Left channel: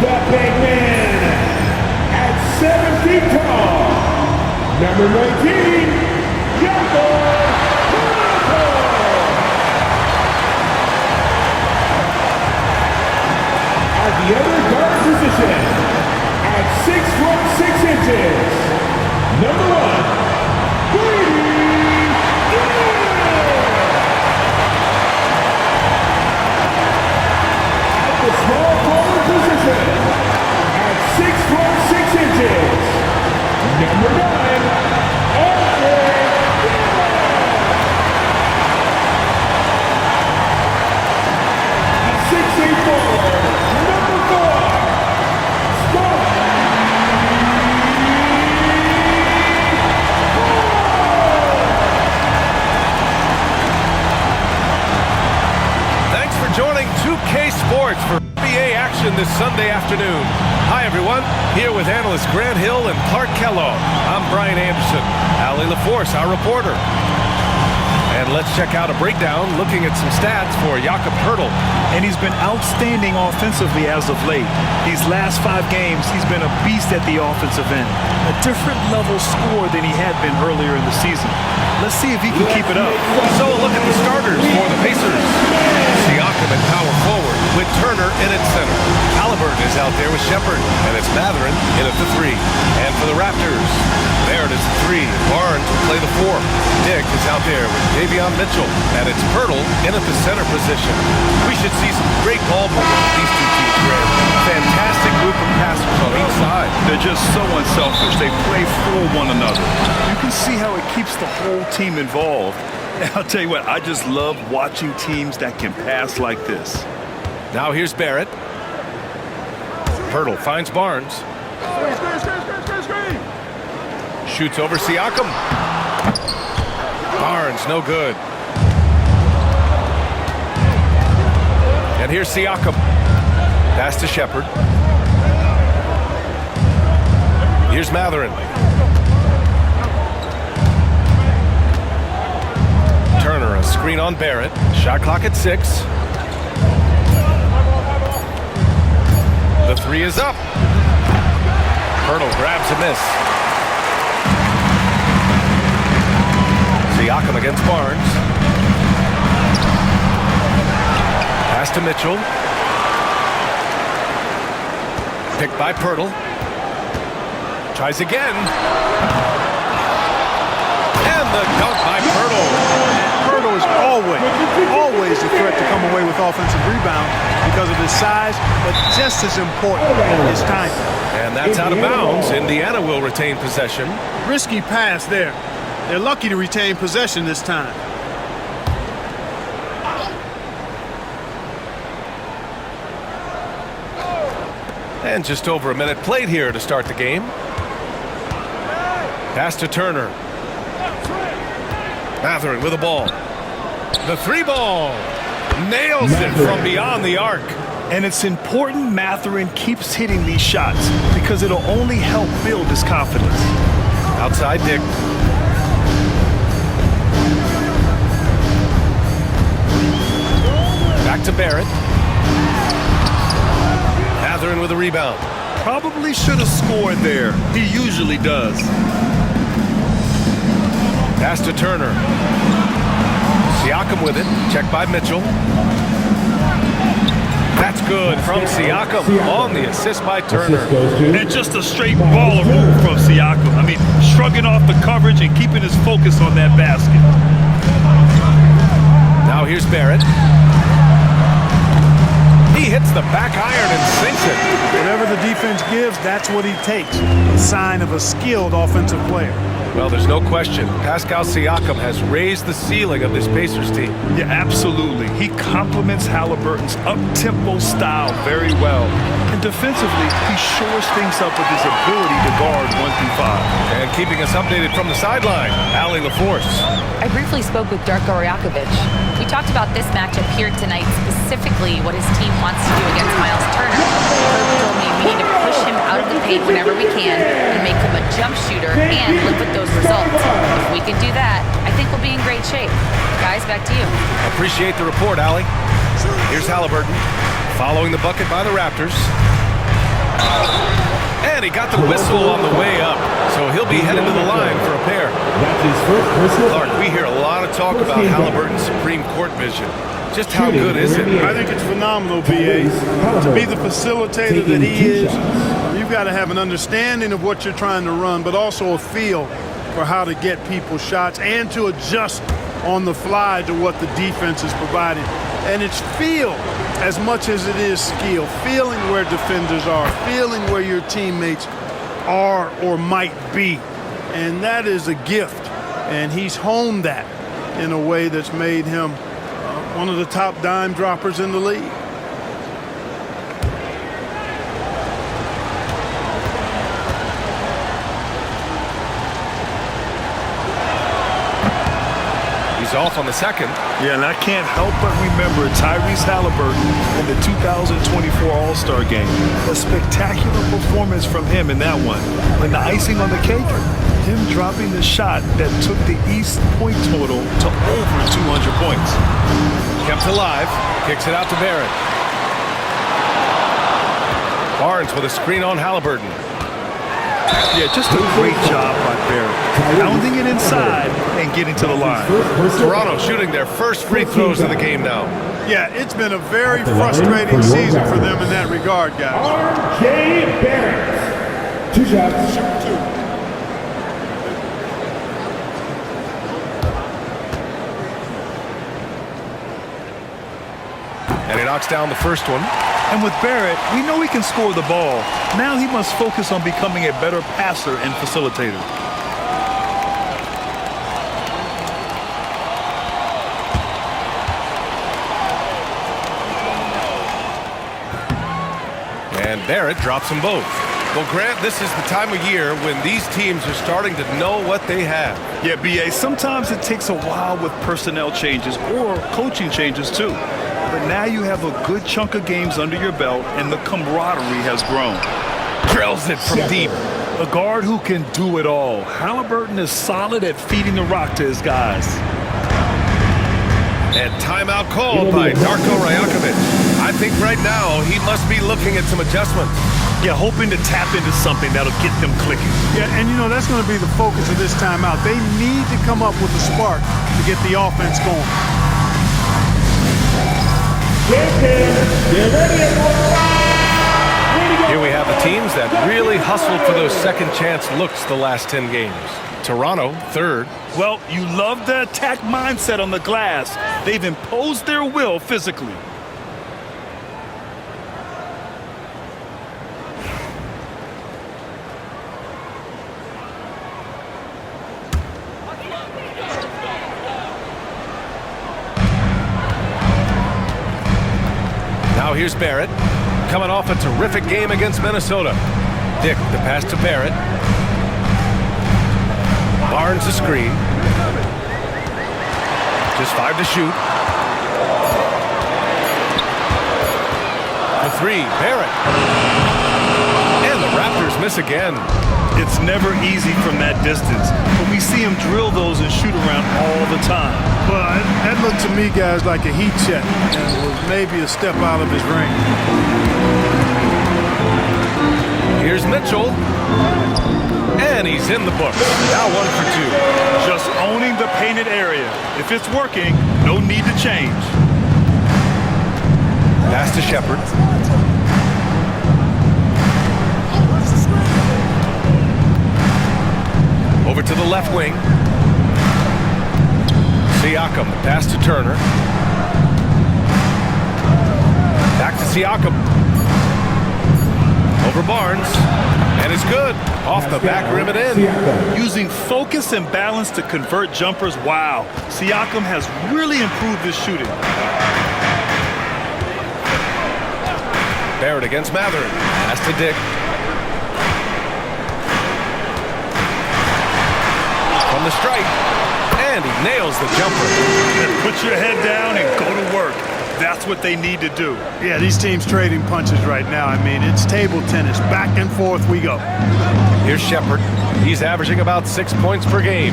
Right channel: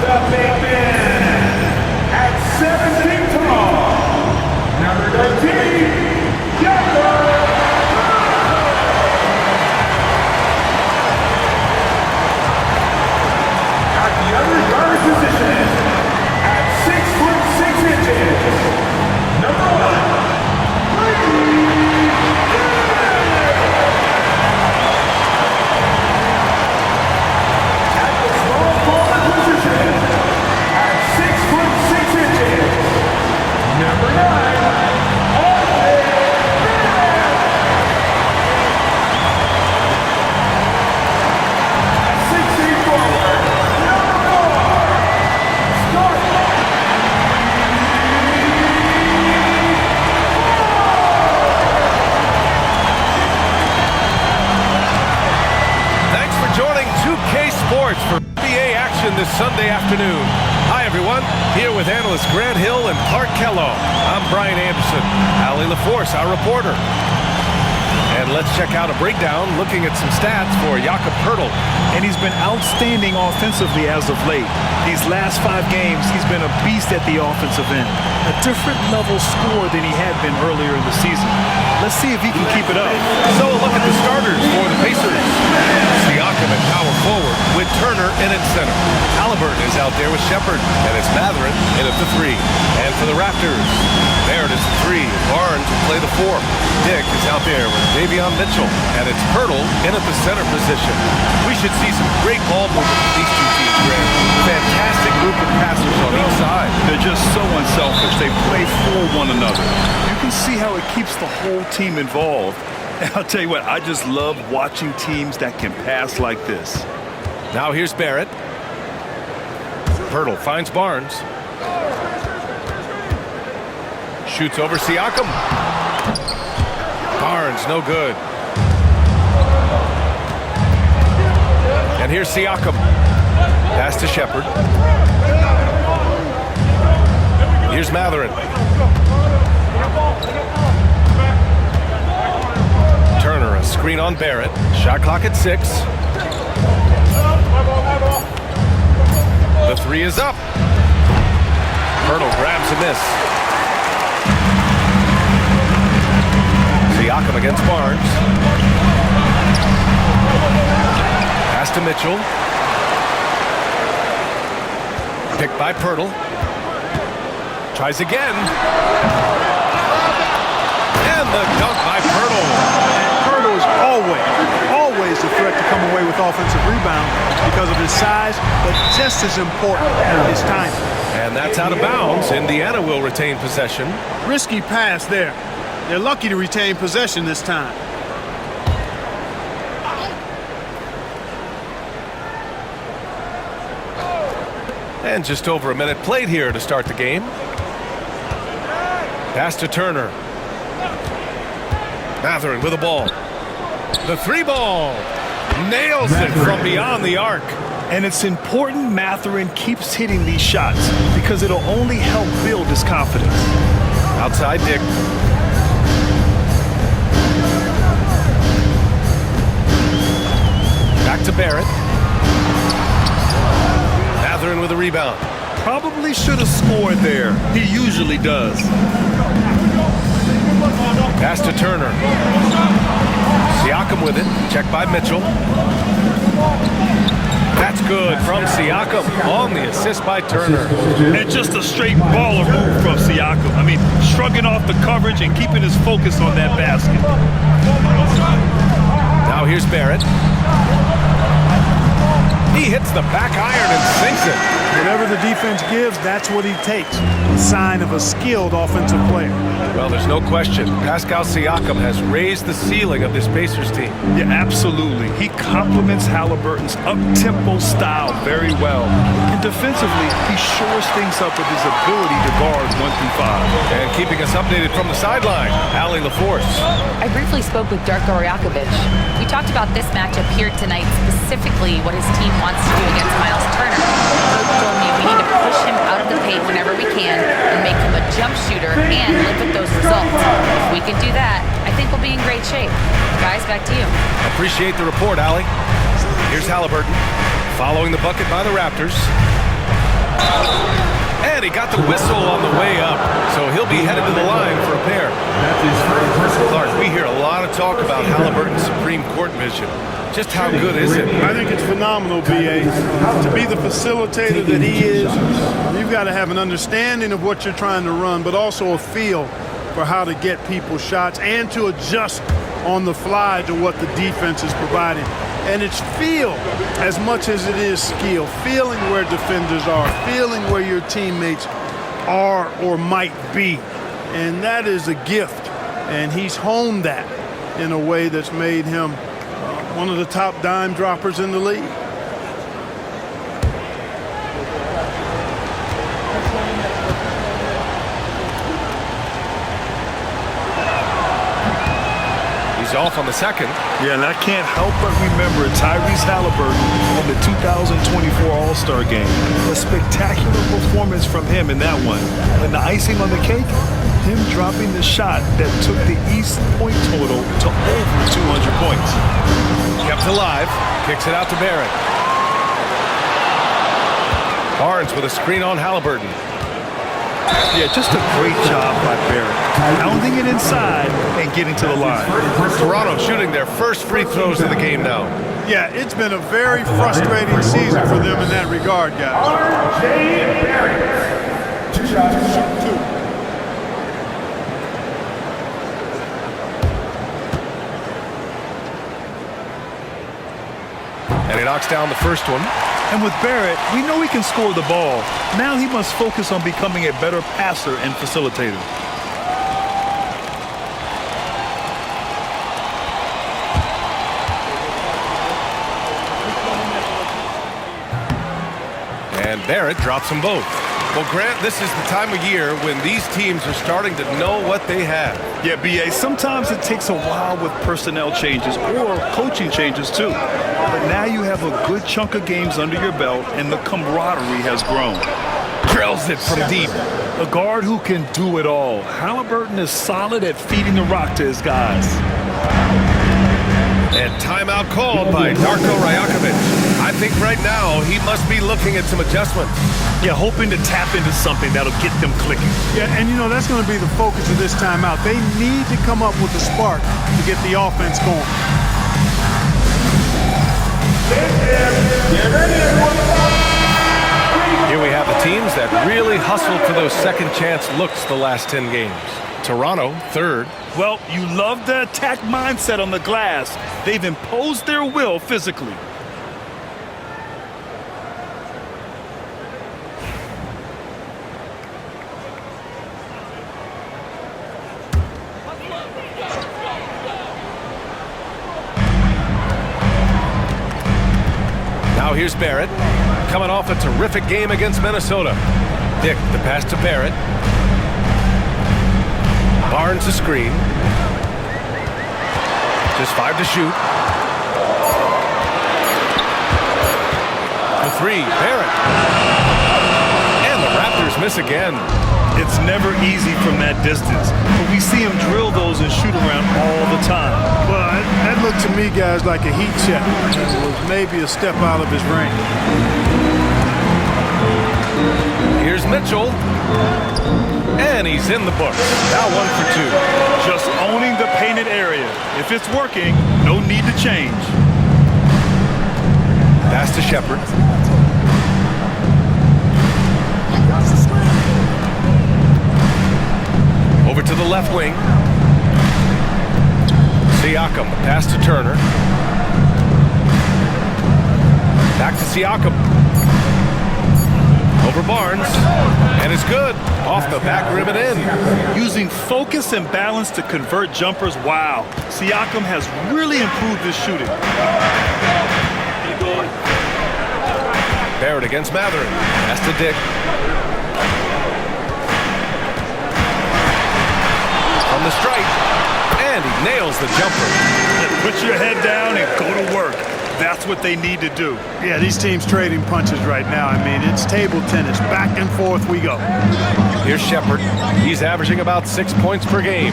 The big man at 7 feet tall, number 19, at the other guard position, at 6'6", number 1, at the small forward position, at 6'6", number 9, forward, number 4, Thanks for joining 2K Sports for NBA action this Sunday afternoon. Hi everyone, here with analysts Grant Hill and Clark Kellogg. I'm Brian Anderson, Allie LaForce, our reporter. And let's check out a breakdown looking at some stats for Jakob Poeltl. And he's been outstanding offensively as of late. These last 5 games, he's been a beast at the offensive end. A different level score than he had been earlier in the season. Let's see if he can keep it up. So a look at the starters for the Pacers. Siakam at power forward with Turner in at center. Halliburton is out there with Shepherd, and it's Mathurin in at the 3. And for the Raptors, Barrett is the 3. Barnes will play the 4. Dick is out there with Davion Mitchell, and it's Poeltl in at the center position. We should see some great ball movement with these two teams, Grant. Fantastic group of passers on each side. They're just so unselfish. They play for one another. You can see how it keeps the whole team involved. And I'll tell you what, I just love watching teams that can pass like this. Now here's Barrett. Poeltl finds Barnes. Shoots over Siakam. Barnes, no good. And here's Siakam. Pass to Shepherd. Here's Mathurin. Turner, a screen on Barrett. Shot clock at 6. The 3 is up. Poeltl grabs a miss. Siakam against Barnes. Pass to Mitchell. Picked by Poeltl. Tries again. And the dunk by Poeltl. Poeltl is always a threat to come away with offensive rebound because of his size, but just as important, his timing. And that's out of bounds. Indiana will retain possession. Risky pass there. They're lucky to retain possession this time. And just over a minute played here to start the game. Pass to Turner. Mathurin with the ball. The 3 ball. Nails it from beyond the arc. And it's important Mathurin keeps hitting these shots because it'll only help build his confidence. Outside Dick. Back to Barrett. Mathurin with a rebound. Probably should have scored there. He usually does. Pass to Turner. Siakam with it. Checked by Mitchell. That's good from Siakam on the assist by Turner. And just a straight baller move from Siakam. I mean, shrugging off the coverage and keeping his focus on that basket. Now here's Barrett. He hits the back iron and sinks it. Whatever the defense gives, that's what he takes. A sign of a skilled offensive player. Well, there's no question. Pascal Siakam has raised the ceiling of this Pacers team. Yeah, absolutely. He complements Halliburton's up-tempo style very well. And defensively, he shores things up with his ability to guard 1 through 5. And keeping us updated from the sideline, Allie LaForce. I briefly spoke with Darko Rajakovic. We talked about this matchup here tonight, specifically what his team wants to do against Miles Turner. Coach told me we need to push him out of the paint whenever we can and make him a jump shooter and live with those those results. If we can do that, I think we'll be in great shape. Guys, back to you. Appreciate the report, Allie. Here's Halliburton, following the bucket by the Raptors. And he got the whistle on the way up, so he'll be headed to the line for a pair. That's his first whistle. Clark, we hear a lot of talk about Halliburton's supreme court vision. Just how good is it? I think it's phenomenal, B.A. To be the facilitator that he is, you've got to have an understanding of what you're trying to run, but also a feel for how to get people shots and to adjust on the fly to what the defense is providing. And it's feel as much as it is skill, feeling where defenders are, feeling where your teammates are or might be. And that is a gift. And he's honed that in a way that's made him one of the top dime droppers in the league. He's off on the second. Yeah, and I can't help but remember Tyrese Halliburton in the 2024 All-Star Game. A spectacular performance from him in that one. And the icing on the cake, him dropping the shot that took the East point total to over 200 points. Kept alive, kicks it out to Barrett. Barnes with a screen on Halliburton. Yeah, just a great job by Barrett. Pounding it inside and getting to the line. Toronto shooting their first free throws of the game now. Yeah, it's been a very frustrating season for them in that regard, guys. R.J. Barrett. 2 shots. Shoot 2. And he knocks down the first one. And with Barrett, we know he can score the ball. Now he must focus on becoming a better passer and facilitator. And Barrett drops them both. Well, Grant, this is the time of year when these teams are starting to know what they have. Yeah, B.A., sometimes it takes a while with personnel changes or coaching changes too. But now you have a good chunk of games under your belt and the camaraderie has grown. Drills it from deep. A guard who can do it all. Halliburton is solid at feeding the rock to his guys. And timeout called by Darko Rajakovic. I think right now he must be looking at some adjustments. Yeah, hoping to tap into something that'll get them clicking. Yeah, and you know, that's going to be the focus of this timeout. They need to come up with a spark to get the offense going. Get ready, everyone. Here we have the teams that really hustled for those second chance looks the last 10 games. Toronto, third. Well, you love the attack mindset on the glass. They've imposed their will physically. Now here's Barrett, coming off a terrific game against Minnesota. Dick, the pass to Barrett. Barnes the screen. Just 5 to shoot. The 3, Barrett. And the Raptors miss again. It's never easy from that distance, but we see him drill those and shoot around all the time. Well, that looked to me, guys, like a heat check and was maybe a step out of his range. Here's Mitchell. And he's in the books. Now 1 for 2. Just owning the painted area. If it's working, no need to change. Pass to Shepherd. Over to the left wing. Siakam, the pass to Turner. Back to Siakam. Over Barnes. And it's good. Off the back rim and in. Using focus and balance to convert jumpers. Wow. Siakam has really improved his shooting. Barrett against Matherin. Pass to Dick. From the stripe, and he nails the jumper. And put your head down and go to work. That's what they need to do. Yeah, these teams trading punches right now. I mean, it's table tennis. Back and forth we go. Here's Shepherd. He's averaging about 6 points per game.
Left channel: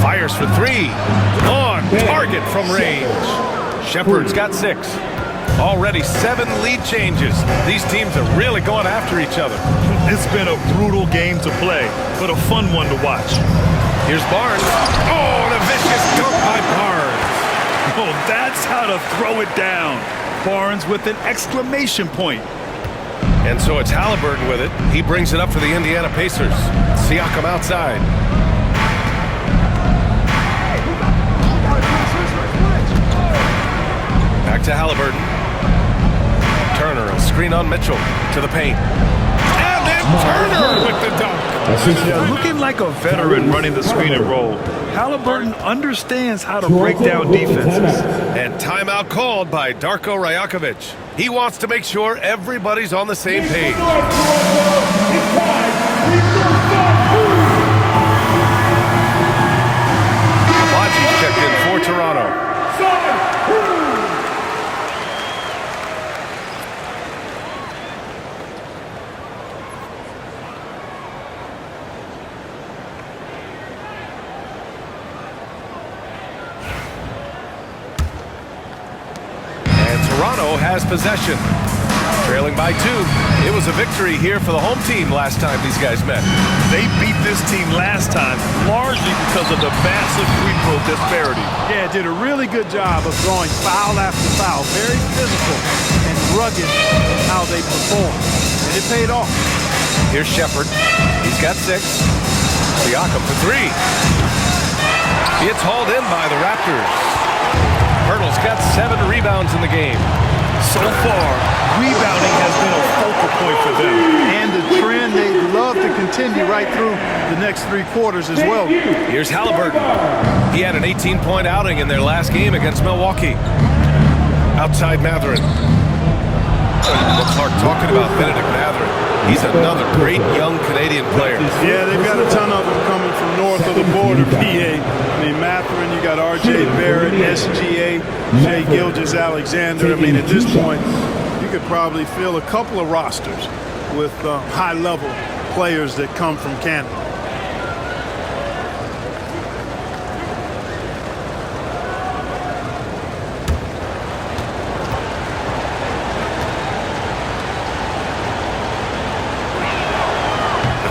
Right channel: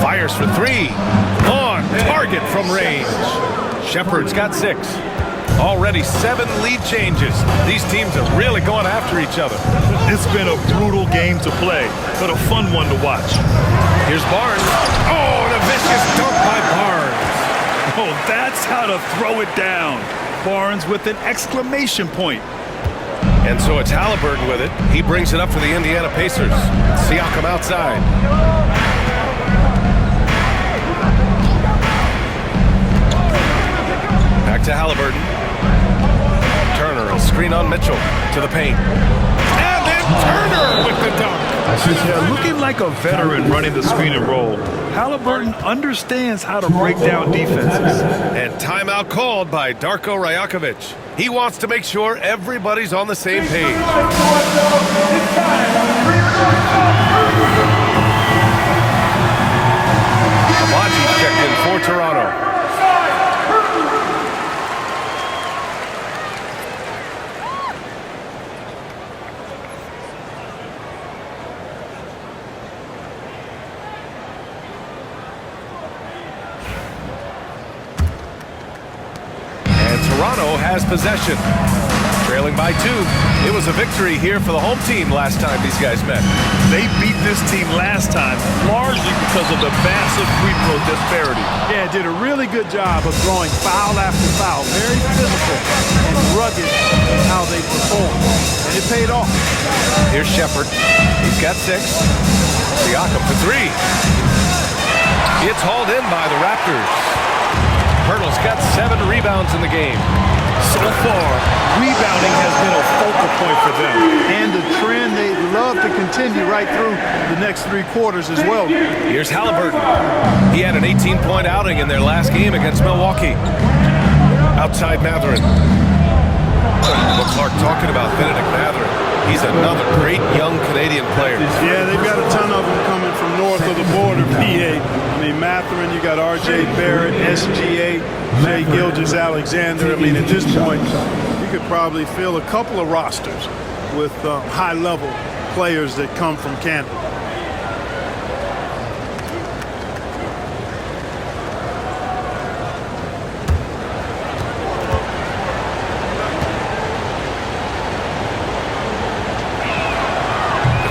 Fires for three. On target from range. Shepard's got 6. Already 7 lead changes. These teams are really going after each other. It's been a brutal game to play, but a fun one to watch. Here's Barnes. Oh, and a vicious dunk by Barnes. Oh, that's how to throw it down. Barnes with an exclamation point. And so it's Halliburton with it. He brings it up for the Indiana Pacers. Siakam outside. Back to Halliburton. Turner, a screen on Mitchell to the paint. And then Turner with the dunk. Yeah, looking like a veteran running the screen and roll. Halliburton understands how to break down defenses. And timeout called by Darko Rajakovic. He wants to make sure everybody's on the same page. Abaji's checked in for Toronto. Toronto has possession. Trailing by 2. It was a victory here for the home team last time these guys met. They beat this team last time largely because of the massive free throw disparity. Yeah, did a really good job of throwing foul after foul. Very physical and rugged in how they performed. And it paid off. Here's Shepard. He's got 6. Siakam for 3. It's hauled in by the Raptors. Pirtle's got 7 rebounds in the game. So far, rebounding has been a focal point for them. And a trend they'd love to continue right through the next 3 quarters as well. Here's Halliburton. He had an 18-point outing in their last game against Milwaukee. Outside Mathurin. What Clark talking about Benedict Mathurin. He's another great young Canadian player. Yeah, they've got a ton of them coming from north of the border, PA. I mean, Mathurin, you got R.J. Barrett, SGA, Shai Gilgeous-Alexander. I mean, at this point, you could probably fill a couple of rosters with high-level players that come from Canada.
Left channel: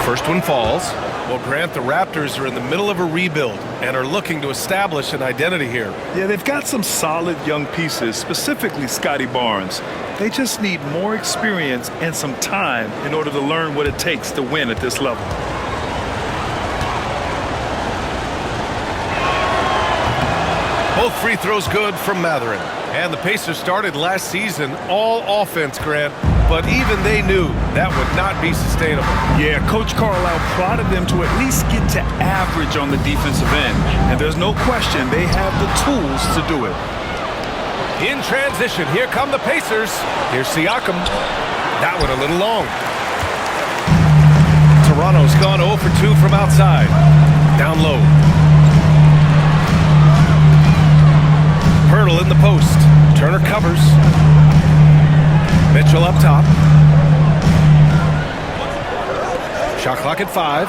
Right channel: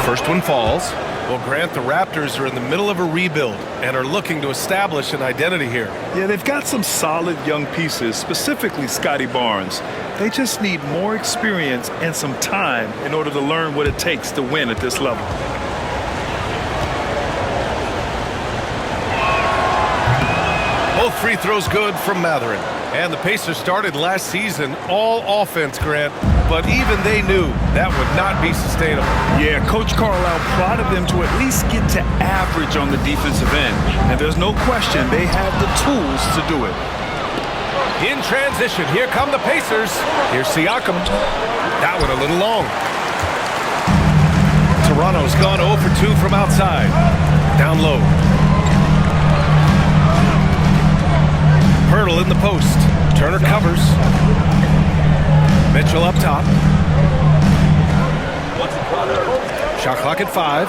First one falls. Well, Grant, the Raptors are in the middle of a rebuild and are looking to establish an identity here. Yeah, they've got some solid young pieces, specifically Scotty Barnes. They just need more experience and some time in order to learn what it takes to win at this level. Both free throws good from Mathurin. And the Pacers started last season all offense, Grant, but even they knew that would not be sustainable. Yeah, Coach Carlisle prodded them to at least get to average on the defensive end. And there's no question they have the tools to do it. In transition, here come the Pacers. Here's Siakam. That one a little long. Toronto's gone 0 for 2 from outside. Down low. Pirtle in the post. Turner covers. Mitchell up top. Shot clock at 5.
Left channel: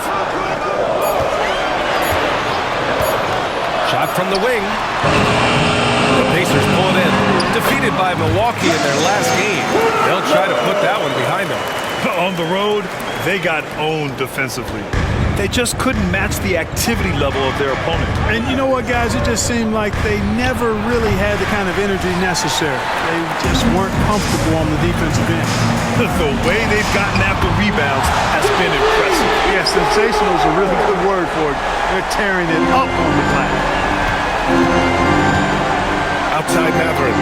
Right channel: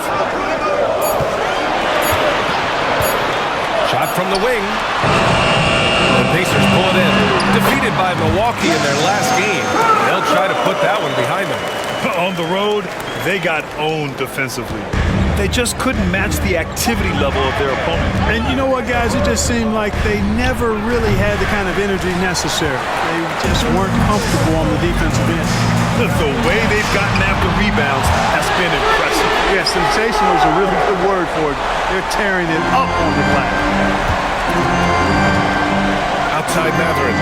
Shot from the wing. The Pacers pull it in. Defeated by Milwaukee in their last game. They'll try to put that one behind them. On the road, they got owned defensively. They just couldn't match the activity level of their opponent. And you know what, guys? It just seemed like they never really had the kind of energy necessary. They just weren't comfortable on the defensive end. The way they've gotten after rebounds has been impressive. Yeah, sensational is a really good word for it. They're tearing it up on the glass. Outside Mathurin.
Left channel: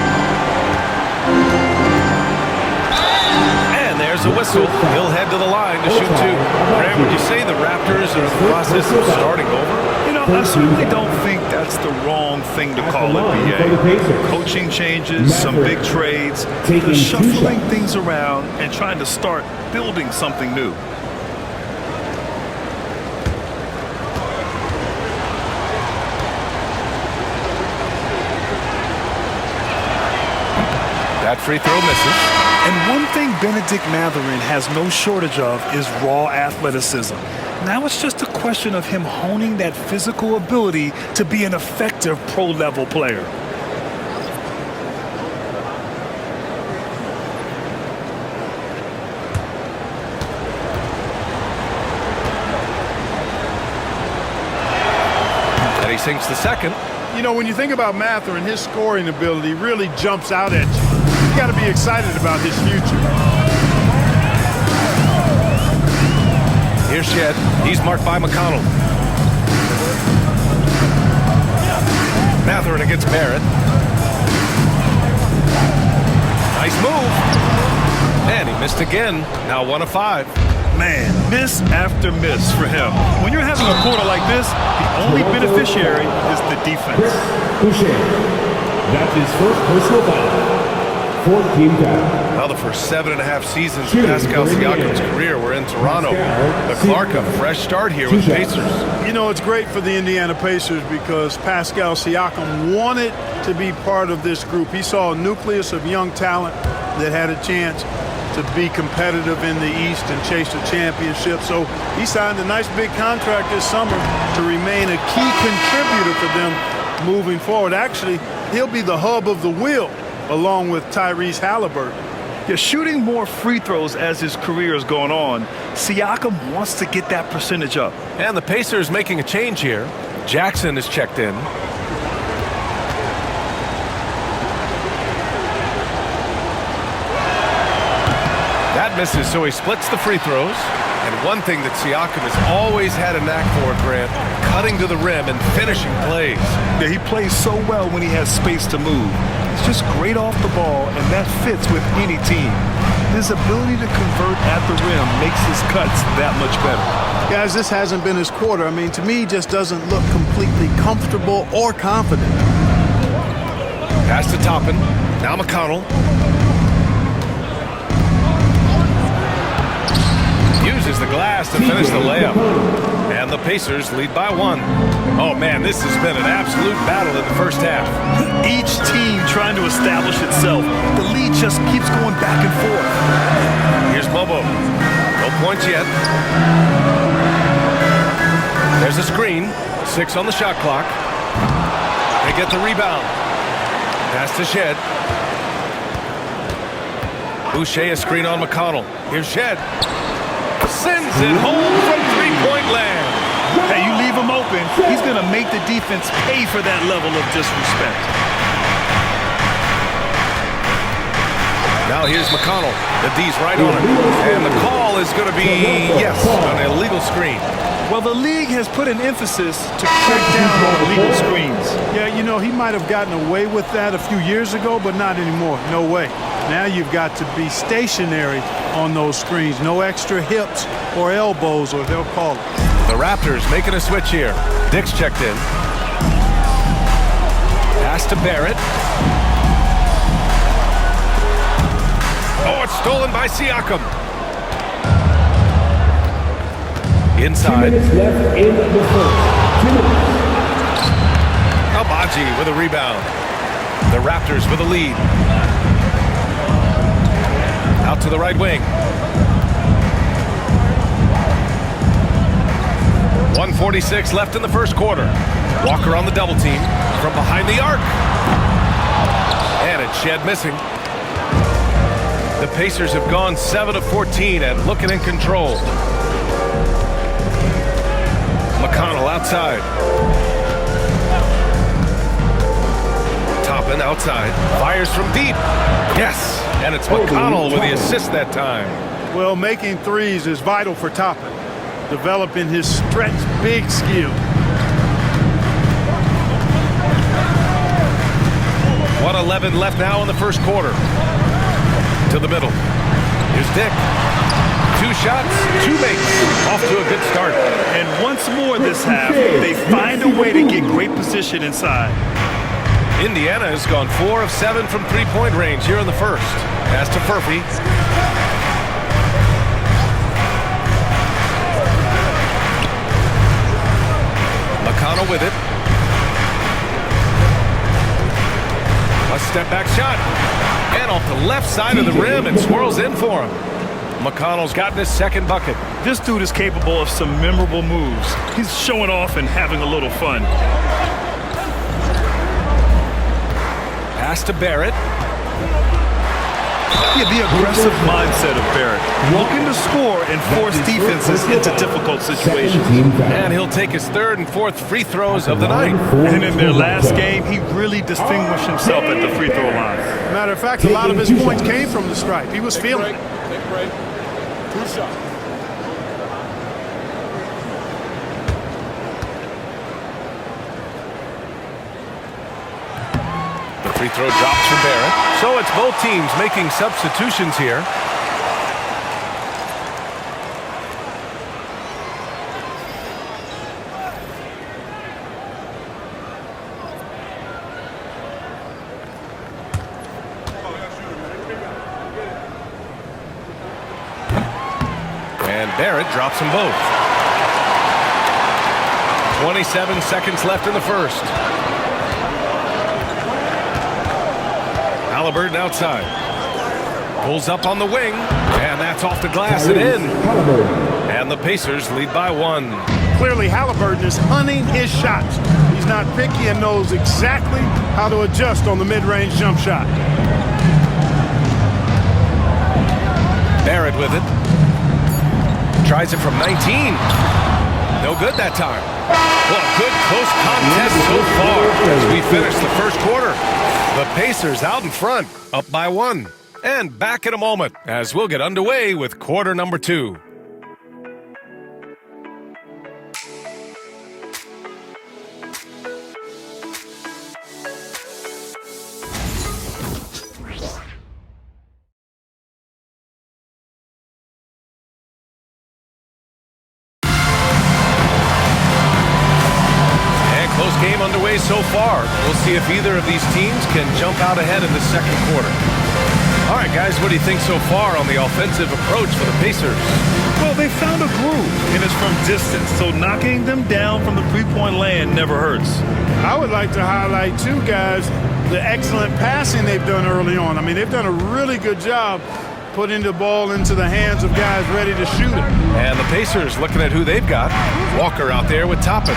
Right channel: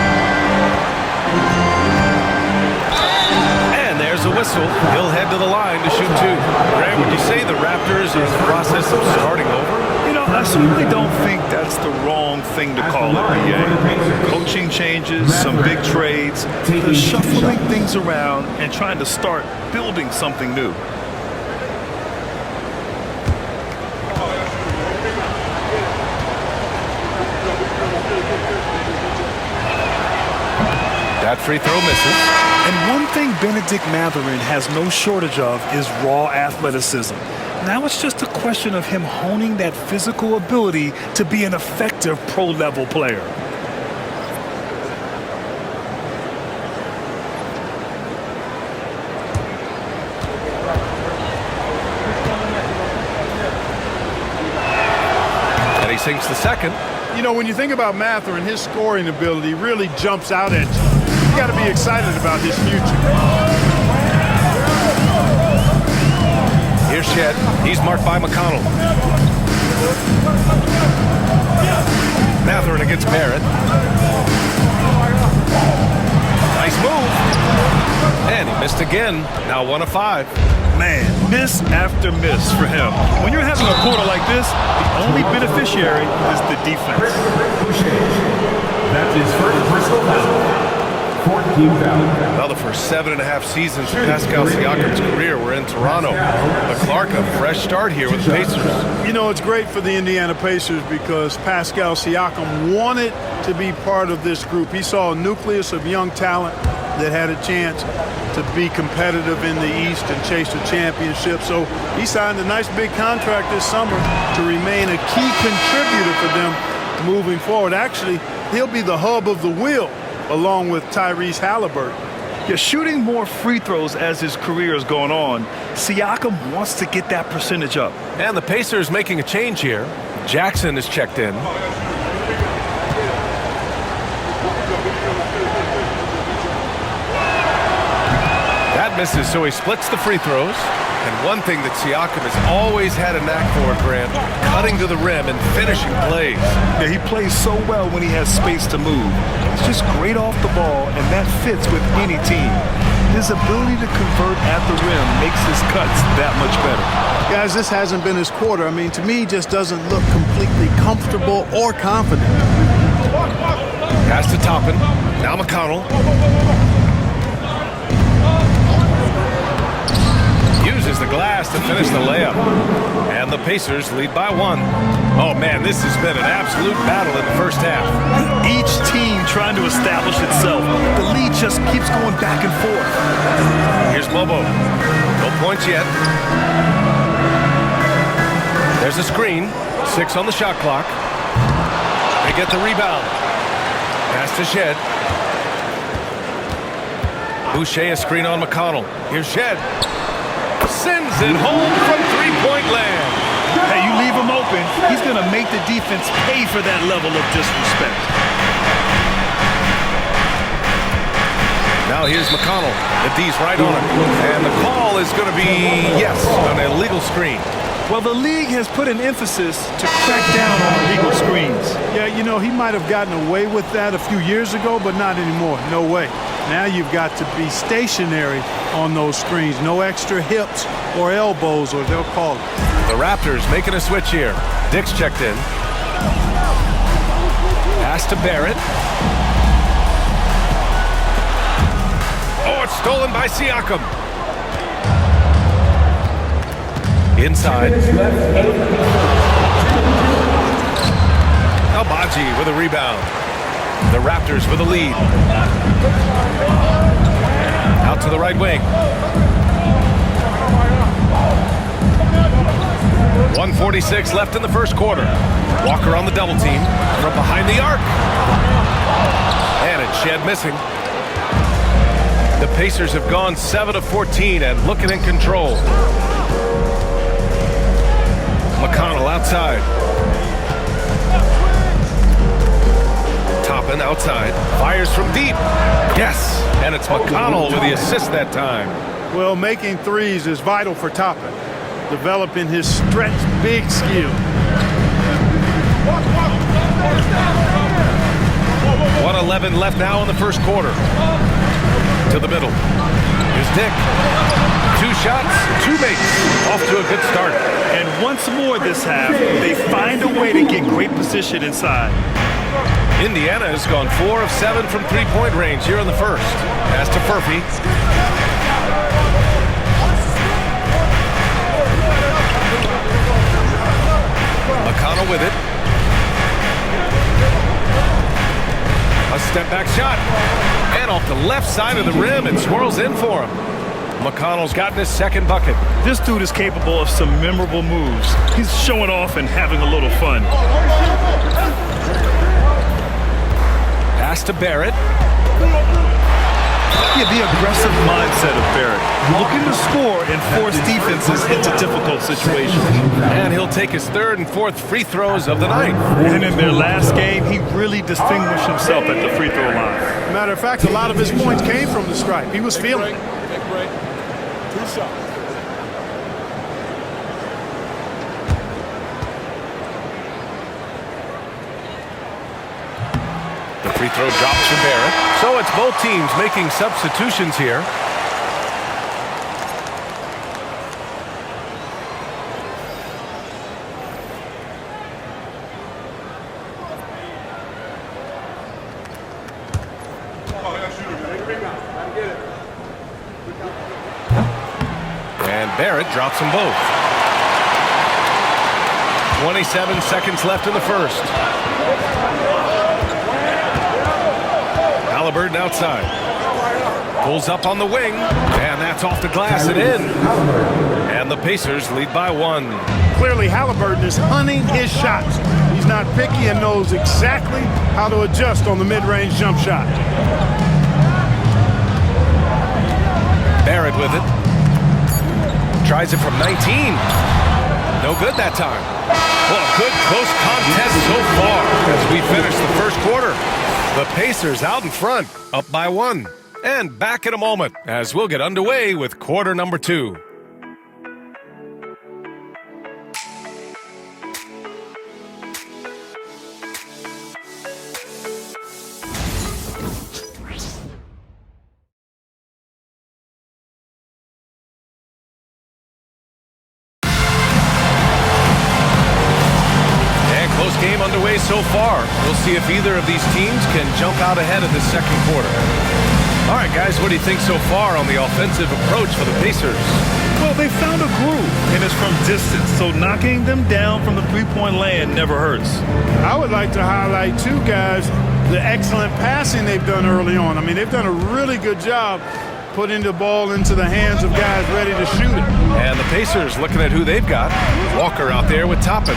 And there's a whistle. He'll head to the line to shoot 2. Grant, would you say the Raptors are in the process of starting over? You know, I certainly don't think that's the wrong thing to call it, BA. Coaching changes, some big trades, they're shuffling things around and trying to start building something new. That free throw misses. And one thing Benedict Mathurin has no shortage of is raw athleticism. Now it's just a question of him honing that physical ability to be an effective pro-level player. And he sinks the second. You know, when you think about Mathurin, his scoring ability really jumps out at you. You got to be excited about his future. Here's Shed. He's marked by McConnell. Mathurin against Barrett. Nice move. And he missed again. Now 1 of 5. Man, miss after miss for him. When you're having a quarter like this, the only beneficiary is the defense. That's his first personal foul. 14 foul. Well, the first 7.5 seasons of Pascal Siakam's career were in Toronto. But Clark, a fresh start here with the Pacers. You know, it's great for the Indiana Pacers because Pascal Siakam wanted to be part of this group. He saw a nucleus of young talent that had a chance to be competitive in the East and chase a championship. So he signed a nice big contract this summer to remain a key contributor for them moving forward. Actually, he'll be the hub of the wheel along with Tyrese Halliburton. You're shooting more free throws as his career is going on. Siakam wants to get that percentage up. And the Pacers making a change here. Jackson is checked in. That misses, so he splits the free throws. And one thing that Siakam has always had a knack for, Grant, cutting to the rim and finishing plays. Yeah, he plays so well when he has space to move. He's just great off the ball, and that fits with any team. His ability to convert at the rim makes his cuts that much better. Guys, this hasn't been his quarter. I mean, to me, he just doesn't look completely comfortable or confident. Pass to Toppin. Now McConnell. Uses the glass to finish the layup. And the Pacers lead by 1. Oh, man, this has been an absolute battle in the first half. Each team trying to establish itself. The lead just keeps going back and forth. Here's Mobo. No points yet. There's a screen. 6 on the shot clock. They get the rebound. Pass to Shed. Boucher a screen on McConnell. Here's Shed. Sends it home from three-point land. Hey, you leave him open, he's going to make the defense pay for that level of disrespect. Now here's McConnell. The D's right on him. And the call is going to be, yes, an illegal screen. Well, the league has put an emphasis to crack down on illegal screens. Yeah, you know, he might have gotten away with that a few years ago, but not anymore. No way. Now you've got to be stationary on those screens. No extra hips or elbows, or they'll call it. The Raptors making a switch here. Dick's checked in. Pass to Barrett. Oh, it's stolen by Siakam. Inside. Albaji with a rebound. The Raptors with a lead. Out to the right wing. 1:46 left in the first quarter. Walker on the double team from behind the arc. And it's Shed missing. The Pacers have gone 7 of 14 and looking in control. McConnell outside. Toppin outside. Fires from deep. Yes. And it's McConnell with the assist that time. Well, making threes is vital for Toppin. Developing his stretch big skill. 1:11 left now in the first quarter. To the middle. Here's Dick. 2 shots, 2 makes. Off to a good start. And once more this half, they find a way to get great position inside. Indiana has gone 4 of 7 from three-point range here in the first. Pass to Furphy. McConnell with it. A step-back shot. And off the left side of the rim, it swirls in for him. McConnell's gotten his second bucket. This dude is capable of some memorable moves. He's showing off and having a little fun. Pass to Barrett. Yeah, the aggressive mindset of Barrett. Looking to score and force defenses into difficult situations. And he'll take his third and fourth free throws of the night. And in their last game, he really distinguished himself at the free throw line. Matter of fact, a lot of his points came from the stripe. He was feeling it. Take a break. 2 shots. The free throw drops for Barrett. So it's both teams making substitutions here. And Barrett drops them both. 27 seconds left in the first. Halliburton outside. Pulls up on the wing, and that's off the glass and in. And the Pacers lead by 1. Clearly, Halliburton is hunting his shots. He's not picky and knows exactly how to adjust on the mid-range jump shot. Barrett with it. Tries it from 19. No good that time. Well, good close contest so far as we finish the first quarter. The Pacers out in front, up by 1. And back in a moment as we'll get underway with quarter number 2. Close game underway so far. We'll see if either of these teams can jump out ahead in the second quarter. All right, guys, what do you think so far on the offensive approach for the Pacers? Well, they found a groove, and it's from distance, so knocking them down from the three-point land never hurts. I would like to highlight, too, guys, the excellent passing they've done early on. I mean, they've done a really good job putting the ball into the hands of guys ready to shoot it. And the Pacers looking at who they've got. Walker out there with Toppin.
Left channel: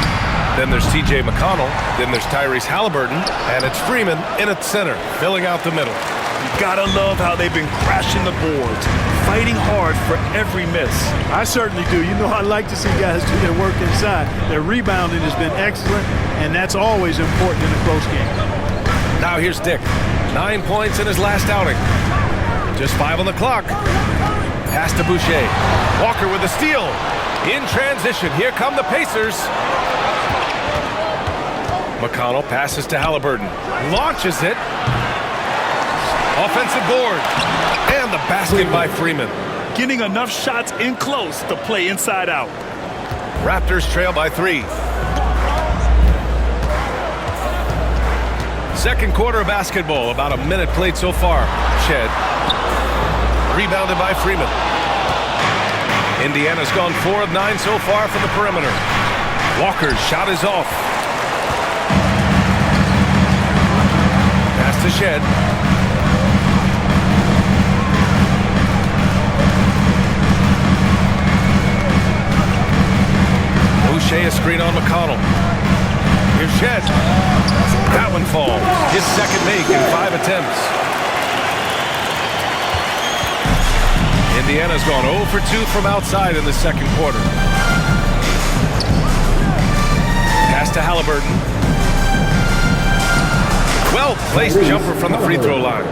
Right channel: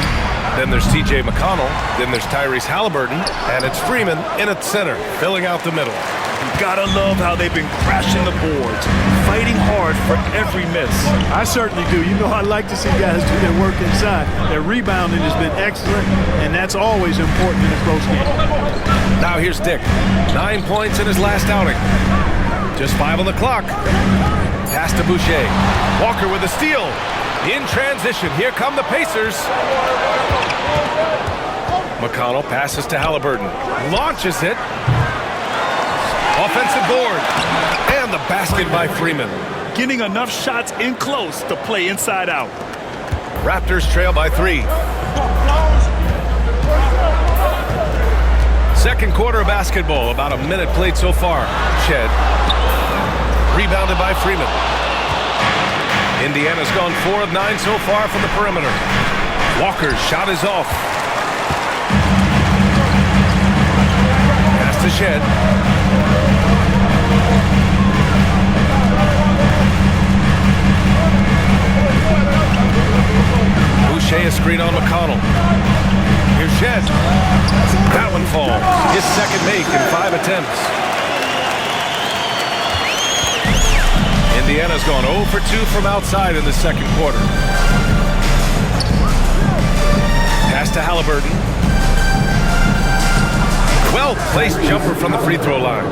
Then there's T.J. McConnell. Then there's Tyrese Halliburton. And it's Freeman in at center, filling out the middle. You gotta love how they've been crashing the boards, fighting hard for every miss. I certainly do. You know, I like to see guys do their work inside. Their rebounding has been excellent, and that's always important in a close game. Now here's Dick. 9 points in his last outing. Just 5 on the clock. Pass to Boucher. Walker with a steal. In transition, here come the Pacers. McConnell passes to Halliburton. Launches it. Offensive board. And the basket by Freeman. Getting enough shots in close to play inside out. Raptors trail by 3. Second quarter of basketball. About a minute played so far. Shed. Rebounded by Freeman. Indiana's gone 4 of 9 so far from the perimeter. Walker's shot is off. Pass to Shed. Boucher a screen on McConnell. Here's Shed. That one falls. His second make in 5 attempts. Indiana's gone 0 for 2 from outside in the second quarter. Pass to Halliburton. Well-placed jumper from the free throw line.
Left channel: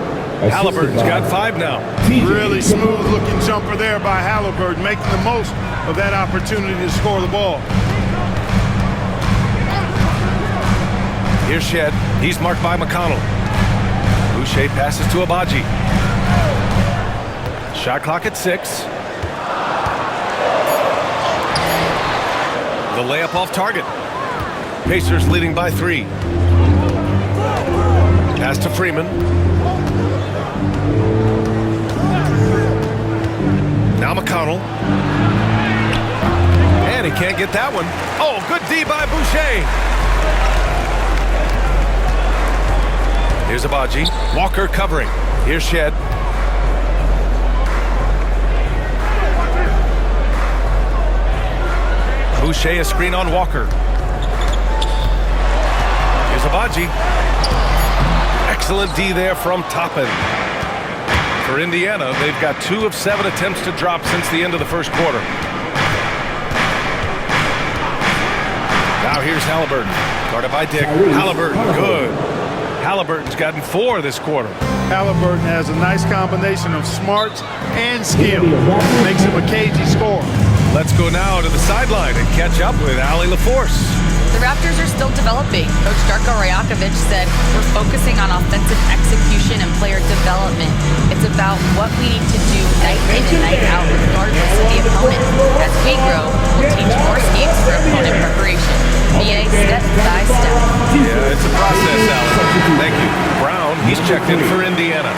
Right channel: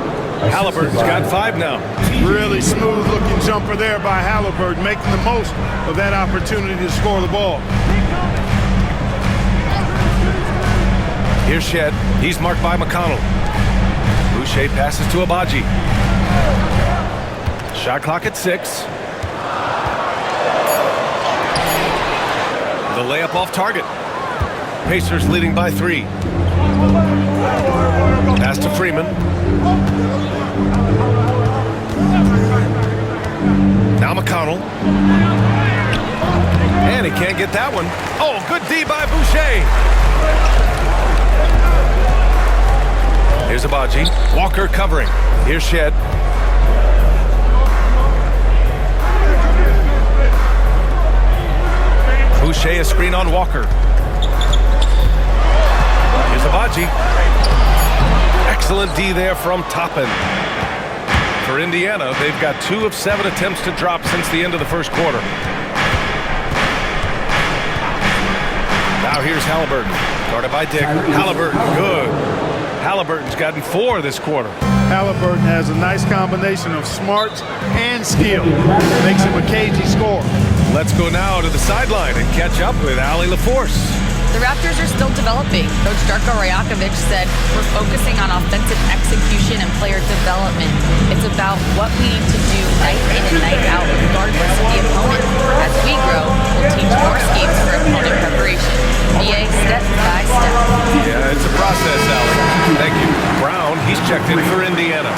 Halliburton's got 5 now. Really smooth-looking jumper there by Halliburton, making the most of that opportunity to score the ball. Here's Shed. He's marked by McConnell. Boucher passes to Abaji. Shot clock at 6. The layup off target. Pacers leading by 3. Pass to Freeman. Now McConnell. And he can't get that one. Oh, good D by Boucher. Here's Abaji. Walker covering. Here's Shed. Boucher a screen on Walker. Here's Abaji. Excellent D there from Toppin. For Indiana, they've got 2 of 7 attempts to drop since the end of the first quarter. Now here's Halliburton. Guarded by Dick. Halliburton, good. Halliburton's gotten 4 this quarter. Halliburton has a nice combination of smarts and skill. Makes him a cagey scorer. Let's go now to the sideline and catch up with Allie LaForce. The Raptors are still developing. Coach Darko Rajakovic said, we're focusing on offensive execution and player development. It's about what we need to do night in and night out regardless of the opponent. As we grow, we'll teach more schemes for opponent preparation. BA step by step. Yeah, it's a process, Allie. Thank you. Brown, he's checked in for Indiana.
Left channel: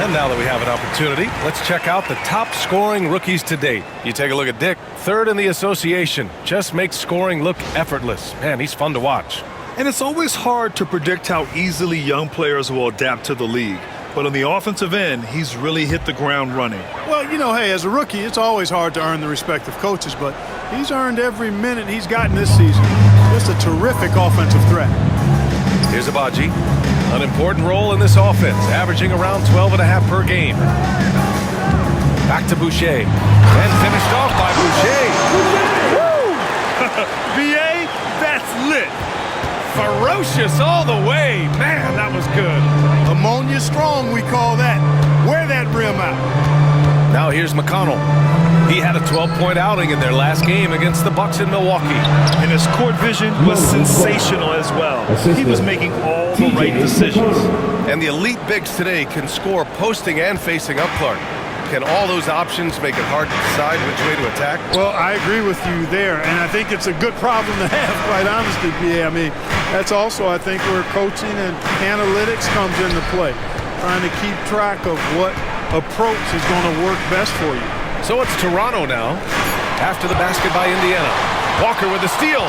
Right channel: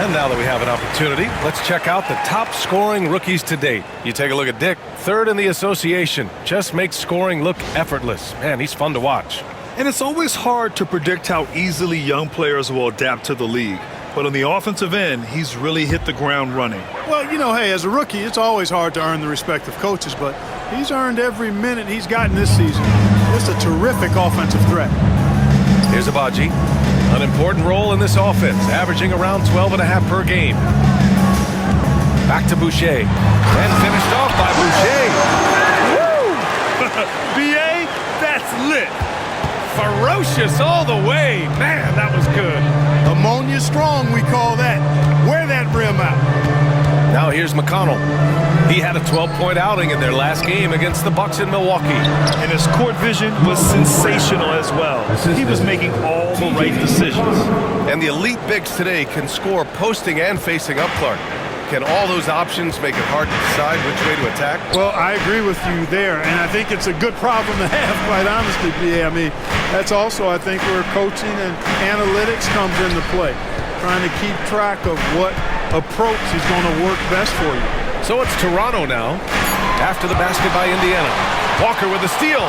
And now that we have an opportunity, let's check out the top scoring rookies to date. You take a look at Dick, 3rd in the association. Just makes scoring look effortless. Man, he's fun to watch. And it's always hard to predict how easily young players will adapt to the league. But on the offensive end, he's really hit the ground running. Well, you know, hey, as a rookie, it's always hard to earn the respect of coaches, but he's earned every minute he's gotten this season. Just a terrific offensive threat. Here's Abaji. An important role in this offense, averaging around 12.5 per game. Back to Boucher. And finished off by Boucher. Woo! BA, that's lit. Ferocious all the way. Man, that was good. Ammonia strong, we call that. Wear that rim out. Now here's McConnell. He had a 12-point outing in their last game against the Bucks in Milwaukee. And his court vision was sensational as well. He was making all the right decisions. And the elite bigs today can score posting and facing up Clark. Can all those options make it hard to decide which way to attack? Well, I agree with you there, and I think it's a good problem to have, quite honestly, BA. I mean, that's also, I think, where coaching and analytics comes into play. Trying to keep track of what approach is going to work best for you. So it's Toronto now, after the basket by Indiana. Walker with the steal.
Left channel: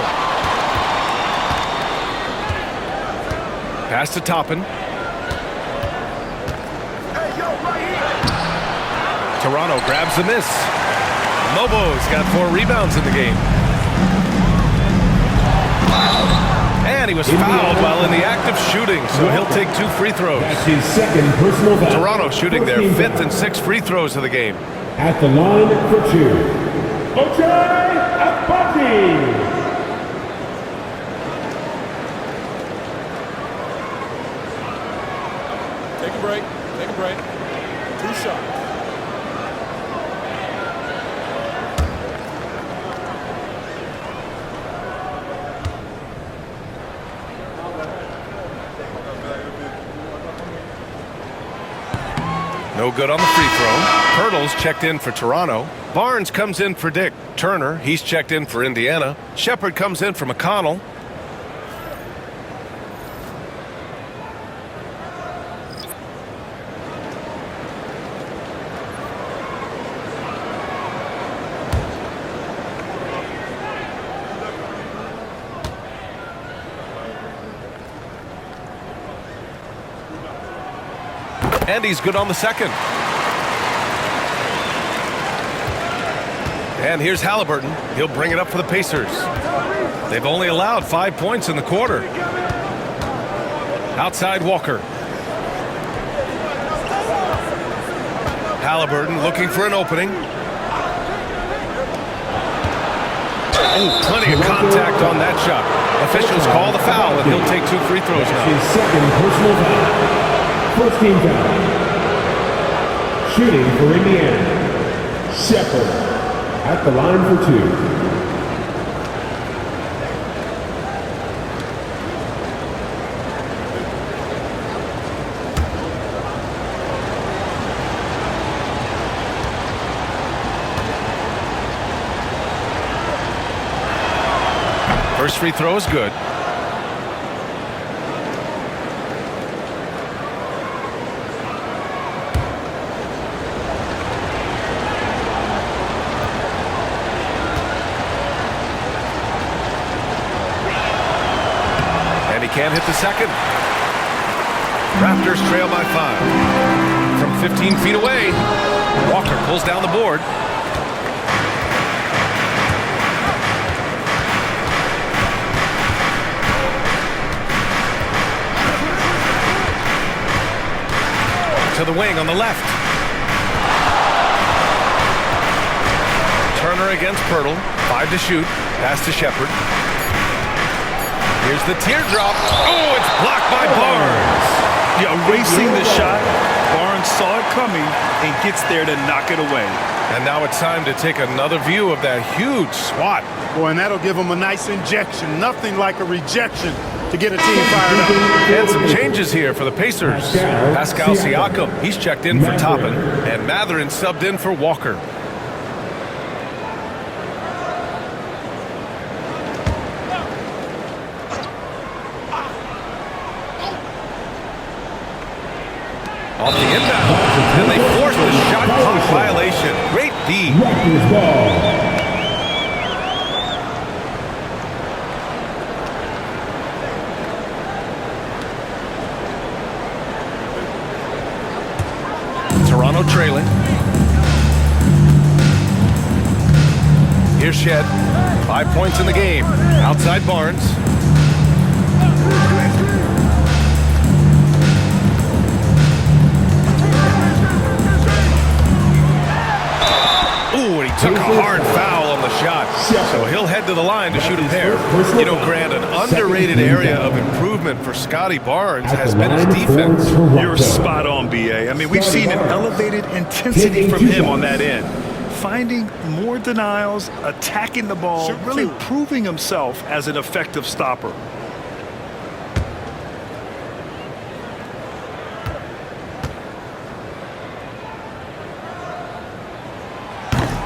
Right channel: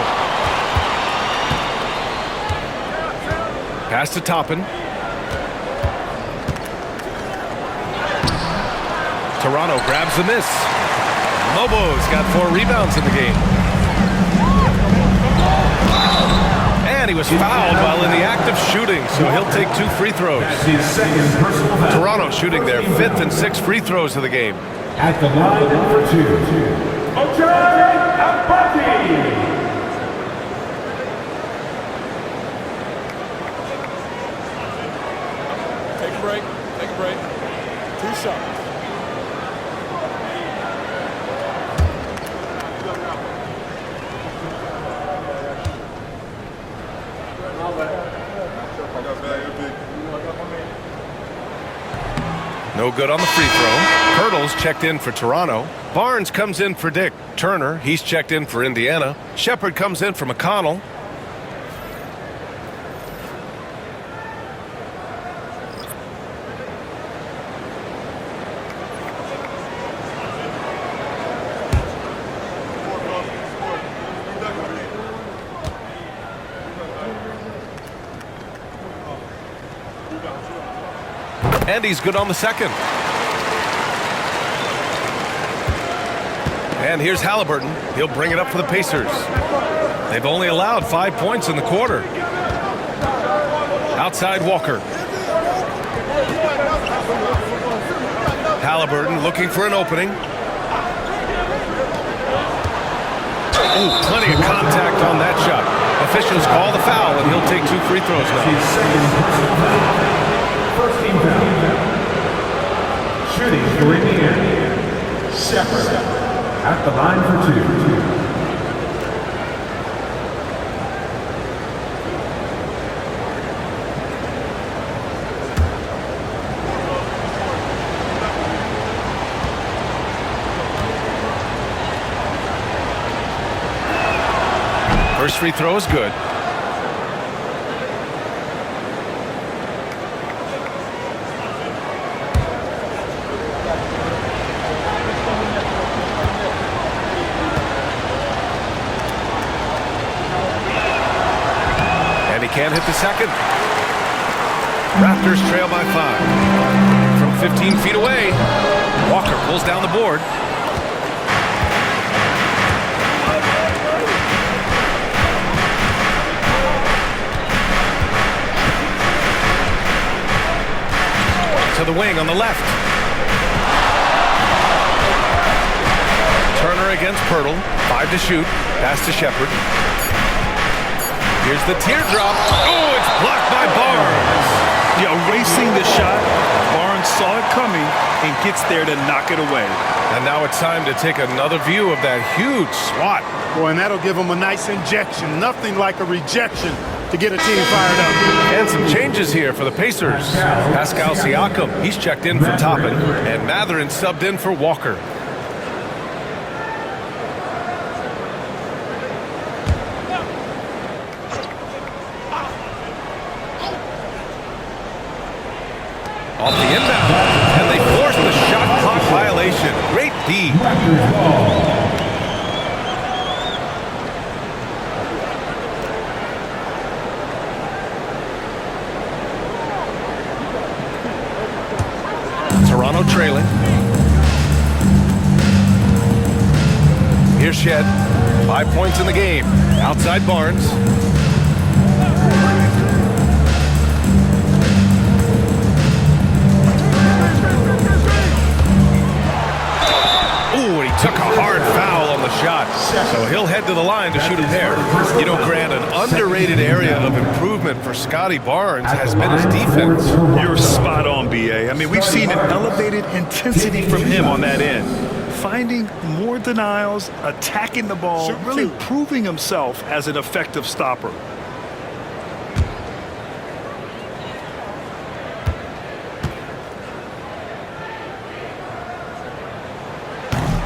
Pass to Toppin. Toronto grabs the miss. Mobo's got 4 rebounds in the game. And he was fouled while in the act of shooting, so he'll take 2 free throws. That's his 2nd personal foul. Toronto shooting their 5th and 6th free throws of the game. At the line for 2. Ochai Agbaji. Take a break. Take a break. 2 shots. No good on the free throw. Hurdle's checked in for Toronto. Barnes comes in for Dick. Turner, he's checked in for Indiana. Shepard comes in for McConnell. And he's good on the second. And here's Halliburton. He'll bring it up for the Pacers. They've only allowed 5 points in the quarter. Outside Walker. Halliburton looking for an opening. Oh, plenty of contact on that shot. Officials call the foul, and he'll take 2 free throws now. His 2nd personal foul. First team foul. Shooting for Indiana. Shepard at the line for 2. First free throw is good. And he can't hit the second. Raptors trail by 5. From 15 feet away, Walker pulls down the board. To the wing on the left. Turner against Pirtle. 5 to shoot. Pass to Shepherd. Here's the teardrop. Oh, it's blocked by Barnes. Yeah, erasing the shot. Barnes saw it coming and gets there to knock it away. And now it's time to take another view of that huge swat. Boy, and that'll give them a nice injection. Nothing like a rejection to get a team fired up. And some changes here for the Pacers. Pascal Siakam, he's checked in for Toppin. And Mathurin subbed in for Walker. Off the inbound, and they force the shot clock violation. Great D. Raptors ball. Toronto trailing. Here's Shed. 5 points in the game. Outside Barnes. Ooh, and he took a hard foul on the shot. So he'll head to the line to shoot a pair. You know, Grant, an underrated area of improvement for Scotty Barnes has been his defense. You're spot on, BA. I mean, we've seen an elevated intensity from him on that end. Finding more denials, attacking the ball, really proving himself as an effective stopper.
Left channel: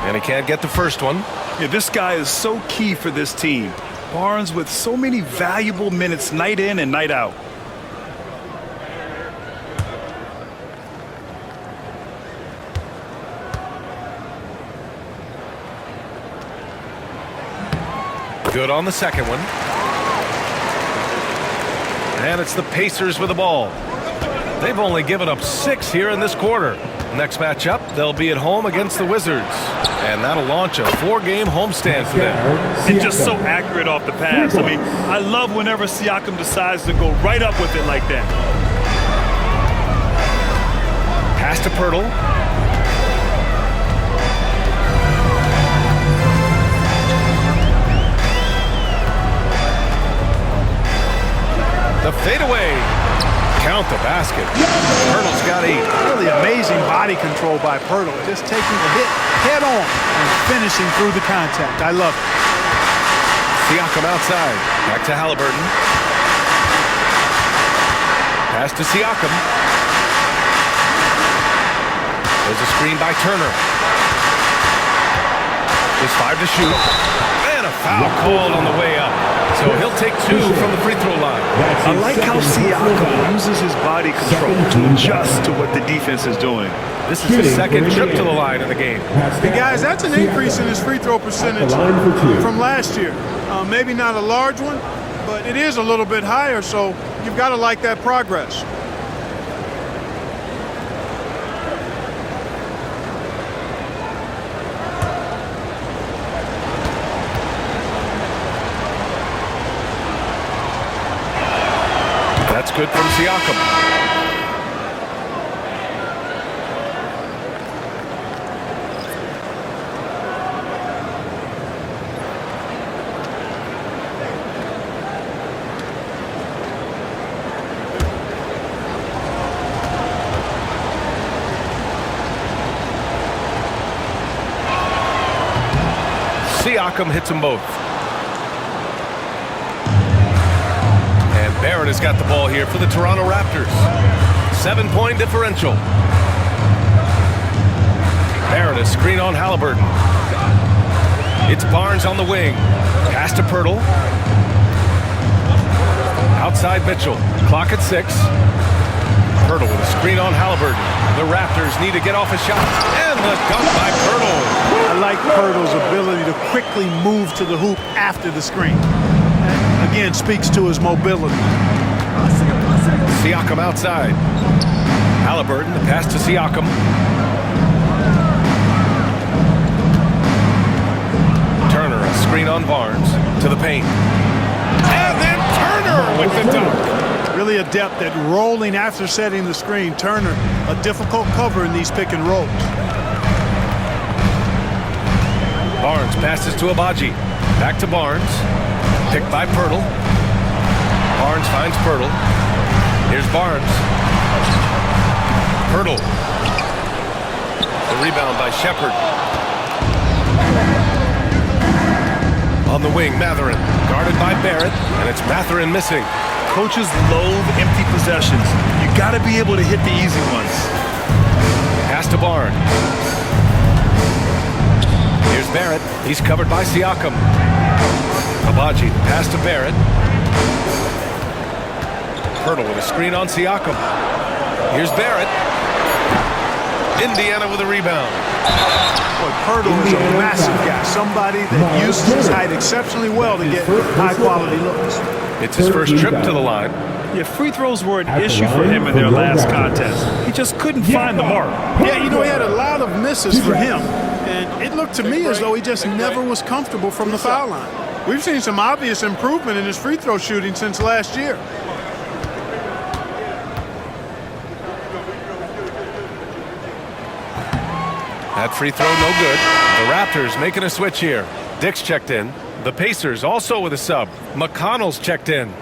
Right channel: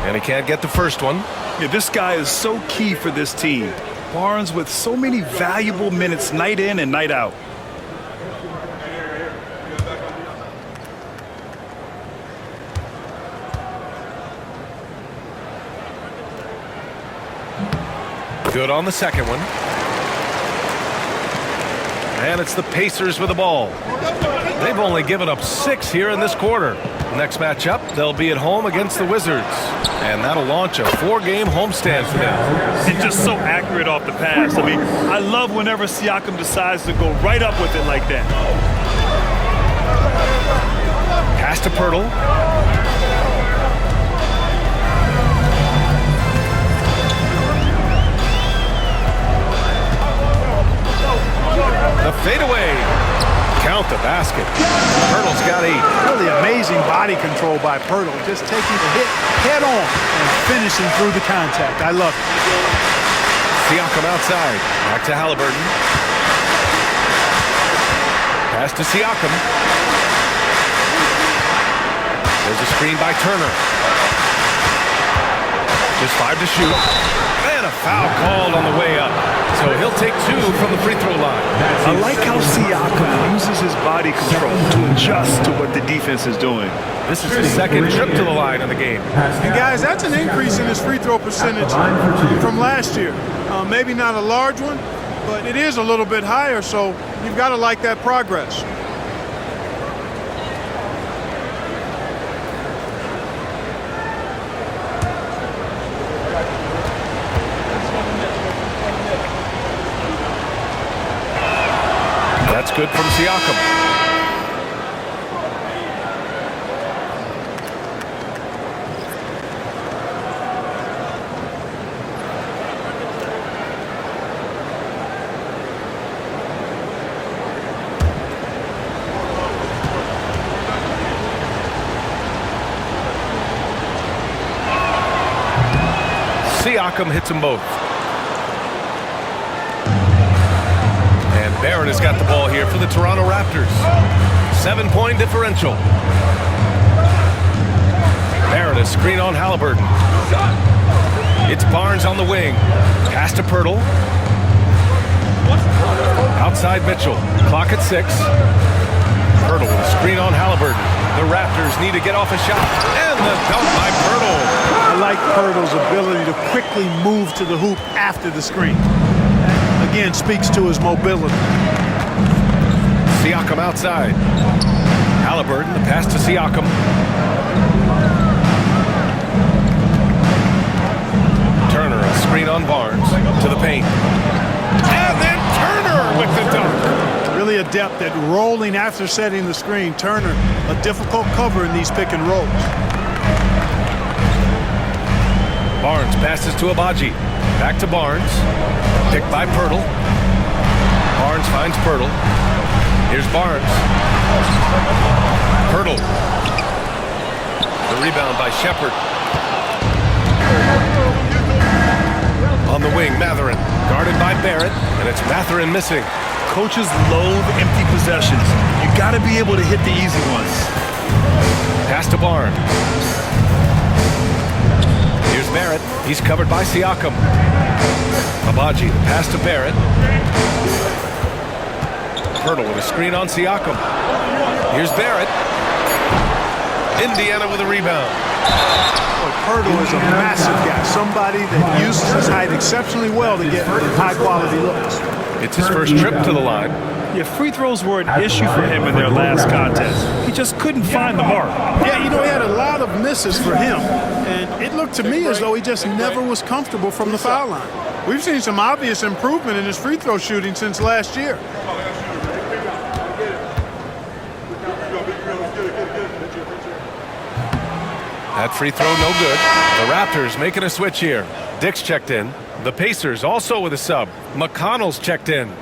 And he can't get the first one. Yeah, this guy is so key for this team. Barnes with so many valuable minutes night in and night out. Good on the second one. And it's the Pacers with the ball. They've only given up 6 here in this quarter. Next matchup, they'll be at home against the Wizards. And that'll launch a 4-game homestand for them. And just so accurate off the pass. I mean, I love whenever Siakam decides to go right up with it like that. Pass to Pirtle. The fadeaway. Count the basket. Pirtle's got 8. Really amazing body control by Pirtle. Just taking the hit head on and finishing through the contact. I love it. Siakam outside. Back to Halliburton. Pass to Siakam. There's a screen by Turner. Just 5 to shoot. And a foul called on the way up. So he'll take 2 from the free throw line. I like how Siakam uses his body control to adjust to what the defense is doing. This is his second trip to the line in the game. And guys, that's an increase in his free throw percentage from last year. Maybe not a large one, but it is a little bit higher, so you've got to like that progress. That's good from Siakam. Siakam hits them both. And Barrett has got the ball here for the Toronto Raptors. 7-point differential. Barrett is screen on Halliburton. It's Barnes on the wing. Pass to Pirtle. Outside Mitchell. Clock at 6. Pirtle with a screen on Halliburton. The Raptors need to get off a shot. And the dunk by Pirtle. I like Pirtle's ability to quickly move to the hoop after the screen. That, again, speaks to his mobility. Siakam outside. Halliburton, the pass to Siakam. Turner, a screen on Barnes. To the paint. And then Turner with the dunk. Really adept at rolling after setting the screen. Turner, a difficult cover in these pick and rolls. Barnes passes to Abaji. Back to Barnes. Picked by Pirtle. Barnes finds Pirtle. Here's Barnes. Pirtle. The rebound by Shepherd. On the wing, Mathurin. Guarded by Barrett, and it's Mathurin missing. Coaches loathe empty possessions. You got to be able to hit the easy ones. Pass to Barnes. Here's Barrett. He's covered by Siakam. Abaji, the pass to Barrett. Pirtle with a screen on Siakam. Here's Barrett. Indiana with a rebound. Boy, Pirtle is a massive guy. Somebody that uses his height exceptionally well to get high-quality looks. It's his first trip to the line. Yeah, free throws were an issue for him in their last contest. He just couldn't find the mark. Yeah, you know, he had a lot of misses for him. And it looked to me as though he just never was comfortable from the foul line. We've seen some obvious improvement in his free throw shooting since last year. That free throw no good. The Raptors making a switch here. Dick's checked in. The Pacers also with a sub. McConnell's checked in.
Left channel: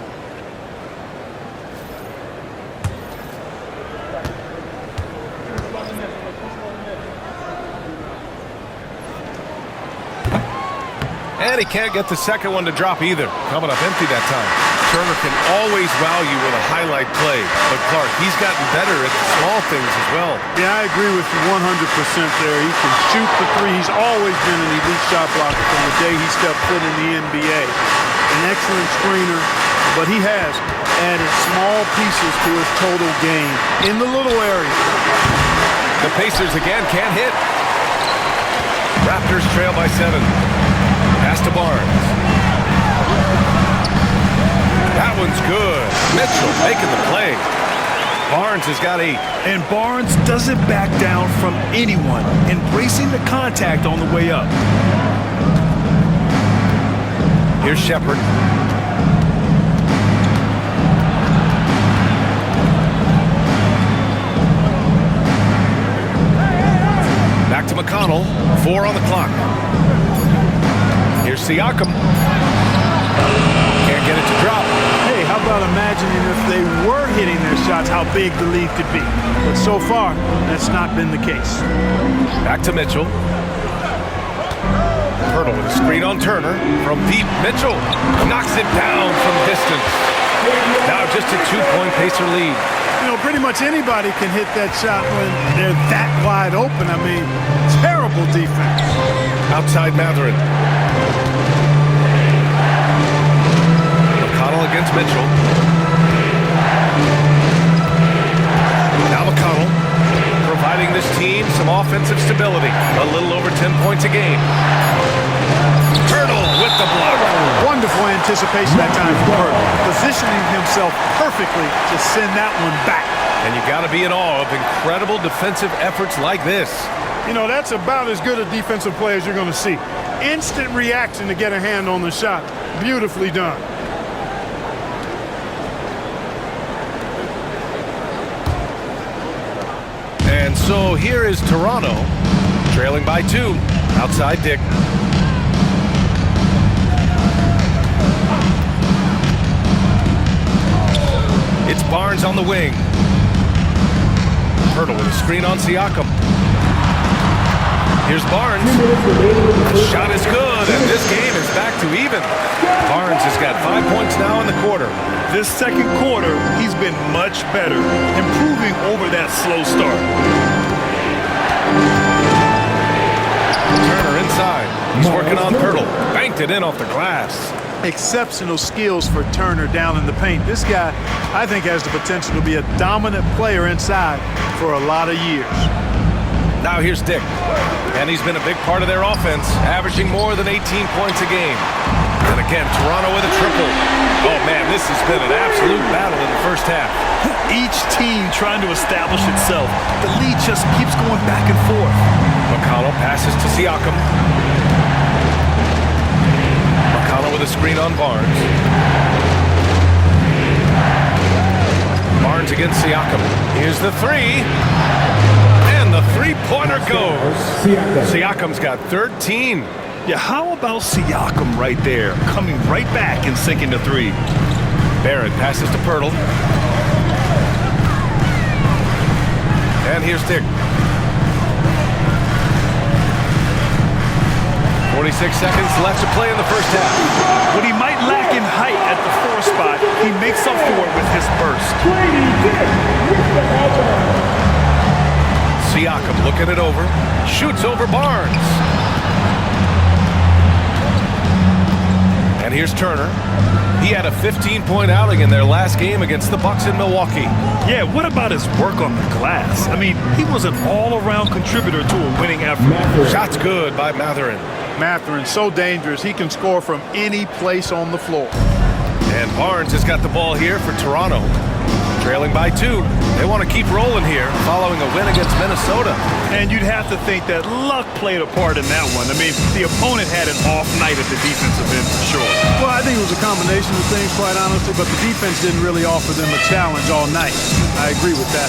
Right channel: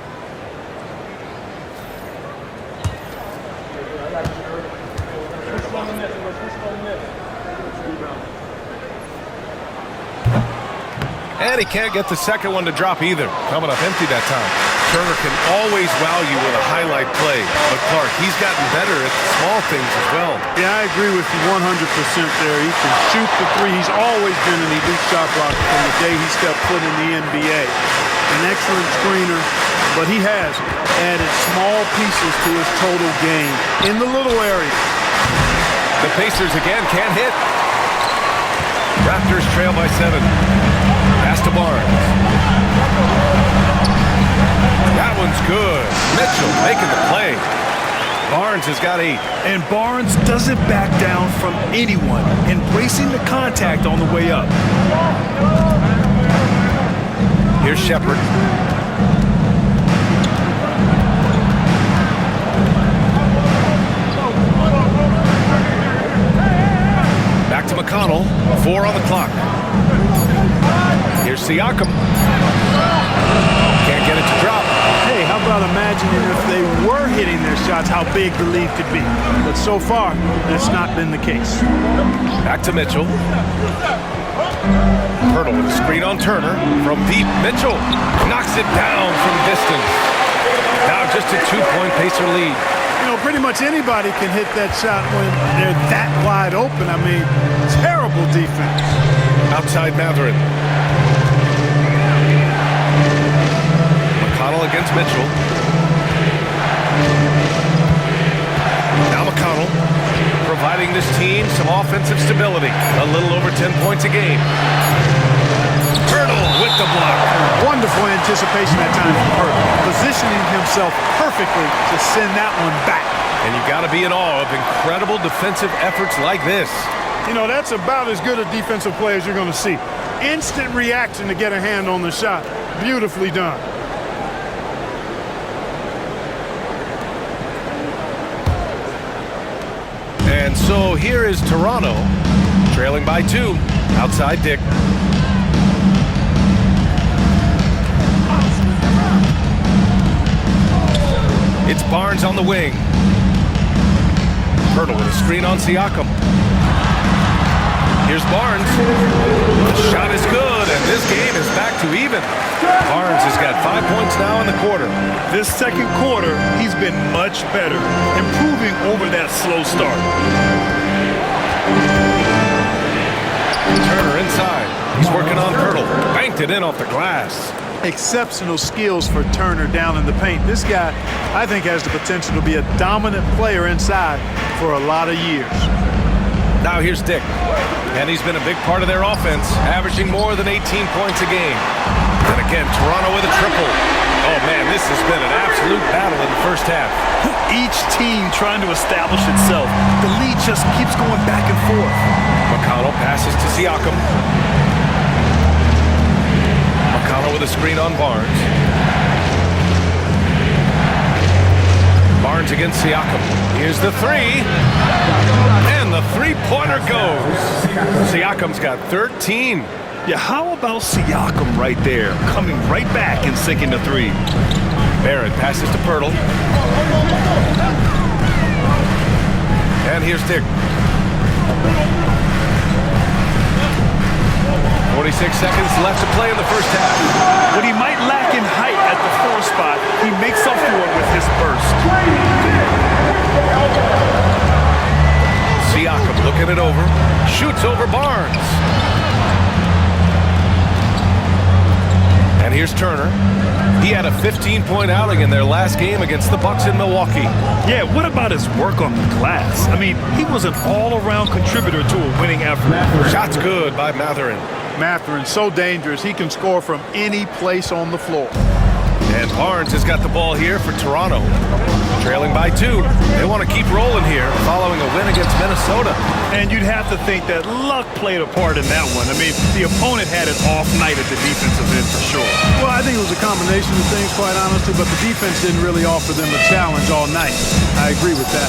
And he can't get the second one to drop either. Coming up empty that time. Turner can always wow you with a highlight play. But Clark, he's gotten better at the small things as well. Yeah, I agree with you 100% there. He can shoot the three. He's always been an elite shot blocker from the day he stepped foot in the NBA. An excellent screener, but he has added small pieces to his total game in the little area. The Pacers again can't hit. Raptors trail by 7. Pass to Barnes. That one's good. Mitchell making the play. Barnes has got 8. And Barnes doesn't back down from anyone, embracing the contact on the way up. Here's Shepherd. Back to McConnell. 4 on the clock. Here's Siakam. Can't get it to drop. Hey, how about imagining if they were hitting their shots, how big the lead could be. But so far, that's not been the case. Back to Mitchell. Pirtle with a screen on Turner. From deep, Mitchell knocks it down from distance. Now just a 2-point Pacer lead. You know, pretty much anybody can hit that shot when they're that wide open. I mean, terrible defense. Outside Mathurin. McConnell against Mitchell. Now McConnell providing this team some offensive stability. A little over 10 points a game. Pirtle with the block. Wonderful anticipation that time from Pirtle. Positioning himself perfectly to send that one back. And you got to be in awe of incredible defensive efforts like this. You know, that's about as good a defensive play as you're going to see. Instant reaction to get a hand on the shot. Beautifully done. And so here is Toronto, trailing by 2. Outside Dick. It's Barnes on the wing. Pirtle with a screen on Siakam. Here's Barnes. The shot is good, and this game is back to even. Barnes has got 5 points now in the quarter. This second quarter, he's been much better, improving over that slow start. Turner inside. He's working on Pirtle. Banked it in off the glass. Exceptional skills for Turner down in the paint. This guy, I think, has the potential to be a dominant player inside for a lot of years. Now here's Dick. And he's been a big part of their offense, averaging more than 18 points a game. And again, Toronto with a triple. Oh, man, this has been an absolute battle in the first half. Each team trying to establish itself. The lead just keeps going back and forth. McConnell passes to Siakam. McConnell with a screen on Barnes. Barnes against Siakam. Here's the three. And the three-pointer goes. Siakam's got 13. Yeah, how about Siakam right there, coming right back and sinking the three? Barrett passes to Pirtle. And here's Dick. 46 seconds left to play in the first half. What he might lack in height at the 4 spot, he makes up for it with his burst. Siakam looking it over. Shoots over Barnes. And here's Turner. He had a 15-point outing in their last game against the Bucks in Milwaukee. Yeah, what about his work on the glass? I mean, he was an all-around contributor to a winning effort. Shots good by Mathurin. Mathurin, so dangerous. He can score from any place on the floor. And Barnes has got the ball here for Toronto. Trailing by 2. They want to keep rolling here following a win against Minnesota. And you'd have to think that luck played a part in that one. I mean, the opponent had an off night at the defensive end for sure. Well, I think it was a combination of things, quite honestly, but the defense didn't really offer them a challenge all night. I agree with that.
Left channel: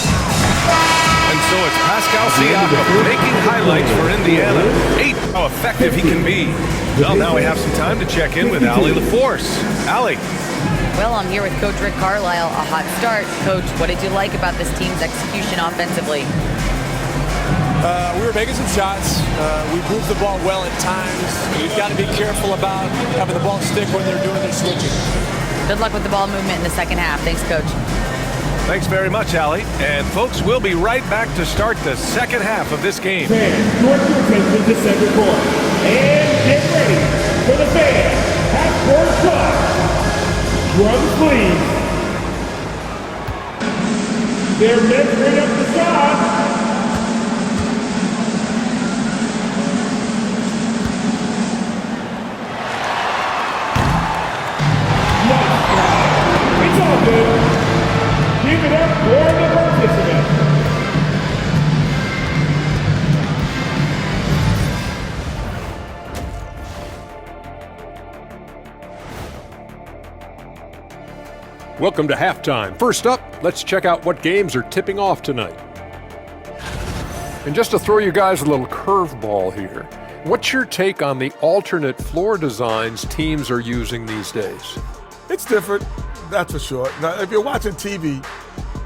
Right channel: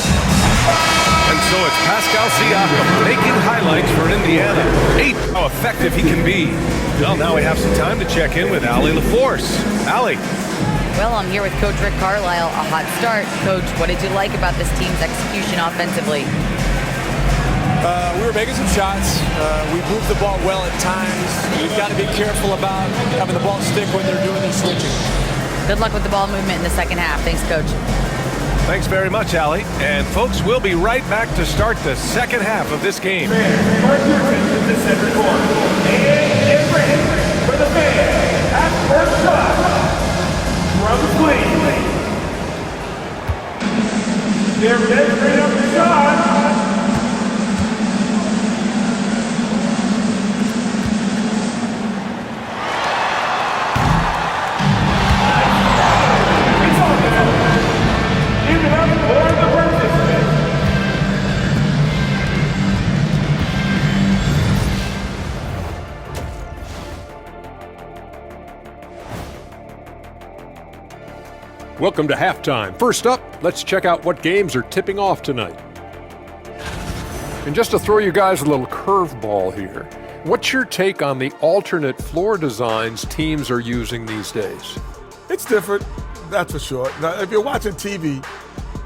And so it's Pascal Siakam making highlights for Indiana. 8, how effective he can be. Well, now we have some time to check in with Allie LaForce. Allie. Well, I'm here with Coach Rick Carlisle. A hot start. Coach, what did you like about this team's execution offensively? We were making some shots. We moved the ball well at times. You've got to be careful about having the ball stick when they're doing their switching. Good luck with the ball movement in the second half. Thanks, Coach. Thanks very much, Allie. And folks, we'll be right back to start the second half of this game. Direct your attention to center court. And get ready for the fan half-court shot. Brothers, please. They're measuring up the shot. It's all good. Give it up for the participants. Welcome to halftime. First up, let's check out what games are tipping off tonight. And just to throw you guys a little curveball here, what's your take on the alternate floor designs teams are using these days? It's different, that's for sure. Now, if you're watching TV,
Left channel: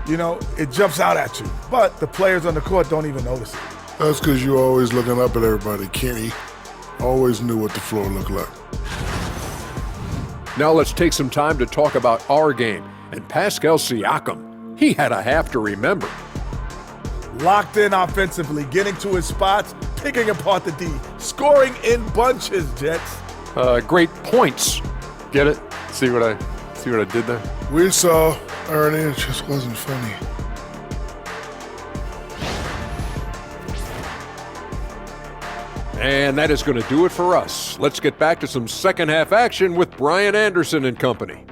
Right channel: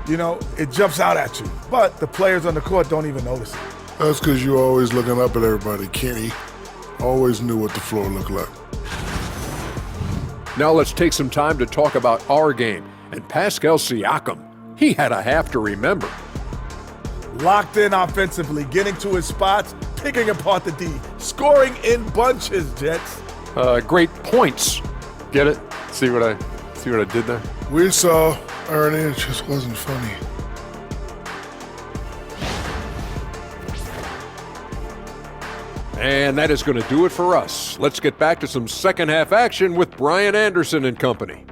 you know, it jumps out at you. But the players on the court don't even notice it. That's because you're always looking up at everybody, Kenny. Always knew what the floor looked like. Now let's take some time to talk about our game and Pascal Siakam. He had a half to remember. Locked in offensively, getting to his spots, picking apart the D, scoring in bunches, Jets. Great points. Get it? See what I did there? We saw, Ernie, it just wasn't funny. And that is going to do it for us. Let's get back to some second half action with Brian Anderson and company.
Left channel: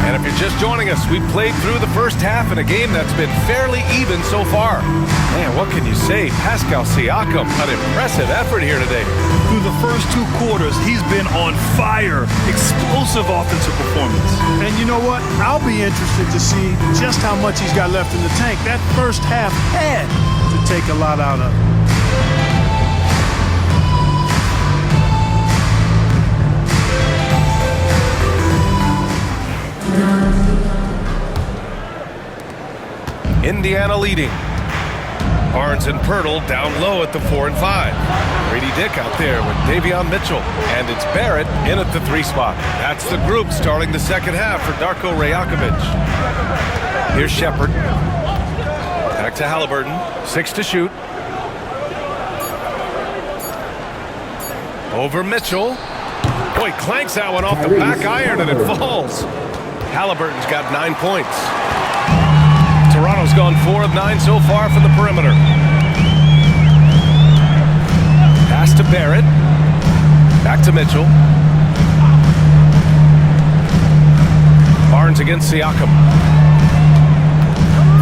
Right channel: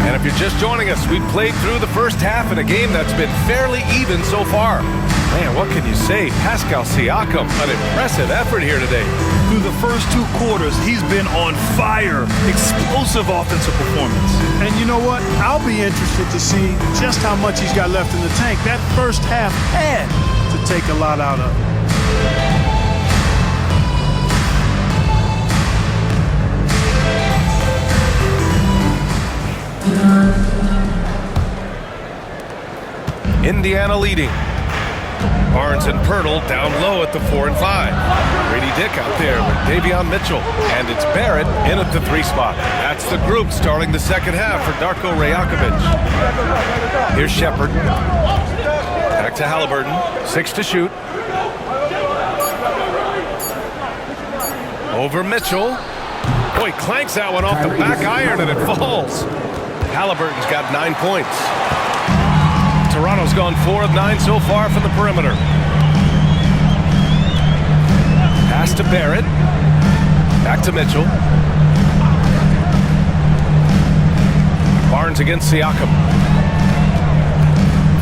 And if you're just joining us, we played through the first half in a game that's been fairly even so far. Man, what can you say? Pascal Siakam, an impressive effort here today. Through the first 2 quarters, he's been on fire. Explosive offensive performance. And you know what? I'll be interested to see just how much he's got left in the tank. That first half had to take a lot out of it. Indiana leading. Barnes and Pirtle down low at the 4 and 5. Grady Dick out there with Davion Mitchell. And it's Barrett in at the 3 spot. That's the group starting the second half for Darko Rajakovic. Here's Shepherd. Back to Halliburton. 6 to shoot. Over Mitchell. Boy, clanks that one off the back iron and it falls. Halliburton's got 9 points. Toronto's gone 4 of 9 so far from the perimeter. Pass to Barrett. Back to Mitchell. Barnes against Siakam.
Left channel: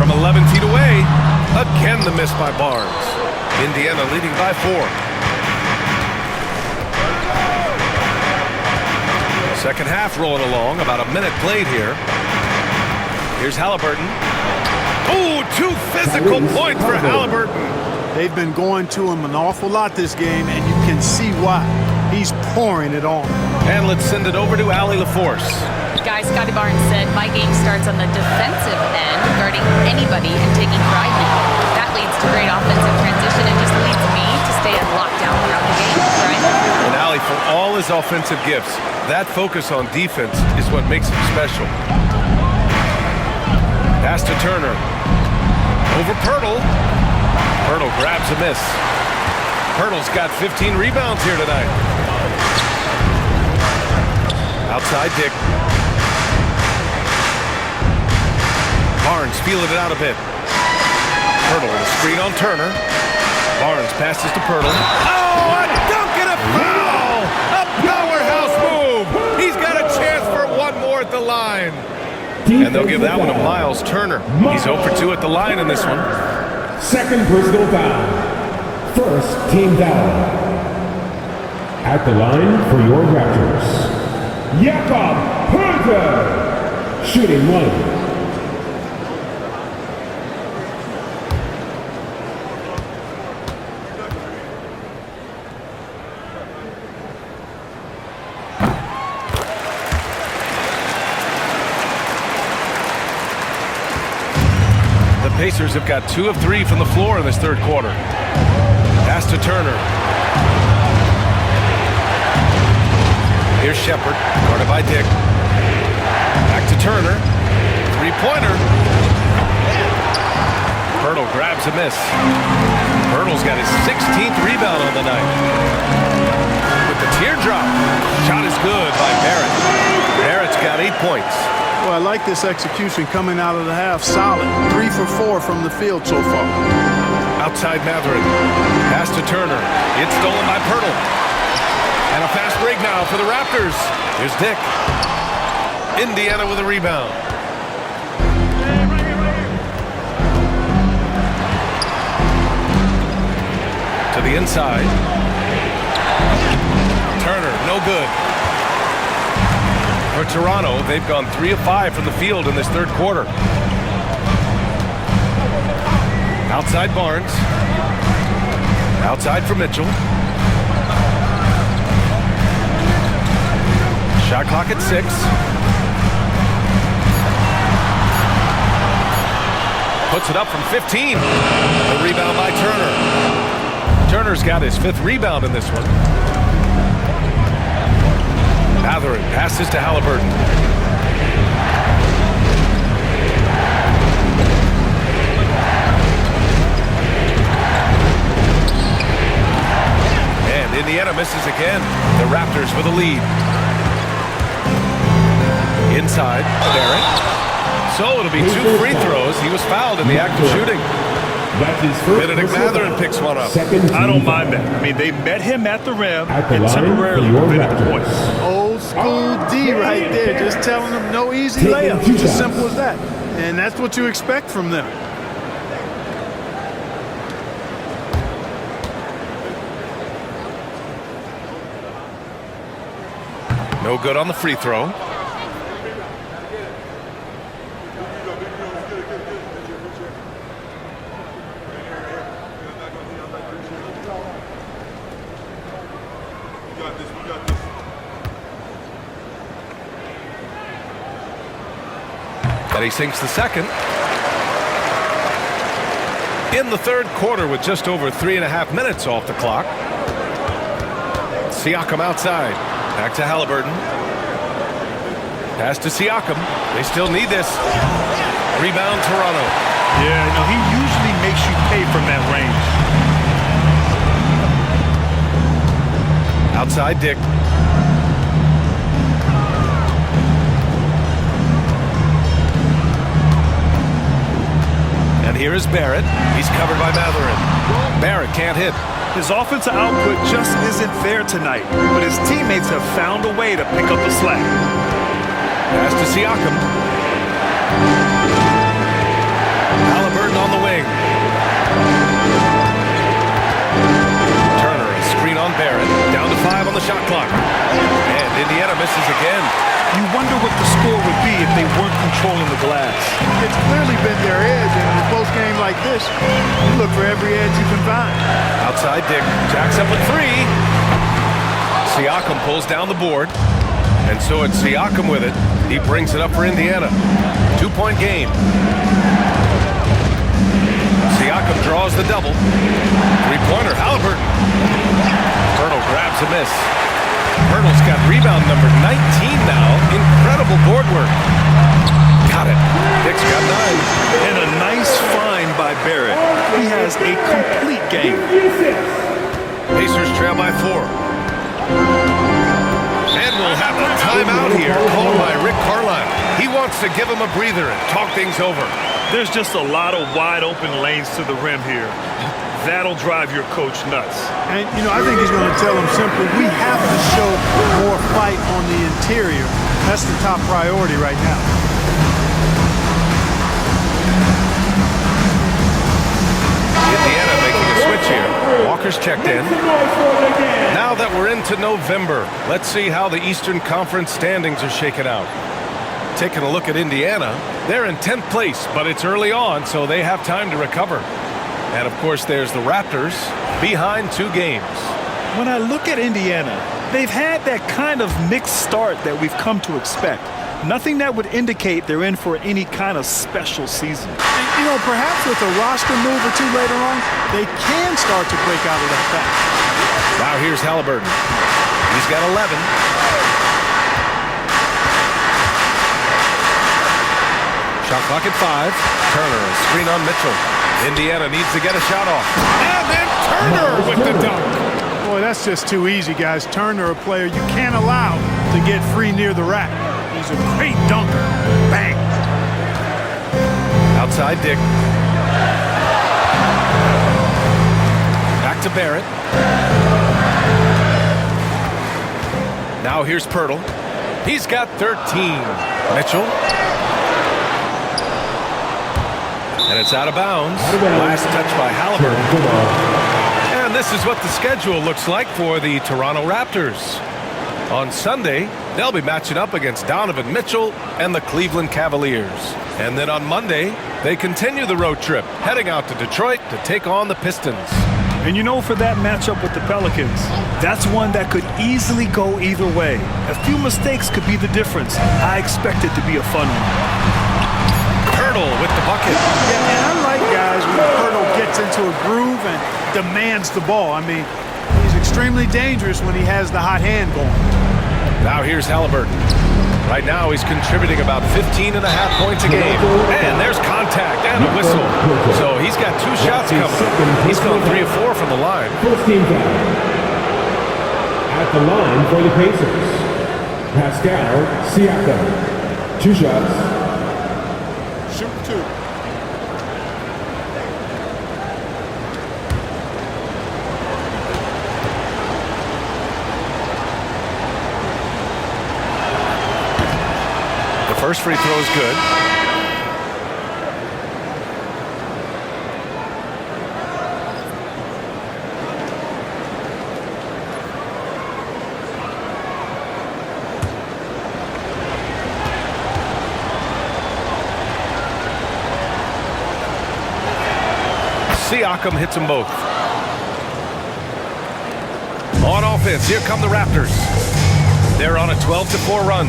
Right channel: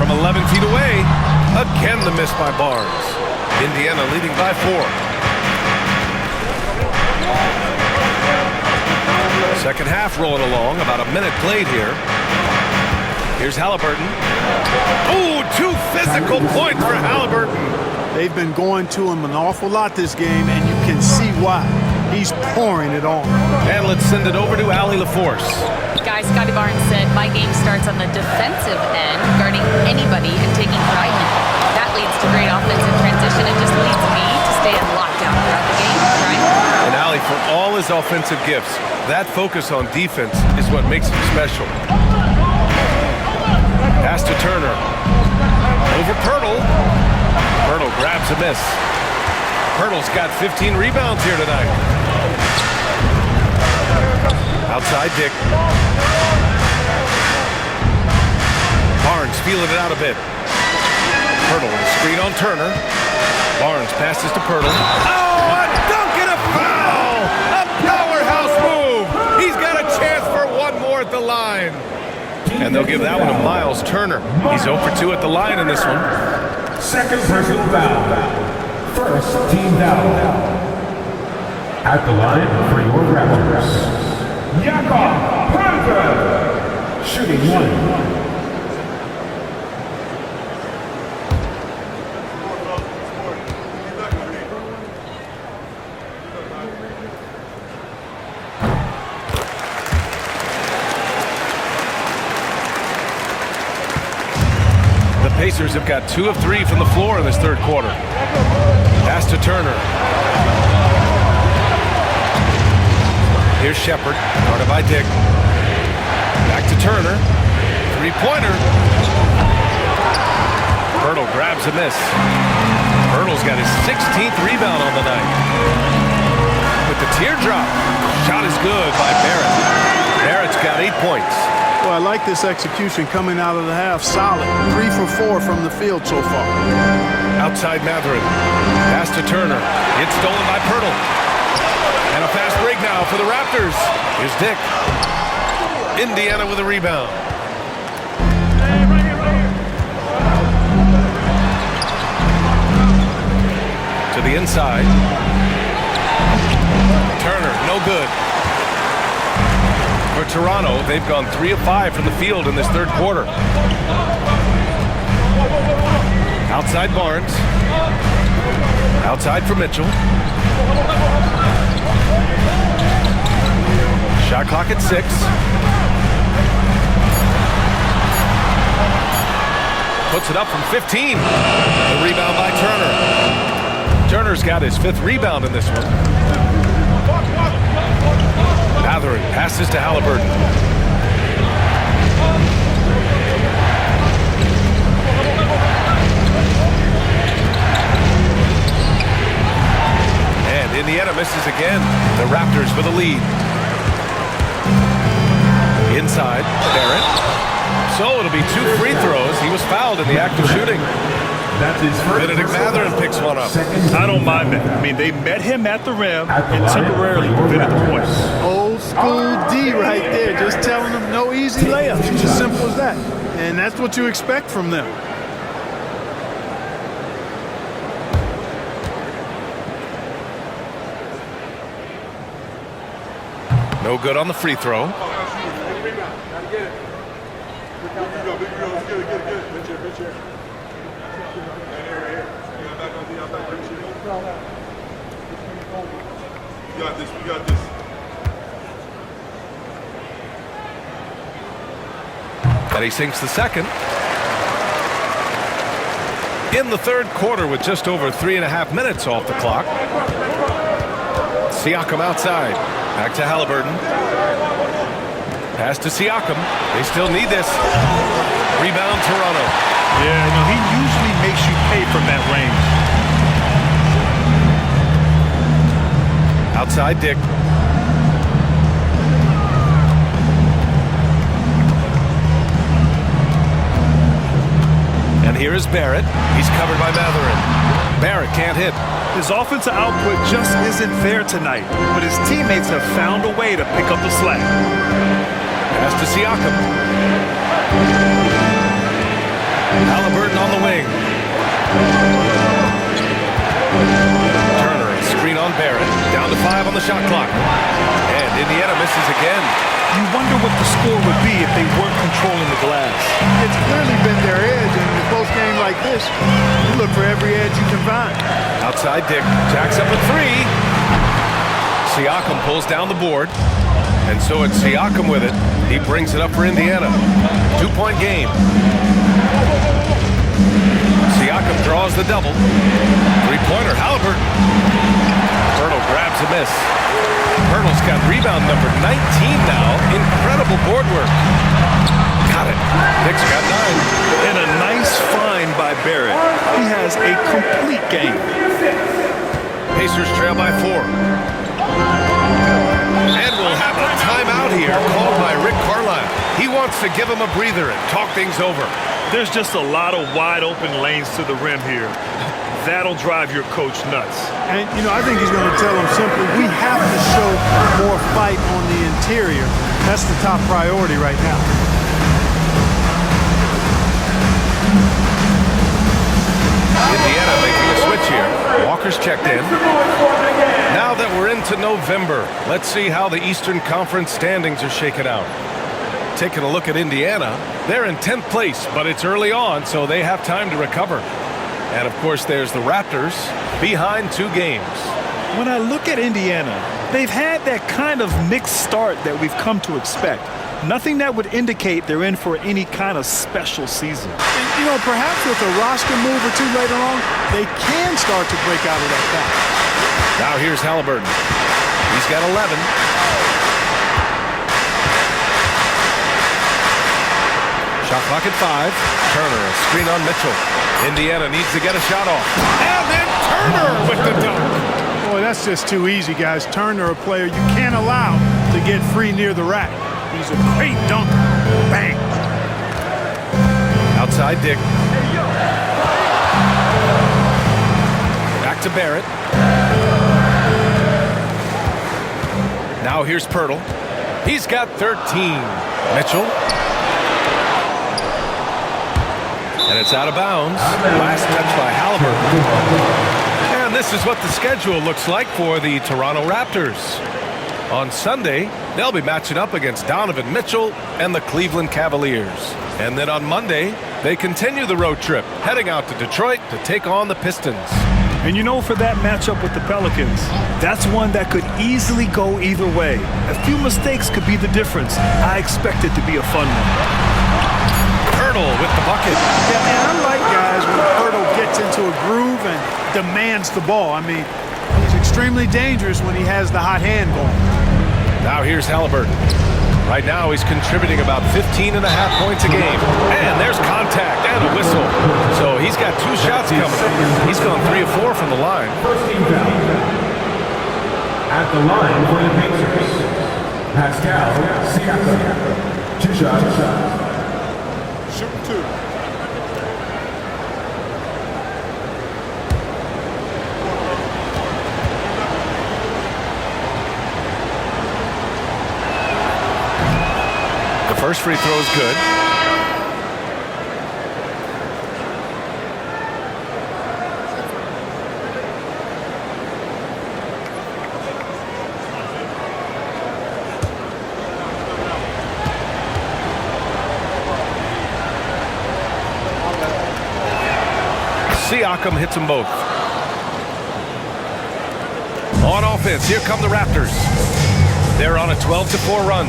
from 11 feet away. Again, the miss by Barnes. Indiana leading by 4. Second half rolling along, about a minute played here. Here's Halliburton. Ooh, 2 physical points for Halliburton. They've been going to him an awful lot this game, and you can see why. He's pouring it on. And let's send it over to Allie LaForce. Guys, Scotty Barnes said, my game starts on the defensive end, guarding anybody and taking pride in it. That leads to great offensive transition and just leads me to stay in lockdown throughout the game. Brian? And Allie, for all his offensive gifts, that focus on defense is what makes him special. Pass to Turner. Over Pirtle. Pirtle grabs a miss. Pirtle's got 15 rebounds here tonight. Outside Dick. Barnes feeling it out a bit. Pirtle with a screen on Turner. Barnes passes to Pirtle. Oh, a dunk and a foul! A powerhouse move! He's got a chance for one more at the line. And they'll give that one to Miles Turner. He's 0 for 2 at the line in this one. Second personal foul. First team foul. At the line for your Raptors, Jakob Poeltl, shooting 1. The Pacers have got 2 of 3 from the floor in this third quarter. Pass to Turner. Here's Shepard, guarded by Dick. Back to Turner. 3-pointer. Pirtle grabs a miss. Pirtle's got his 16th rebound on the night. With the teardrop. Shot is good by Barrett. Barrett's got 8 points. Well, I like this execution coming out of the half. Solid. 3 for 4 from the field so far. Outside Matherin. Pass to Turner. It's stolen by Pirtle. And a fast break now for the Raptors. Here's Dick. Indiana with a rebound. To the inside. Turner, no good. For Toronto, they've gone 3 of 5 from the field in this third quarter. Outside Barnes. Outside for Mitchell. Shot clock at 6. Puts it up from 15. The rebound by Turner. Turner's got his 5th rebound in this one. Matherin passes to Halliburton. And Indiana misses again. The Raptors with a lead. Inside, Barrett. So it'll be 2 free throws. He was fouled in the act of shooting. That's his first. Benedict Matherin picks one up. I don't mind that. I mean, they met him at the rim and temporarily prevented the points. Old school D right there. Just telling them no easy layups. It's as simple as that. And that's what you expect from them. No good on the free throw. We got this. And he sinks the second. In the third quarter with just over 3.5 minutes off the clock. Siakam outside. Back to Halliburton. Pass to Siakam. They still need this. Rebound Toronto. Yeah, no, he usually makes you pay from that range. Outside Dick. And here is Barrett. He's covered by Matherin. Barrett can't hit. His offensive output just isn't there tonight, but his teammates have found a way to pick up the slack. Pass to Siakam. Halliburton on the wing. Turner, a screen on Barrett. Down to 5 on the shot clock. And Indiana misses again. You wonder what the score would be if they weren't controlling the glass. It's clearly been their edge, and in a close game like this, you look for every edge you can find. Outside Dick jacks up a 3. Siakam pulls down the board. And so it's Siakam with it. He brings it up for Indiana. 2-point game. Siakam draws the double. 3-pointer, Halliburton. Pirtle grabs a miss. Pirtle's got rebound number 19 now. Incredible board work. Got it. Dick's got 9. And a nice find by Barrett. He has a complete game. Pacers trail by 4. And we'll have a timeout here called by Rick Carlisle. He wants to give him a breather and talk things over. There's just a lot of wide open lanes to the rim here. That'll drive your coach nuts. And, I think he's going to tell them simply, we have to show more fight on the interior. That's the top priority right now. Indiana making a switch here. Walker's checked in. Now that we're into November, let's see how the Eastern Conference standings are shaken out. Taking a look at Indiana, they're in 10th place, but it's early on, so they have time to recover. And, of course, there's the Raptors behind 2 games. When I look at Indiana, they've had that kind of mixed start that we've come to expect. Nothing that would indicate they're in for any kind of special season. And, perhaps with a roster move or 2 later on, they can start to break out of that pack. Now here's Halliburton. He's got 11. Shot clock at 5. Turner, a screen on Mitchell. Indiana needs to get a shot off. And then Turner with the dunk. Boy, that's just too easy, guys. Turner, a player you can't allow to get free near the rack. He's a great dunker. Bang. Outside Dick. Back to Barrett. Now here's Pirtle. He's got 13. Mitchell. And it's out of bounds. Last touch by Halliburton. And this is what the schedule looks like for the Toronto Raptors. On Sunday, they'll be matching up against Donovan Mitchell and the Cleveland Cavaliers. And then on Monday, they continue the road trip, heading out to Detroit to take on the Pistons. And for that matchup with the Pelicans, that's one that could easily go either way. A few mistakes could be the difference. I expect it to be a fun one. Pirtle with the bucket. Yeah, and I like guys when Pirtle gets into a groove and demands the ball. I mean, he's extremely dangerous when he has the hot hand going. Now here's Halliburton. Right now he's contributing about 15.5 points a game. And there's contact and a whistle. So he's got 2 shots coming. He's gone 3 of 4 from the line. First team foul. At the line for the Pacers, Pascal Siakam. 2 shots. Shooting 2. The first free throw is good. Siakam hits them both. On offense, here come the Raptors. They're on a 12-4 run.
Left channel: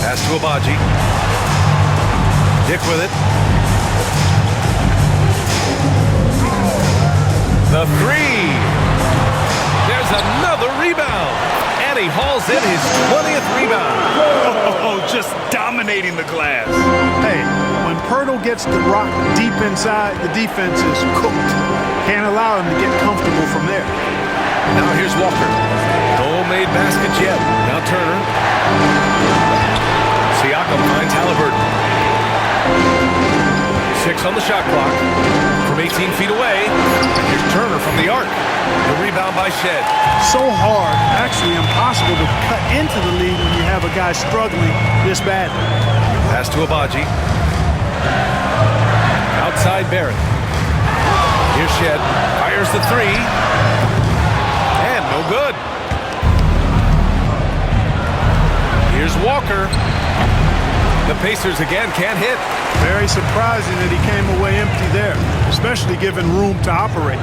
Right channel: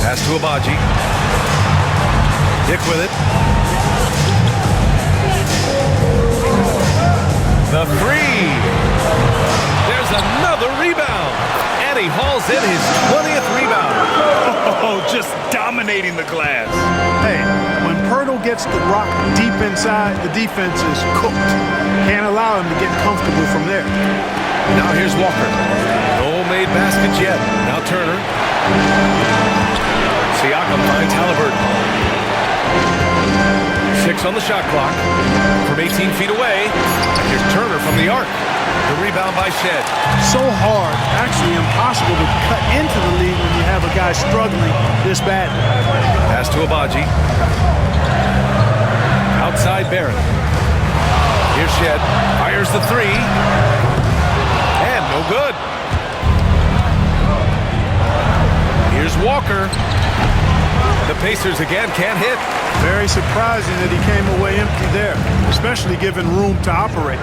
Pass to Abaji. Dick with it. The 3. There's another rebound. And he hauls in his 20th rebound. Oh, just dominating the glass. Hey, when Pirtle gets the rock deep inside, the defense is cooked. Can't allow him to get comfortable from there. Now here's Walker. No made baskets yet. Now Turner. Siakam finds Halliburton. 6 on the shot clock. From 18 feet away. And here's Turner from the arc. The rebound by Shed. So hard, actually impossible to cut into the lead when you have a guy struggling this badly. Pass to Abaji. Outside Barrett. Here's Shed. Fires the three. And no good. Here's Walker. The Pacers again can't hit. Very surprising that he came away empty there, especially given room to operate.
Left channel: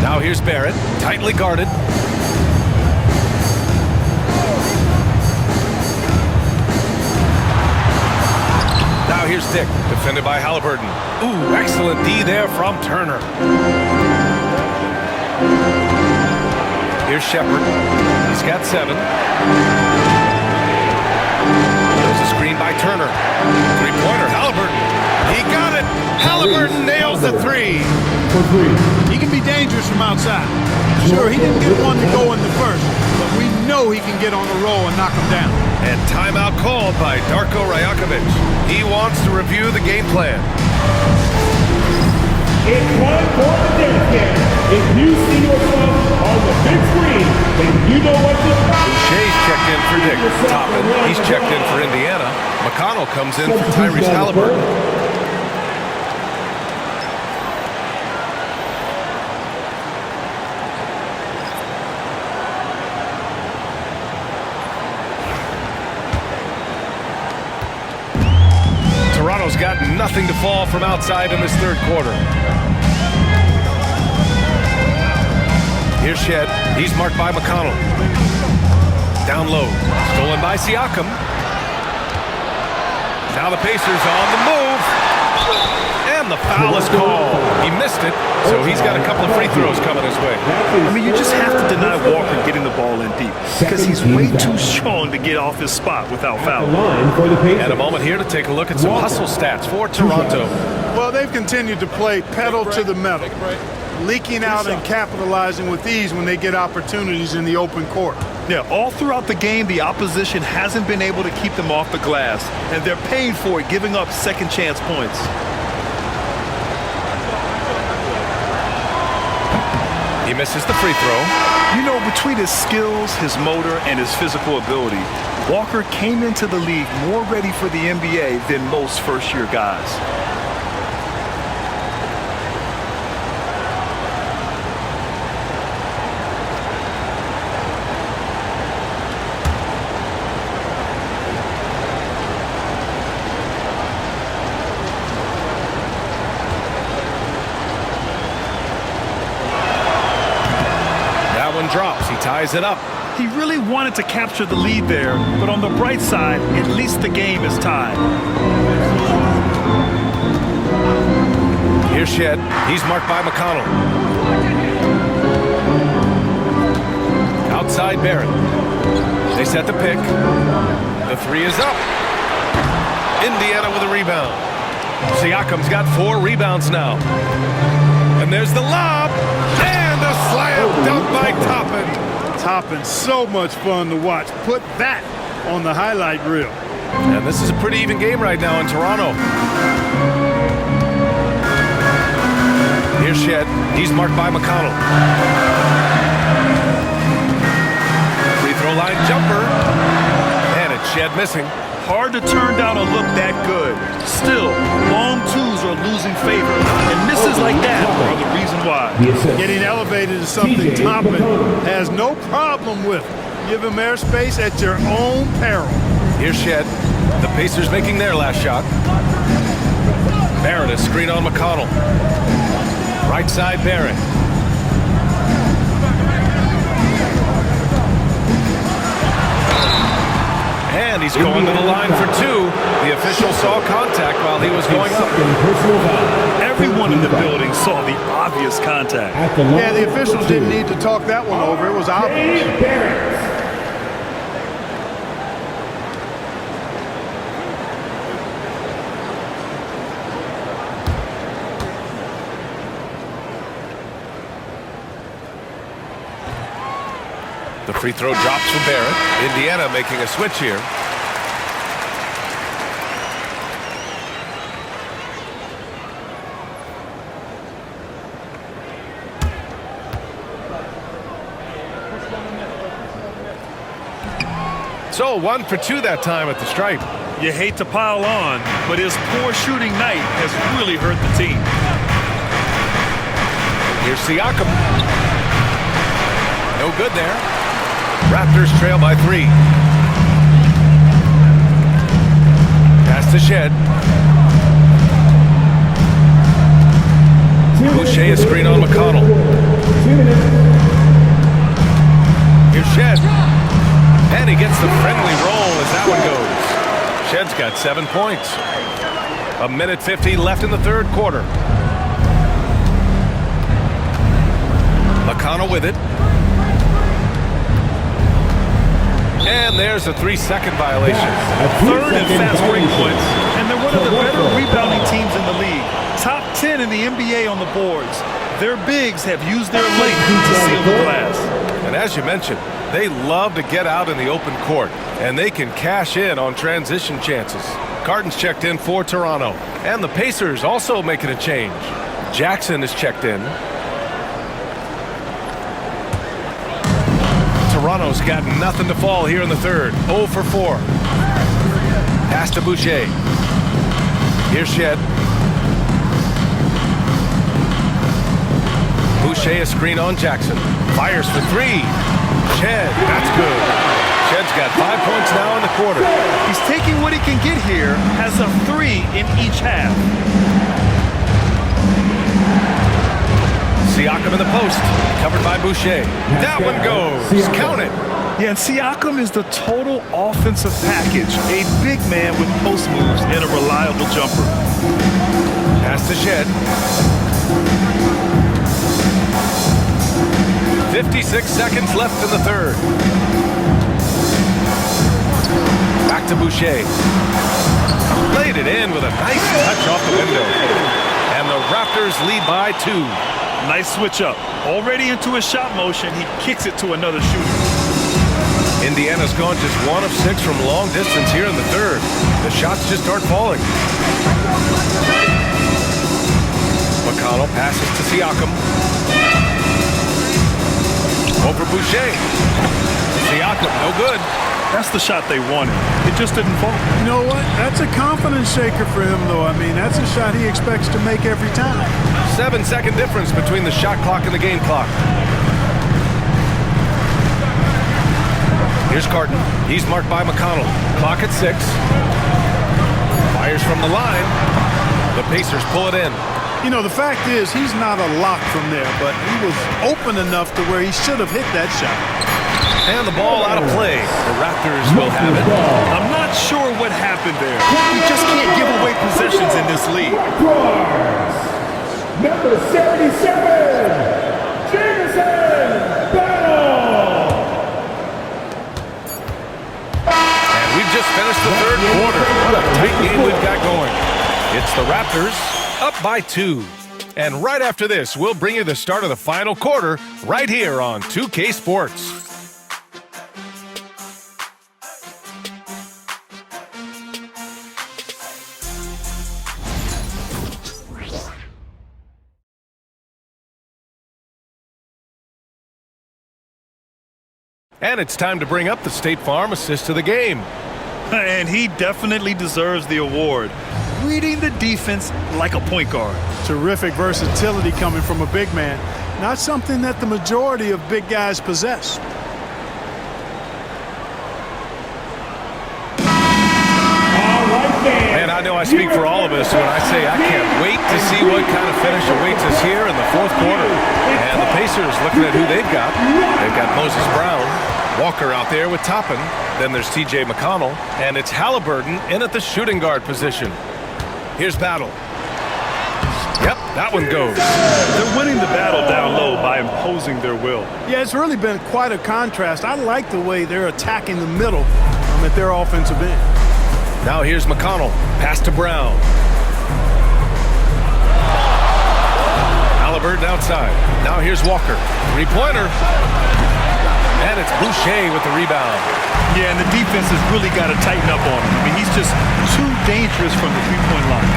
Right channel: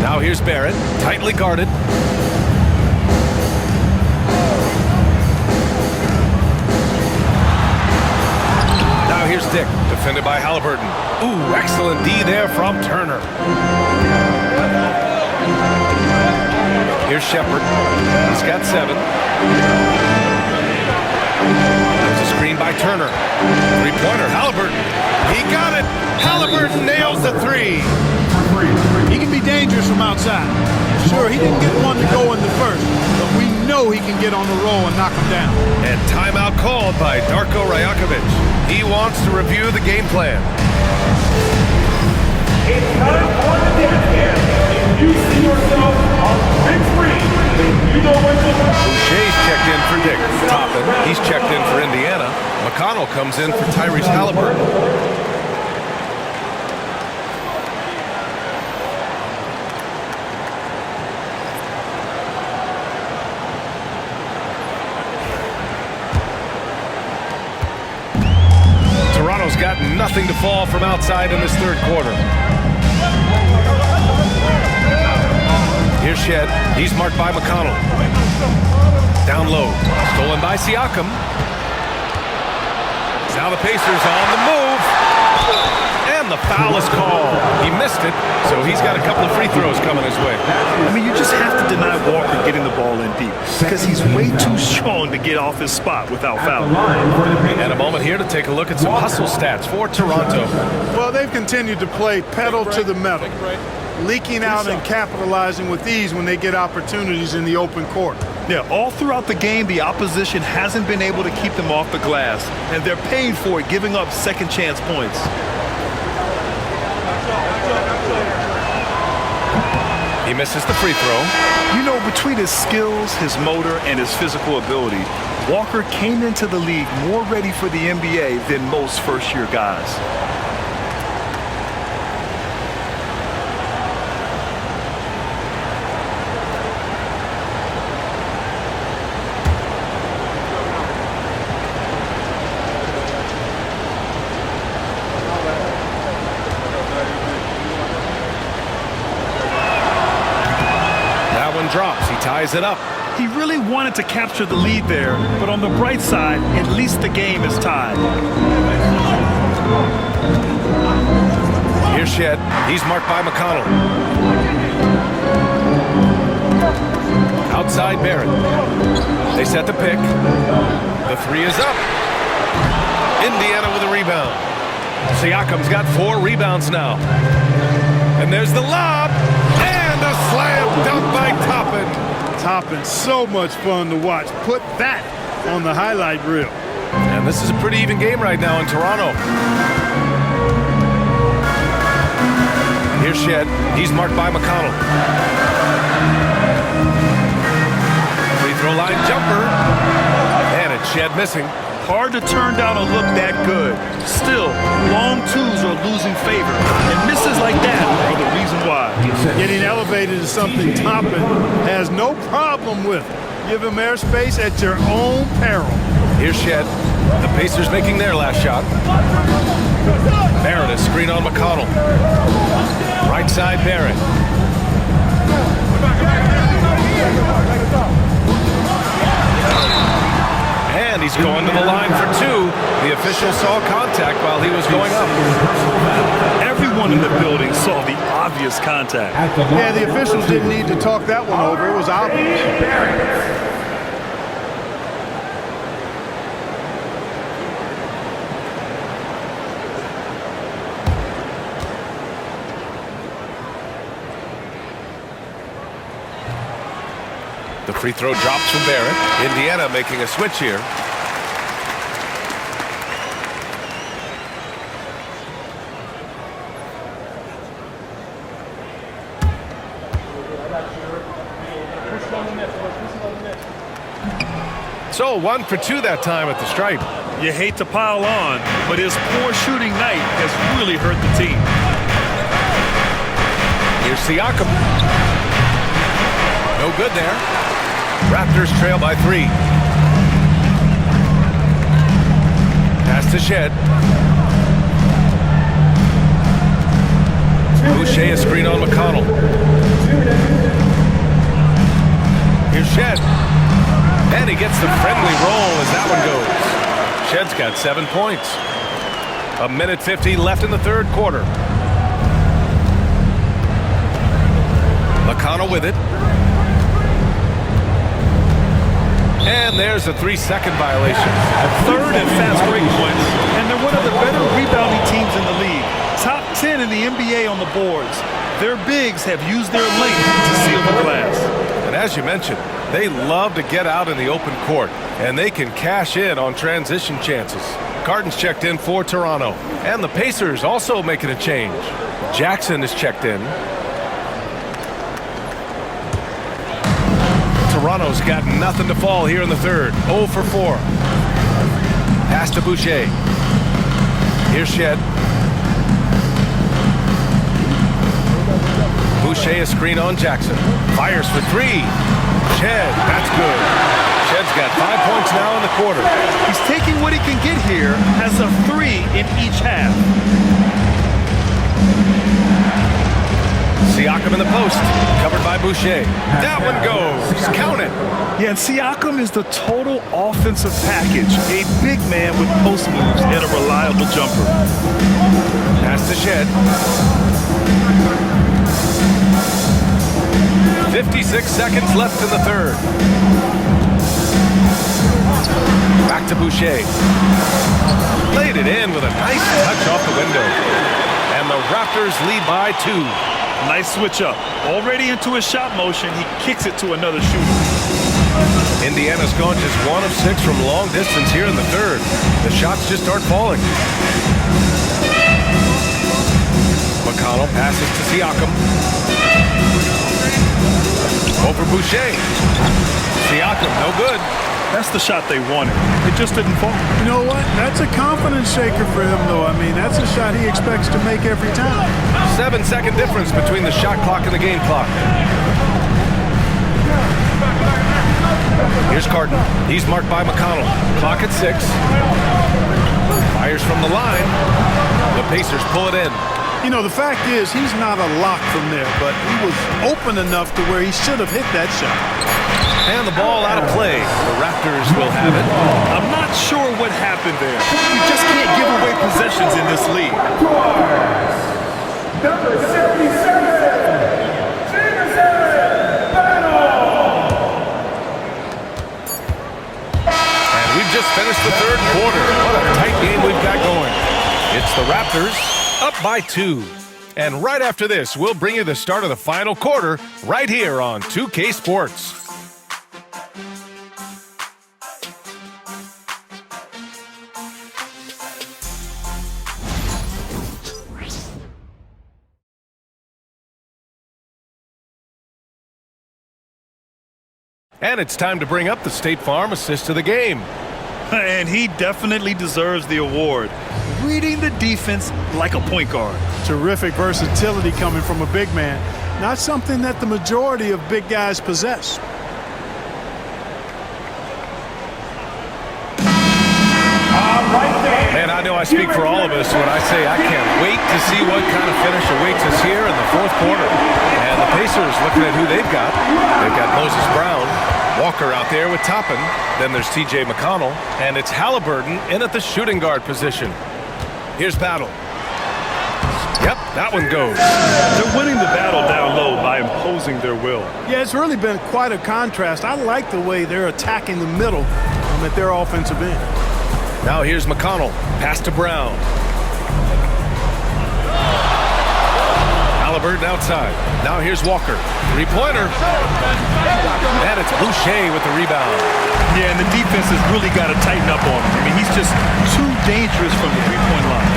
Now here's Barrett, tightly guarded. Now here's Dick, defended by Halliburton. Ooh, excellent D there from Turner. Here's Shepard. He's got 7. There's a screen by Turner. Three-pointer, Halliburton. He got it. Halliburton nails the 3. He can be dangerous from outside. Sure, he didn't get one to go in the first, but we know he can get on a roll and knock him down. And timeout called by Darko Rajakovic. He wants to review the game plan. It's time for the dance game. If you see yourself on the big screen, then you know what to do. Boucher's checked in for Dick. Toppin, he's checked in for Indiana. McConnell comes in for Tyrese Halliburton. Toronto's got nothing to fall from outside in this third quarter. Here's Shed. He's marked by McConnell. Down low. Stolen by Siakam. Now the Pacers on the move. And the foul is called. He missed it, so he's got a couple of free throws coming his way. I mean, you just have to deny Walker getting the ball in deep because he's way too strong to get off his spot without fouling. And a moment here to take a look at some hustle stats for Toronto. Well, they've continued to play pedal to the metal, leaking out and capitalizing with ease when they get opportunities in the open court. Yeah, all throughout the game, the opposition hasn't been able to keep them off the glass, and they're paying for it, giving up second chance points. He misses the free throw. You know, between his skills, his motor, and his physical ability, Walker came into the league more ready for the NBA than most first-year guys. Drops. He ties it up. He really wanted to capture the lead there, but on the bright side, at least the game is tied. Here's Shed. He's marked by McConnell. Outside Barrett. They set the pick. The 3 is up. Indiana with a rebound. Siakam's got 4 rebounds now. And there's the lob. And a slam dunk by Toppin. Toppin, so much fun to watch. Put that on the highlight reel. And this is a pretty even game right now in Toronto. Here's Shed. He's marked by McConnell. Free throw line jumper. And it's Shed missing. Hard to turn down a look that good. Still, long twos are losing favor, and misses like that are the reason why. Getting elevated is something Toppin has no problem with. Give him airspace at your own peril. Here's Shed. The Pacers making their last shot. Barrett is screen on McConnell. Right side Barrett. And he's going to the line for 2. The official saw contact while he was going up. Everyone in the building saw the obvious contact. Yeah, the officials didn't need to talk that one over. It was obvious. The free throw drops from Barrett. Indiana making a switch here. So 1 for 2 that time at the stripe. You hate to pile on, but his poor shooting night has really hurt the team. Here's Siakam. No good there. Raptors trail by 3. Pass to Shed. Boucher a screen on McConnell. Here's Shed. And he gets the friendly roll as that one goes. Shed's got 7 points. 1:50 left in the third quarter. McConnell with it. And there's a 3-second violation. Third and fast break points, and they're one of the better rebounding teams in the league. Top 10 in the NBA on the boards. Their bigs have used their length to seal the glass. And as you mentioned, they love to get out in the open court, and they can cash in on transition chances. Carton's checked in for Toronto, and the Pacers also making a change. Jackson is checked in. Toronto's got nothing to fall here in the third. 0 for 4. Pass to Boucher. Here's Shed. Boucher a screen on Jackson. Fires for 3. Shed, that's good. Shed's got 5 points now in the quarter. He's taking what he can get here, has a 3 in each half. Siakam in the post, covered by Boucher. That one goes. Count it. Yeah, and Siakam is the total offensive package. A big man with post moves and a reliable jumper. Pass to Shed. 56 seconds left in the third. Back to Boucher. Laid it in with a nice touch off the window. And the Raptors lead by 2. Nice switch up. Already into his shot motion, he kicks it to another shooter. Indiana's gone just 1 of 6 from long distance here in the third. The shots just aren't falling. McConnell passes to Siakam. Over Boucher. Siakam, no good. That's the shot they wanted. It just didn't fall. You know what? That's a confidence shaker for him, though. I mean, that's a shot he expects to make every time. 7-second difference between the shot clock and the game clock. Here's Carton. He's marked by McConnell. Clock at 6. Fires from the line. The Pacers pull it in. You know, the fact is he's not a lock from there, but he was open enough to where he should have hit that shot. And the ball out of play. The Raptors will have it. I'm not sure what happened there. We just can't give away possessions in this league. Number 77, Jameson Battle. And we've just finished the third quarter. What a tight game we've got going. It's the Raptors up by 2. And right after this, we'll bring you the start of the final quarter right here on 2K Sports. And it's time to bring up the State Farm assist of the game. And he definitely deserves the award. Reading the defense like a point guard. Terrific versatility coming from a big man. Not something that the majority of big guys possess. Man, I know I speak for all of us when I say I can't wait to see what kind of finish awaits us here in the fourth quarter. And the Pacers, looking at who they've got Moses Brown, Walker out there with Toppin. Then there's T.J. McConnell, and it's Halliburton in at the shooting guard position. Here's Battle. Yep, that one goes. They're winning the battle down low by imposing their will. Yeah, it's really been quite a contrast. I like the way they're attacking the middle at their offensive end. Now here's McConnell. Pass to Brown. Halliburton outside. Now here's Walker. Three-pointer. And it's Boucher with the rebound. Yeah, and the defense has really got to tighten up on him. I mean, he's just too dangerous from the three-point line.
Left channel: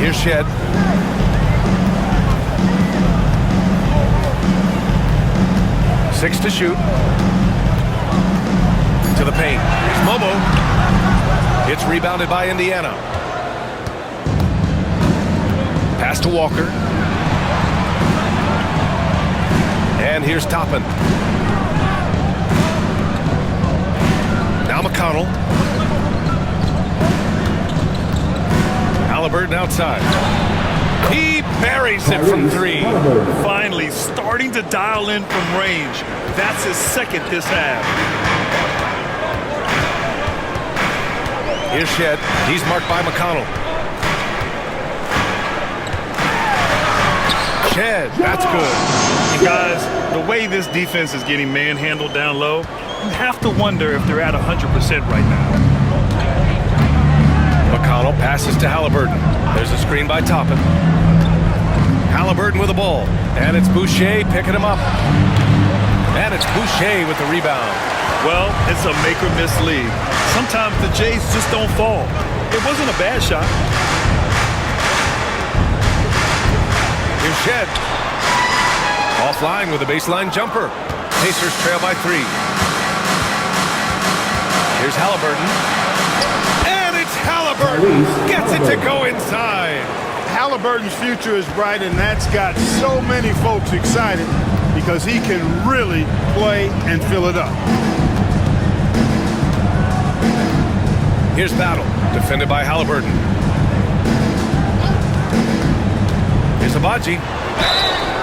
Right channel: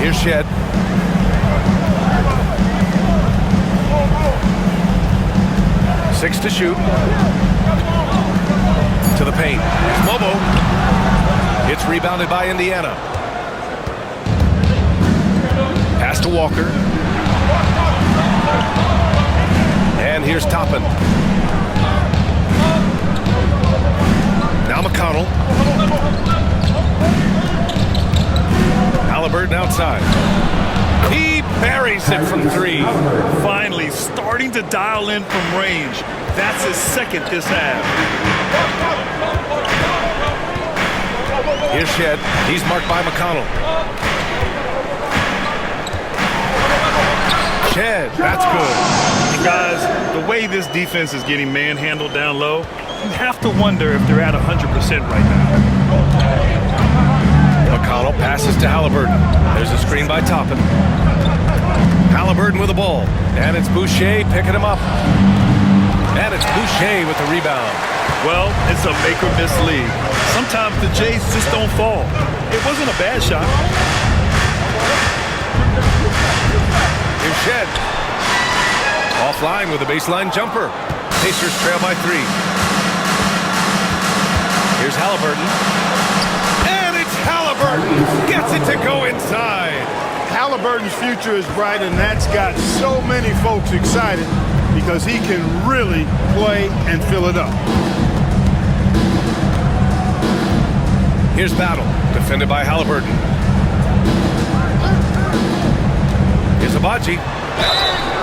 Here's Shed. Six to shoot. To the paint. Here's Mobo. It's rebounded by Indiana. Pass to Walker. And here's Toppin. Now McConnell. Halliburton outside. He buries it from three. Finally starting to dial in from range. That's his second this half. Here's Shed. He's marked by McConnell. Shed, that's good. And guys, the way this defense is getting manhandled down low, you have to wonder if they're at 100% right now. McConnell passes to Halliburton. There's a screen by Toppin. Halliburton with the ball. And it's Boucher picking him up. And it's Boucher with the rebound. Well, it's a make or miss league. Sometimes the Jays just don't fall. It wasn't a bad shot. Here's Shed. Offline with a baseline jumper. Pacers trail by 3. Here's Halliburton. And it's Halliburton. Gets it to go inside. Halliburton's future is bright, and that's got so many folks excited because he can really play and fill it up. Here's Battle, defended by Halliburton. Here's Abaji.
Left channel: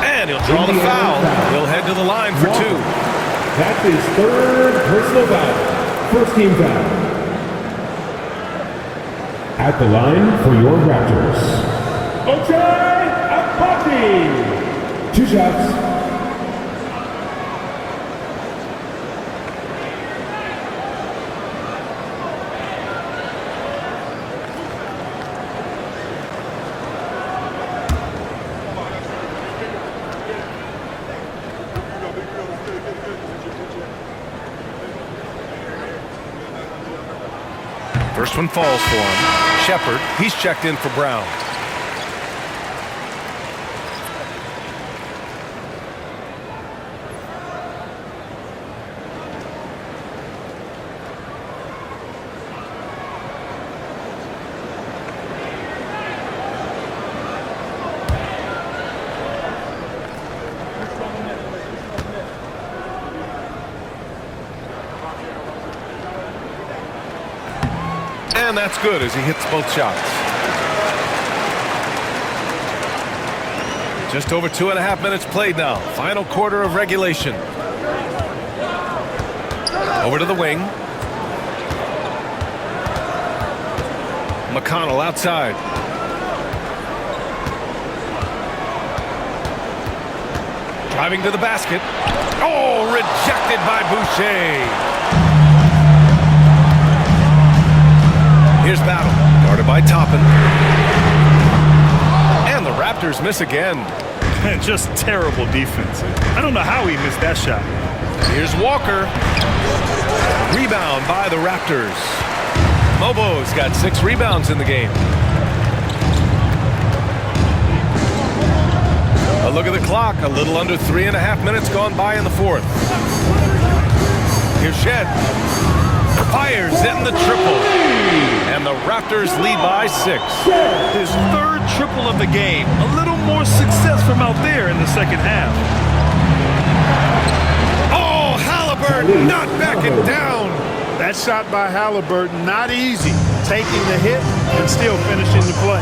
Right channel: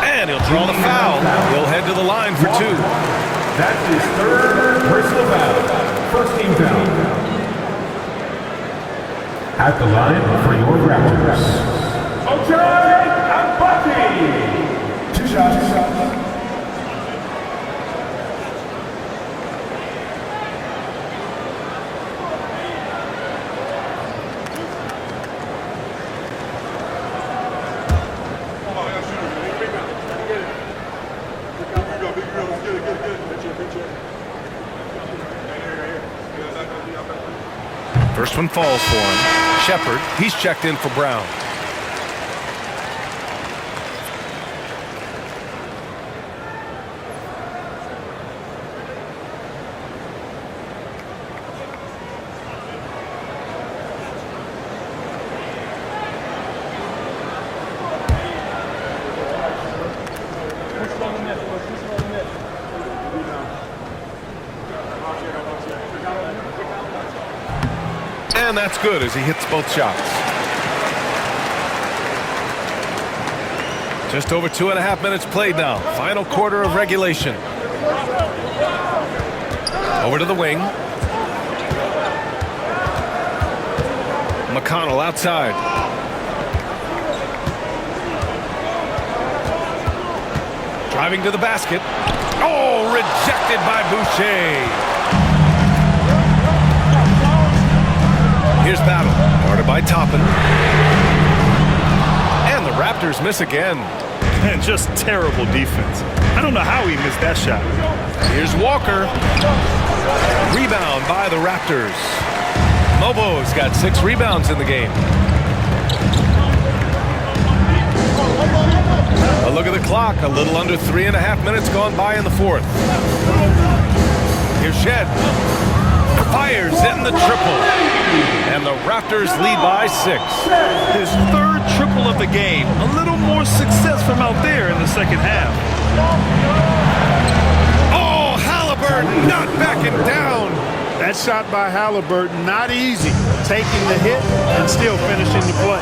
And he'll draw the foul. He'll head to the line for 2. That's his third personal foul. First team foul. At the line for your Raptors, Ochai Abaji. 2 shots. First one falls for him. Shepard, he's checked in for Brown. And that's good as he hits both shots. Just over 2.5 minutes played now. Final quarter of regulation. Over to the wing. McConnell outside. Driving to the basket. Oh, rejected by Boucher. Here's Battle, guarded by Toppin. And the Raptors miss again. And just terrible defense. I don't know how he missed that shot. Here's Walker. Rebound by the Raptors. Mobo's got 6 rebounds in the game. A look at the clock. A little under 3.5 minutes gone by in the 4th. Here's Shed. Fires in the triple. And the Raptors lead by 6. His 3rd triple of the game. A little more success from out there in the second half. Oh, Halliburton not backing down. That shot by Halliburton, not easy. Taking the hit and still finishing the play.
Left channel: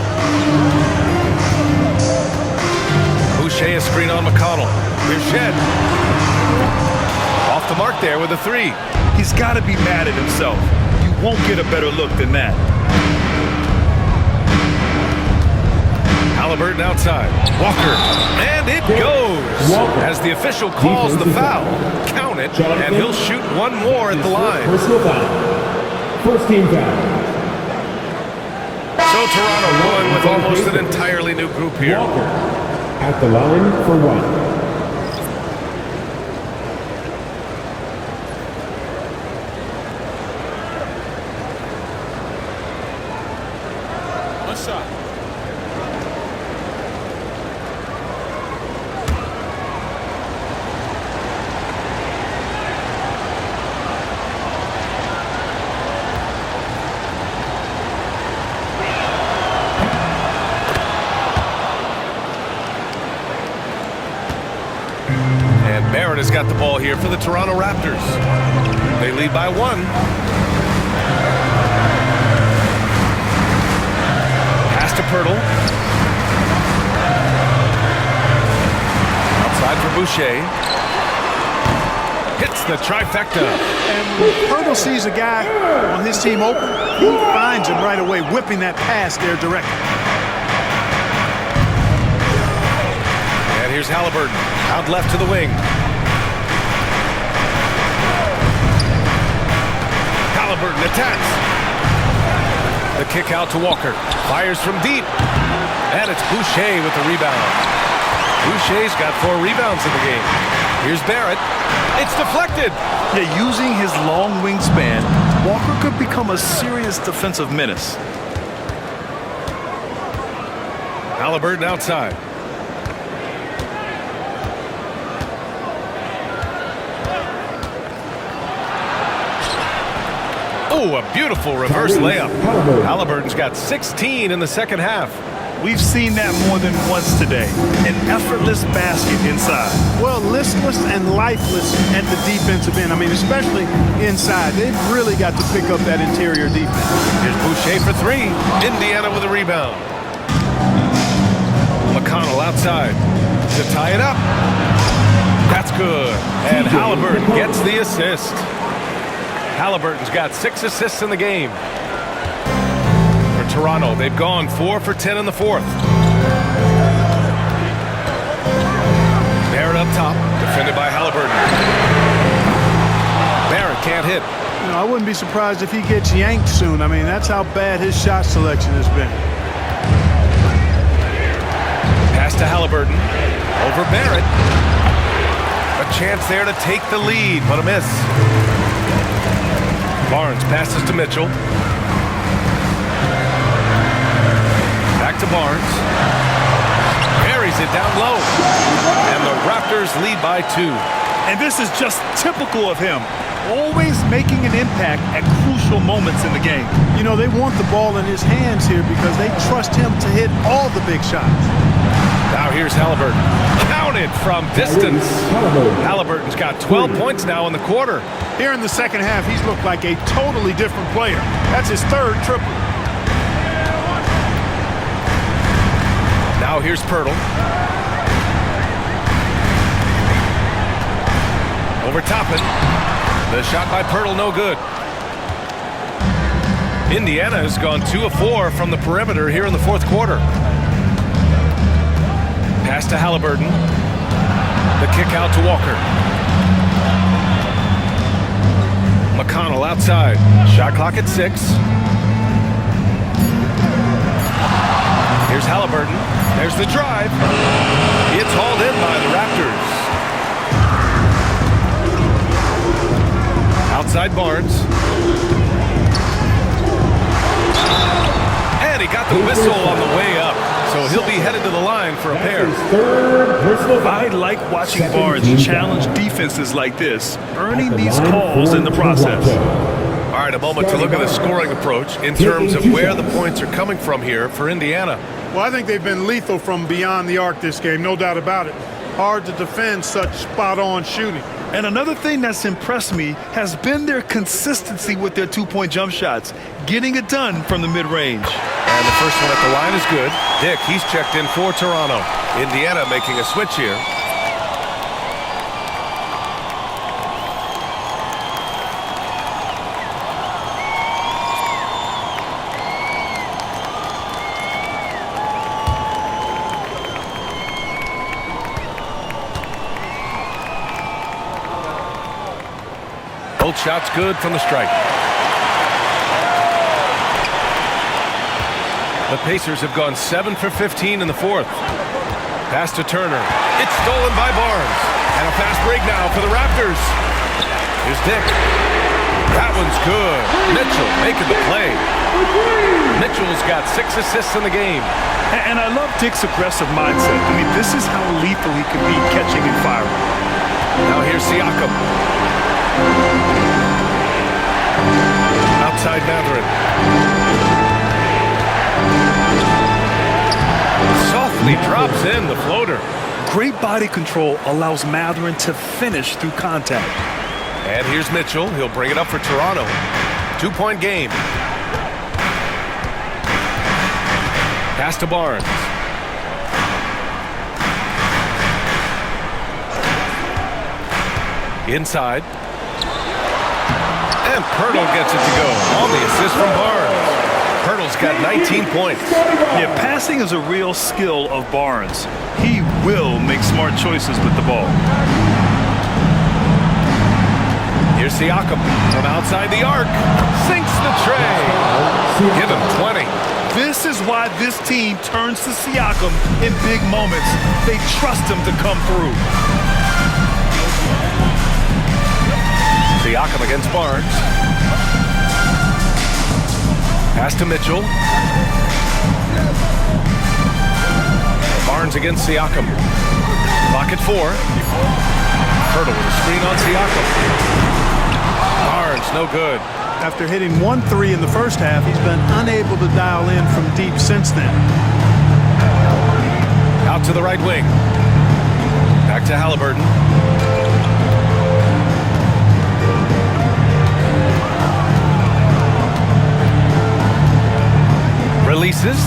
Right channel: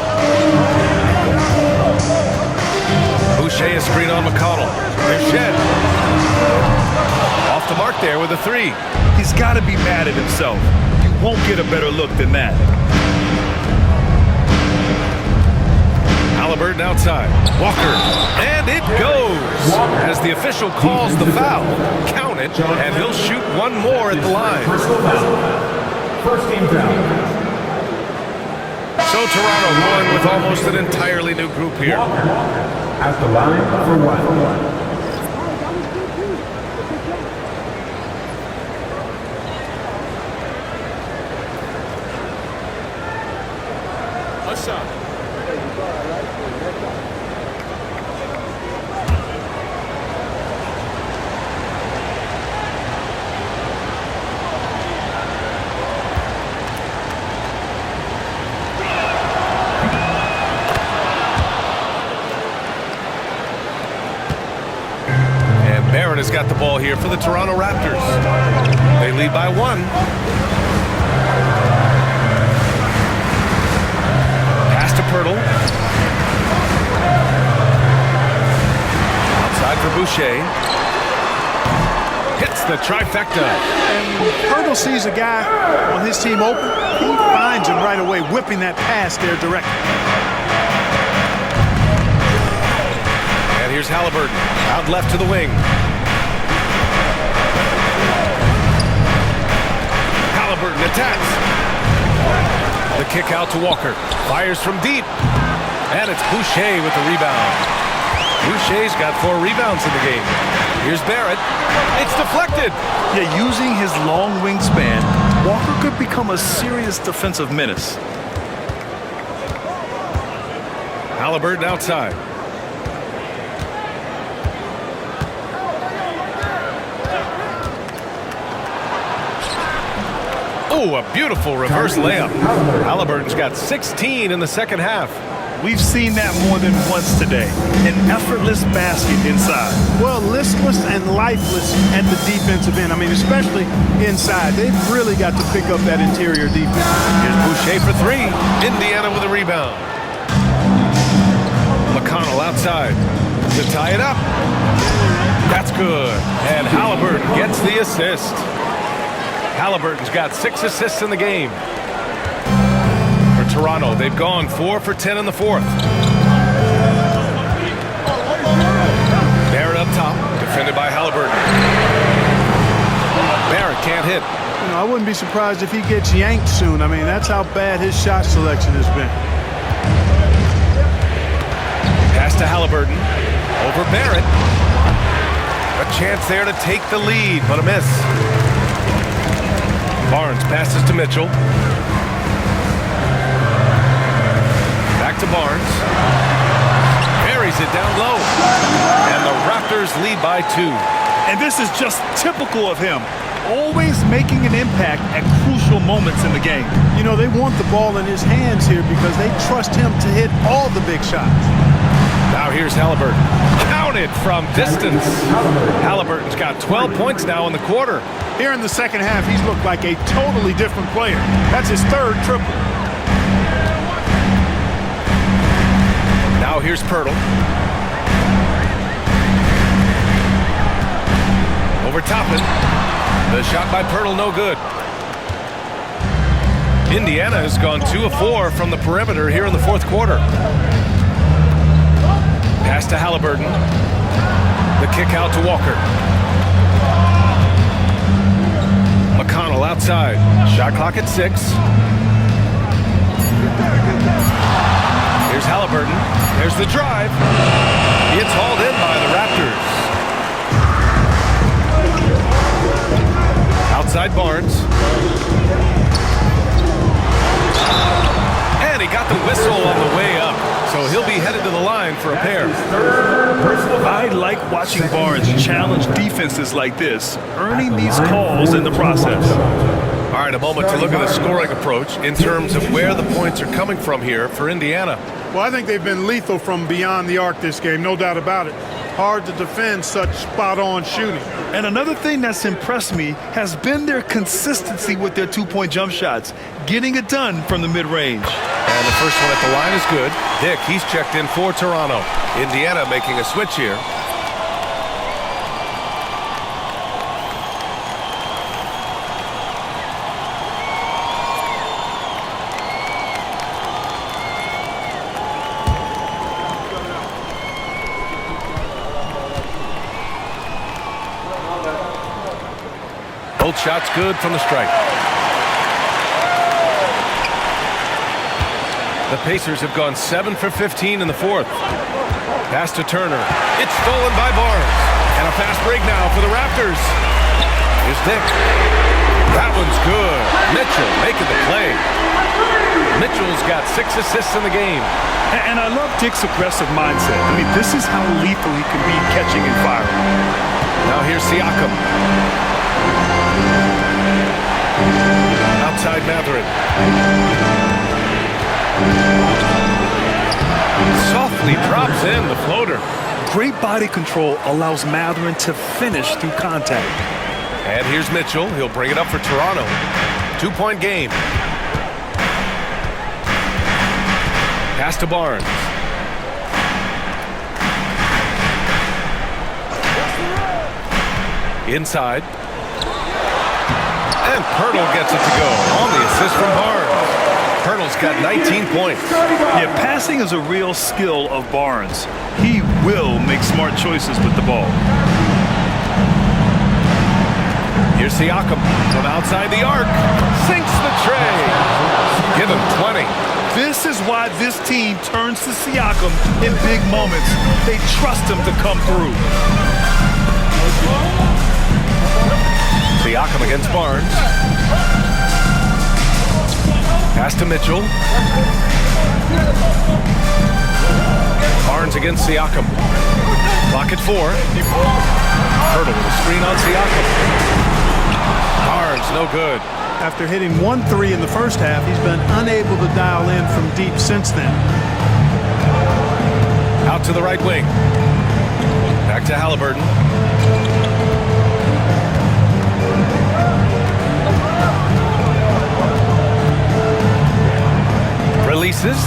Boucher a screen on McConnell. Here's Shed. Off the mark there with a 3. He's got to be mad at himself. You won't get a better look than that. Halliburton outside. Walker. And it goes. As the official calls the foul. Count it, and he'll shoot one more at the line. Personal foul. First team foul. So Toronto going with almost an entirely new group here. Walker at the line for 1. Shot. Indiana's got the ball here for the Toronto Raptors. They lead by 1. Pass to Pirtle. Outside for Boucher. Hits the trifecta. And when Pirtle sees a guy on his team open, he finds him right away, whipping that pass there directly. And here's Halliburton, out left to the wing. Halliburton attacks. The kick out to Walker. Fires from deep. And it's Boucher with the rebound. Boucher's got 4 rebounds in the game. Here's Barrett. It's deflected. Yeah, using his long wingspan, Walker could become a serious defensive menace. Halliburton outside. Oh, a beautiful reverse layup. Halliburton's got 16 in the second half. We've seen that more than once today. An effortless basket inside. Well, listless and lifeless at the defensive end. I mean, especially inside. They've really got to pick up that interior defense. Here's Boucher for 3. Indiana with a rebound. McConnell outside to tie it up. That's good. And Halliburton gets the assist. Halliburton's got 6 assists in the game. For Toronto, they've gone 4 for 10 in the 4th. Barrett up top, defended by Halliburton. Barrett can't hit. You know, I wouldn't be surprised if he gets yanked soon. I mean, that's how bad his shot selection has been. Pass to Halliburton. Over Barrett. A chance there to take the lead, but a miss. Barnes passes to Mitchell. Back to Barnes. Buries it down low. And the Raptors lead by 2. And this is just typical of him. Always making an impact at crucial moments in the game. You know, they want the ball in his hands here because they trust him to hit all the big shots. Now here's Halliburton. Counted from distance. Halliburton's got 12 points now in the quarter. Here in the second half, he's looked like a totally different player. That's his 3rd triple. Now here's Pirtle. Over Toppin. The shot by Pirtle, no good. Indiana has gone 2 of 4 from the perimeter here in the 4th quarter. Pass to Halliburton. The kick out to Walker. McConnell outside. Shot clock at 6. Here's Halliburton. There's the drive. It's hauled in by the Raptors. Outside Barnes. And he got the whistle on the way up. So he'll be headed to the line for a pair. I like watching Barnes challenge defenses like this, earning these calls in the process. All right, a moment to look at the scoring approach in terms of where the points are coming from here for Indiana. Well, I think they've been lethal from beyond the arc this game, no doubt about it. Hard to defend such spot-on shooting. And another thing that's impressed me has been their consistency with their 2-point jump shots, getting it done from the mid-range. And the first one at the line is good. Dick, he's checked in for Toronto. Indiana making a switch here. Both shots good from the strike. The Pacers have gone 7 for 15 in the 4th. Pass to Turner. It's stolen by Barnes. And a fast break now for the Raptors. Here's Dick. That one's good. Mitchell making the play. Mitchell's got 6 assists in the game. And I love Dick's aggressive mindset. I mean, this is how lethal he can be catching and firing. Now here's Siakam. Outside Matherin. Softly drops in the floater. Great body control allows Mathurin to finish through contact. And here's Mitchell. He'll bring it up for Toronto. 2-point game. Pass to Barnes. Inside. And Pirtle gets it to go on the assist from Barnes. Pirtle's got 19 points. Yeah, passing is a real skill of Barnes. He will make smart choices with the ball. Here's Siakam from outside the arc. Sinks the tray. Give him 20. This is why this team turns to Siakam in big moments. They trust him to come through. Siakam against Barnes. Pass to Mitchell. Barnes against Siakam. Clock at 4. Pirtle with a screen on Siakam. Barnes, no good. After hitting 1 3 in the first half, he's been unable to dial in from deep since then. Out to the right wing. Back to Halliburton. Releases.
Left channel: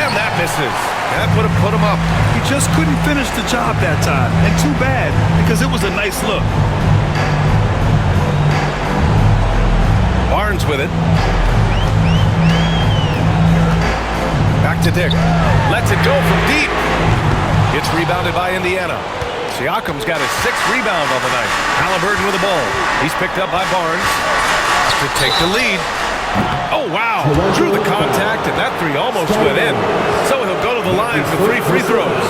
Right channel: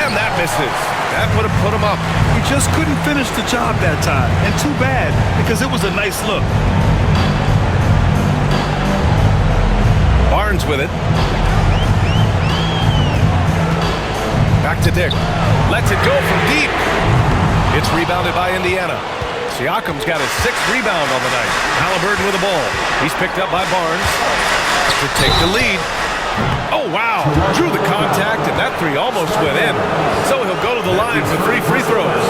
And that misses. That would have put him up. He just couldn't finish the job that time. And too bad, because it was a nice look. Barnes with it. Back to Dick. Lets it go from deep. It's rebounded by Indiana. Siakam's got his 6th rebound on the night. Halliburton with the ball. He's picked up by Barnes to take the lead. Oh, wow. Drew the contact, and that 3 almost went in. So he'll go to the line for 3 free throws.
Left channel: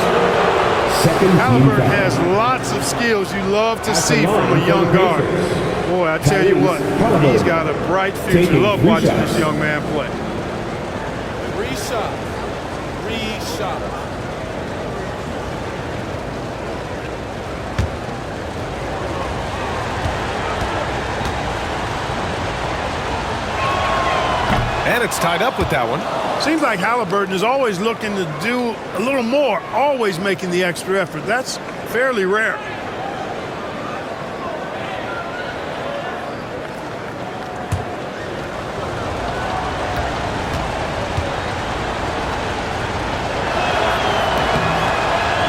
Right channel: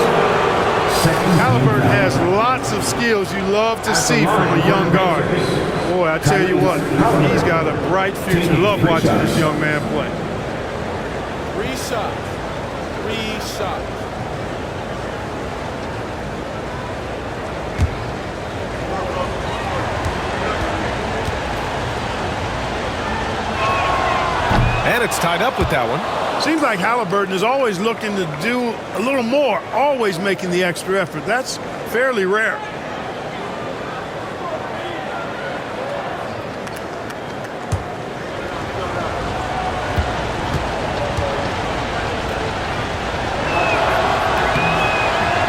Halliburton has lots of skills you love to see from a young guard. Boy, I tell you what, he's got a bright future. Love watching this young man play. 3 shots. 3 shots. And it's tied up with that one. Seems like Halliburton is always looking to do a little more, always making the extra effort. That's fairly rare.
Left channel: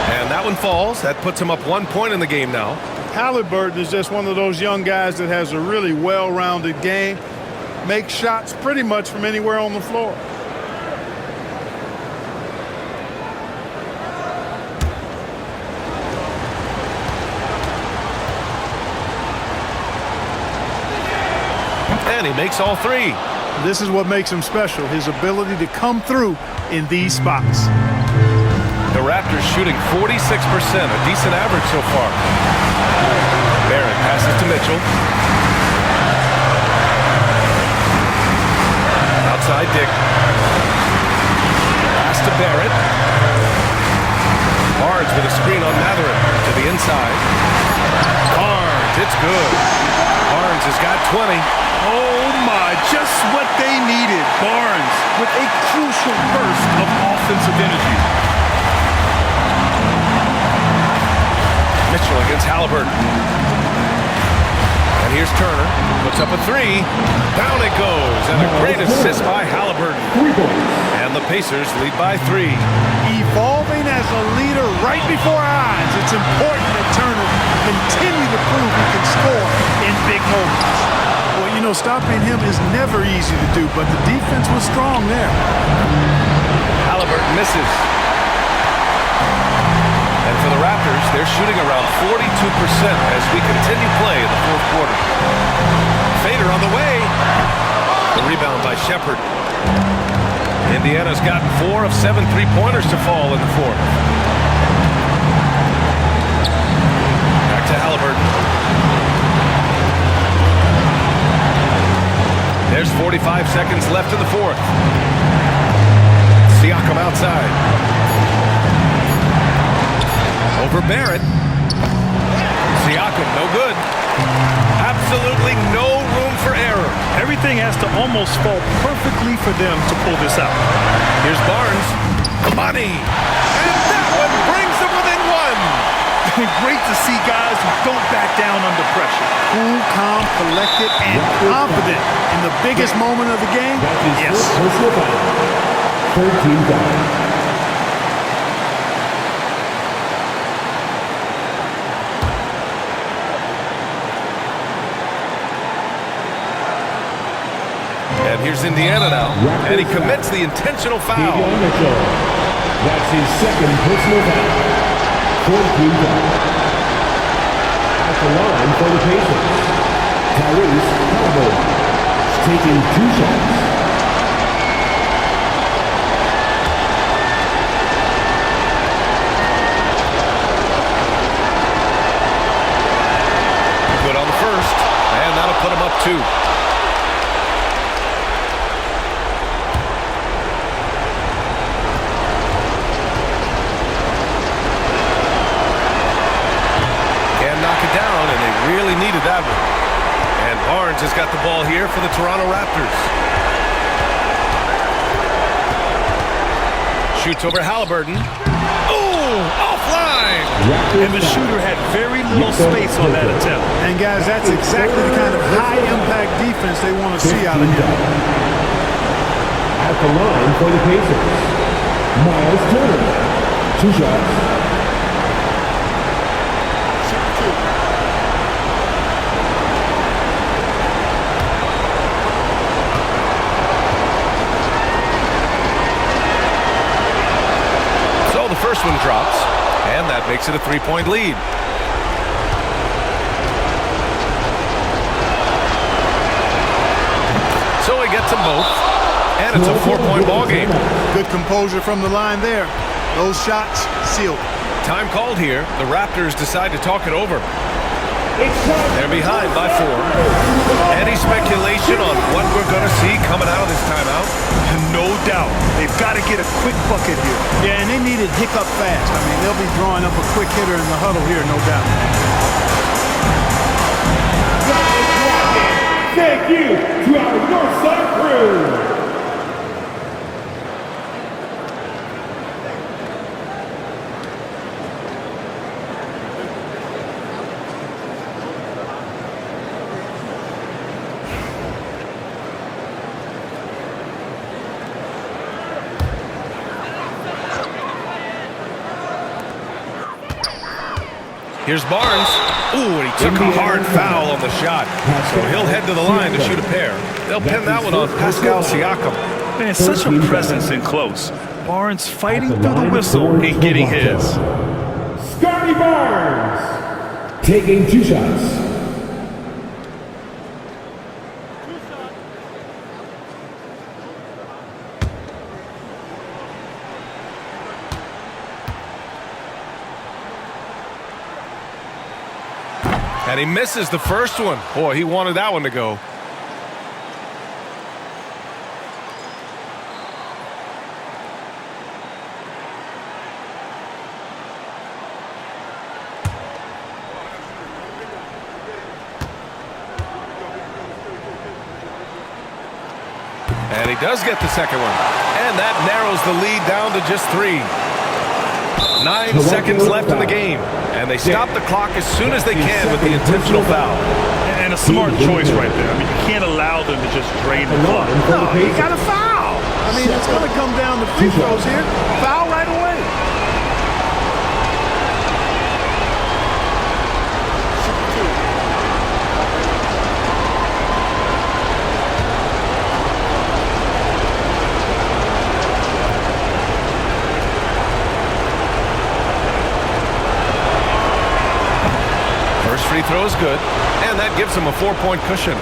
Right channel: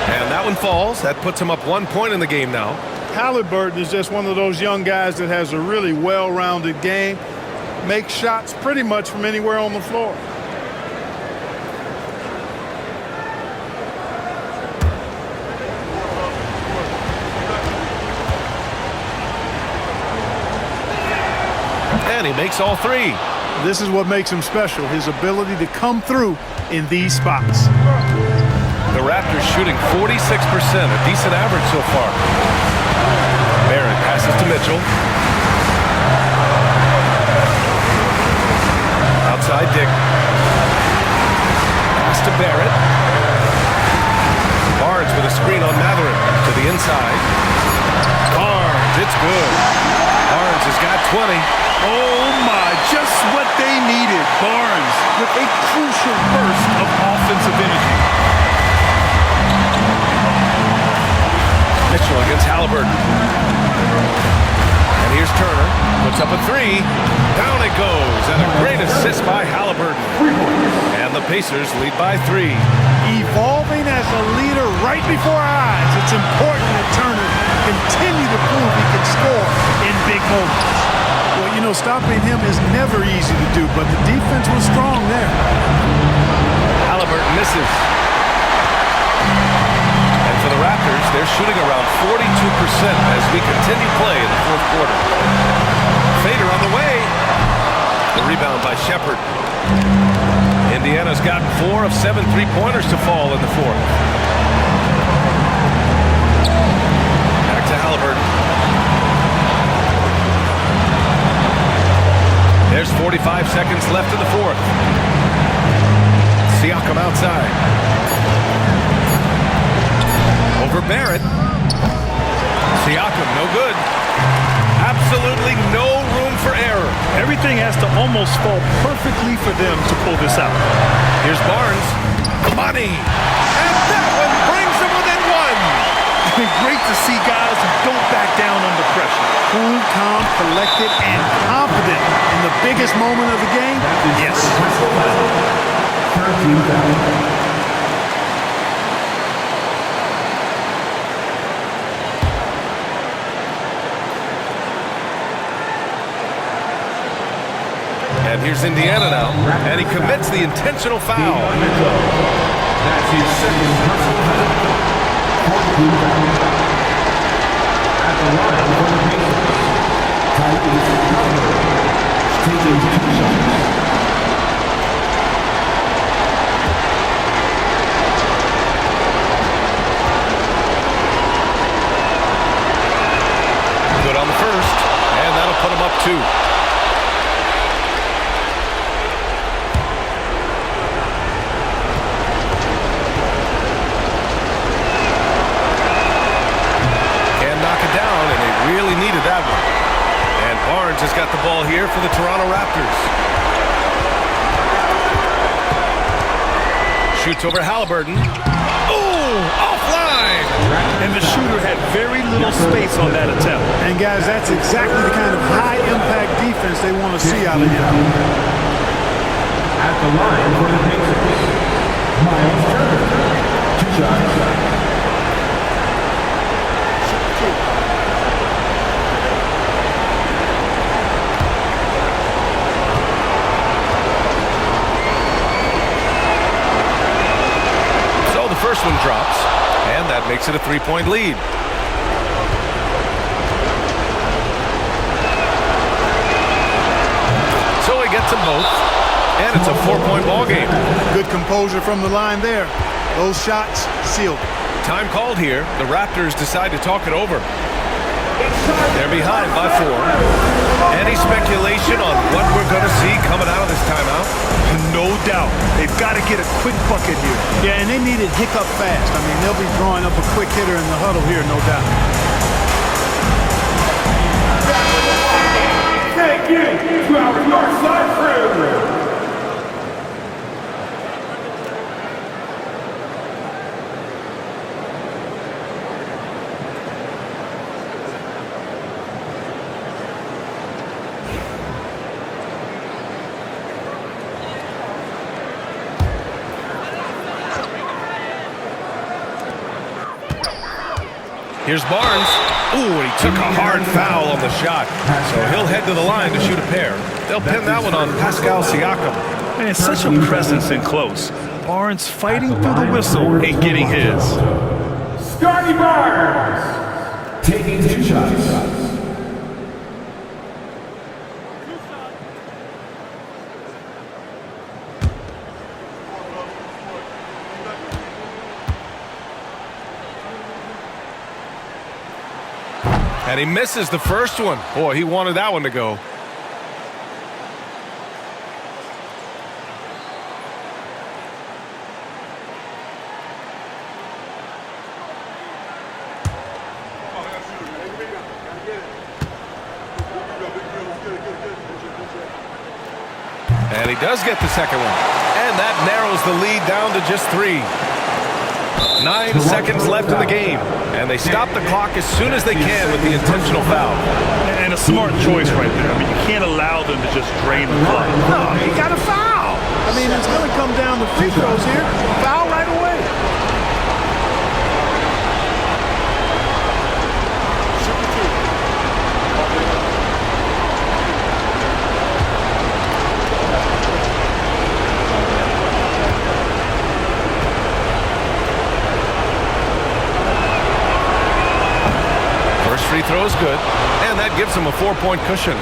And that one falls. That puts him up 1 point in the game now. Halliburton is just one of those young guys that has a really well-rounded game. Makes shots pretty much from anywhere on the floor. And he makes all 3. This is what makes him special, his ability to come through in these spots. The Raptors shooting 46%, a decent average so far. Barrett passes to Mitchell. Outside Dick. Pass to Barrett. Barnes with a screen on Mathurin to the inside. Barnes, it's good. Barnes has got 20. Oh my, just what they needed. Barnes with a crucial burst of offensive energy. Mitchell against Halliburton. And here's Turner. Puts up a 3. Down it goes. And a great assist by Halliburton. And the Pacers lead by 3. Evolving as a leader right before our eyes. It's important that Turner continue to prove he can score in big moments. Well, you know, stopping him is never easy to do, but the defense was strong there. Halliburton misses. And for the Raptors, they're shooting around 42% as we continue play in the 4th quarter. Fader on the way. The rebound by Shepherd. Indiana's gotten 4 of 7 3-pointers to fall in the 4th. Back to Halliburton. There's 45 seconds left in the 4th. Siakam outside. Over Barrett. Siakam, no good. Absolutely no room for error. Everything has to almost fall perfectly for them to pull this out. Here's Barnes. Money. And that one brings them within one. Great to see guys who don't back down under pressure. Cool, calm, collected, and confident in the biggest moment of the game. That's his Yes. first personal foul. Third team foul. And here's Indiana now, and he commits the intentional foul. Davion Mitchell. That's his second personal foul. Fourth team foul. At the line for the Pacers, Tyrese Halliburton, taking 2 shots. Good on the first, and that'll put him up 2. Knock it down, and they really needed that one. And Barnes has got the ball here for the Toronto Raptors. Shoots over Halliburton. Ooh, offline! And the shooter had very little space on that attempt. And guys, that's exactly the kind of high-impact defense they want to see out of him. At the line for the Pacers, Miles Turner, 2 shots. So the first one drops, and that makes it a 3-point lead. So he gets them both, and it's a 4-point ball game. Good composure from the line there. Those shots sealed. Time called here. The Raptors decide to talk it over. They're behind by 4. Any speculation on what we're going to see coming out of this timeout? No doubt. They've got to get a quick bucket here. Yeah, and they need it hiccup fast. I mean, they'll be drawing up a quick hitter in the huddle here, no doubt. Thank you to our Northside crew. Here's Barnes. Ooh, and he took a hard foul on the shot. So he'll head to the line to shoot a pair. They'll pin that one on Pascal Siakam. Man, such a presence in close. Barnes fighting through the whistle and getting his. Scotty Barnes, taking 2 shots. And he misses the first one. Boy, he wanted that one to go. And he does get the second one. And that narrows the lead down to just 3. 9 seconds left in the game. And they stop the clock as soon as they can with the intentional foul. And a smart choice right there. I mean, you can't allow them to just drain the clock. No, he got a foul. I mean, it's going to come down to free throws here. Foul right away. Super 2. First free throw is good, and that gives him a 4-point cushion.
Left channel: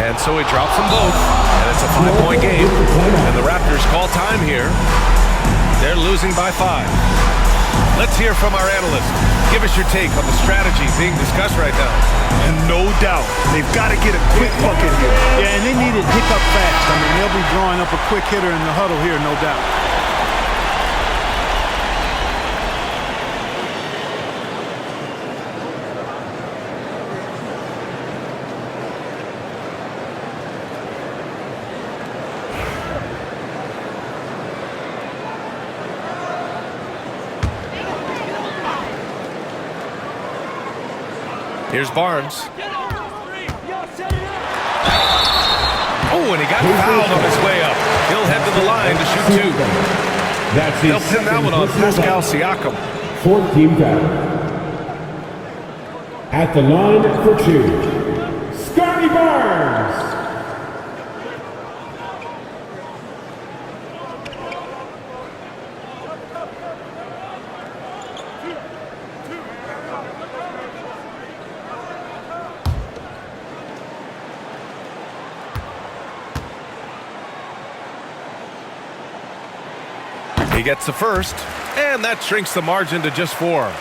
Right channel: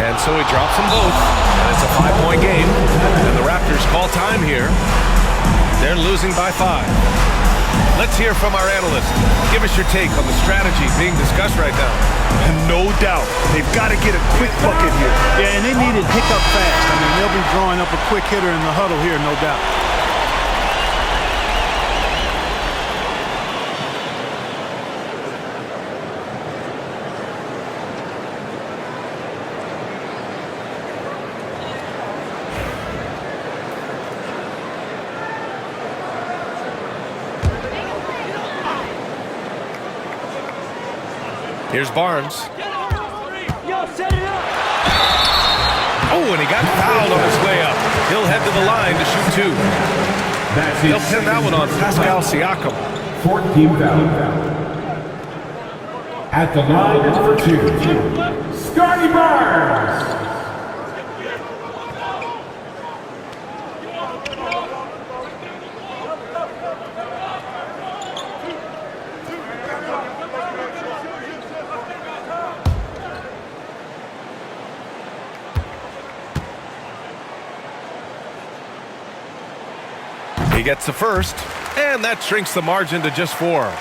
And so he drops them both, and it's a 5-point game. And the Raptors call time here. They're losing by 5. Let's hear from our analyst. Give us your take on the strategy being discussed right now. And no doubt, they've got to get a quick bucket here. Yeah, and they need it hiccup fast. I mean, they'll be drawing up a quick hitter in the huddle here, no doubt. Here's Barnes. Oh, and he got fouled on his way up. He'll head to the line to shoot 2. They'll pin that one on Pascal Siakam. 4th team foul. At the line for 2, Scotty Barnes. He gets the first, and that shrinks the margin to just 4.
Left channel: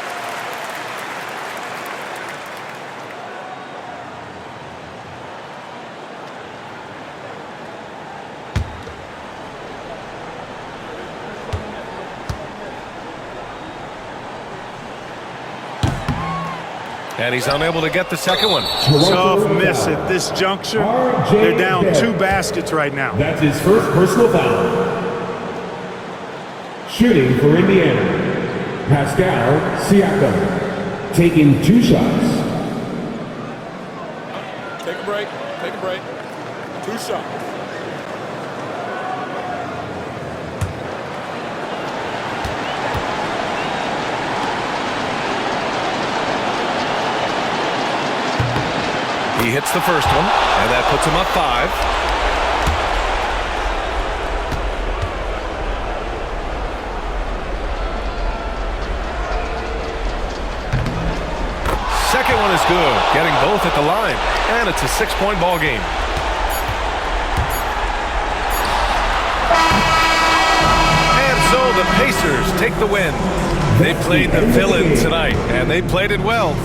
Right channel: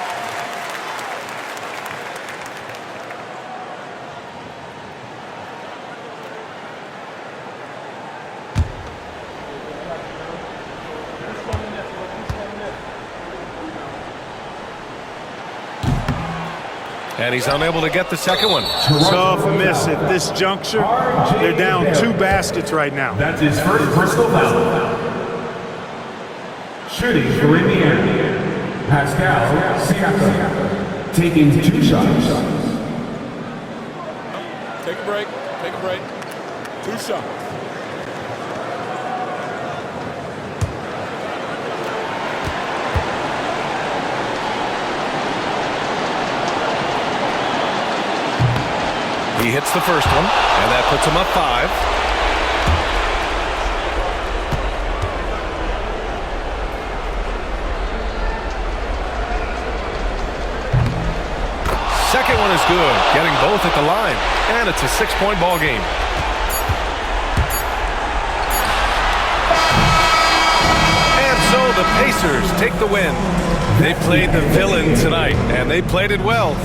And he's unable to get the second one. Tough miss at this juncture. They're down 2 baskets right now. That's his first personal foul. Shooting for Indiana, Pascal Siakam, taking 2 shots. Take a break. Take a break. 2 shots. He hits the first one, and that puts him up 5. Second one is good, getting both at the line, and it's a 6-point ball game. And so the Pacers take the win. They played the villain tonight, and they played it well.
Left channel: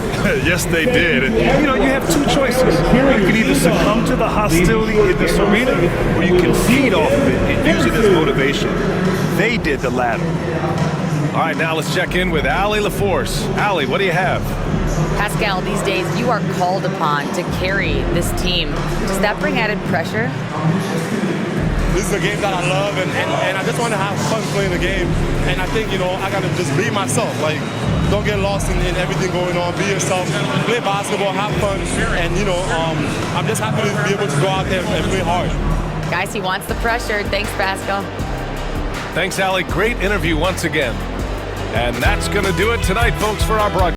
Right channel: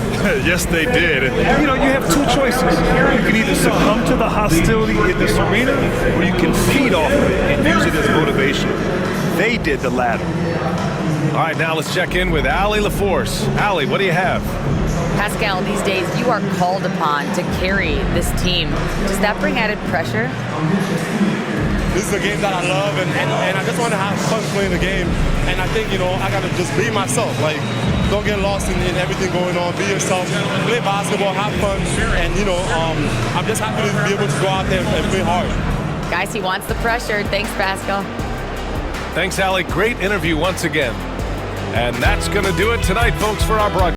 Yes, they did. And, you know, you have 2 choices. You can either succumb to the hostility in this arena, or you can feed off of it and use it as motivation. They did the latter. All right, now let's check in with Allie LaForce. Allie, what do you have? Pascal, these days you are called upon to carry this team. Does that bring added pressure? This is a game that I love, and I just want to have fun playing the game. And I think, you know, I got to just be myself. Like, don't get lost in everything going on. Be yourself. Play basketball, have fun. And, you know, I'm just happy to be able to go out there and play hard. Guys, he wants the pressure. Thanks, Pascal. Thanks, Allie. Great interview once again. And that's going to do it tonight, folks, for our broadcast.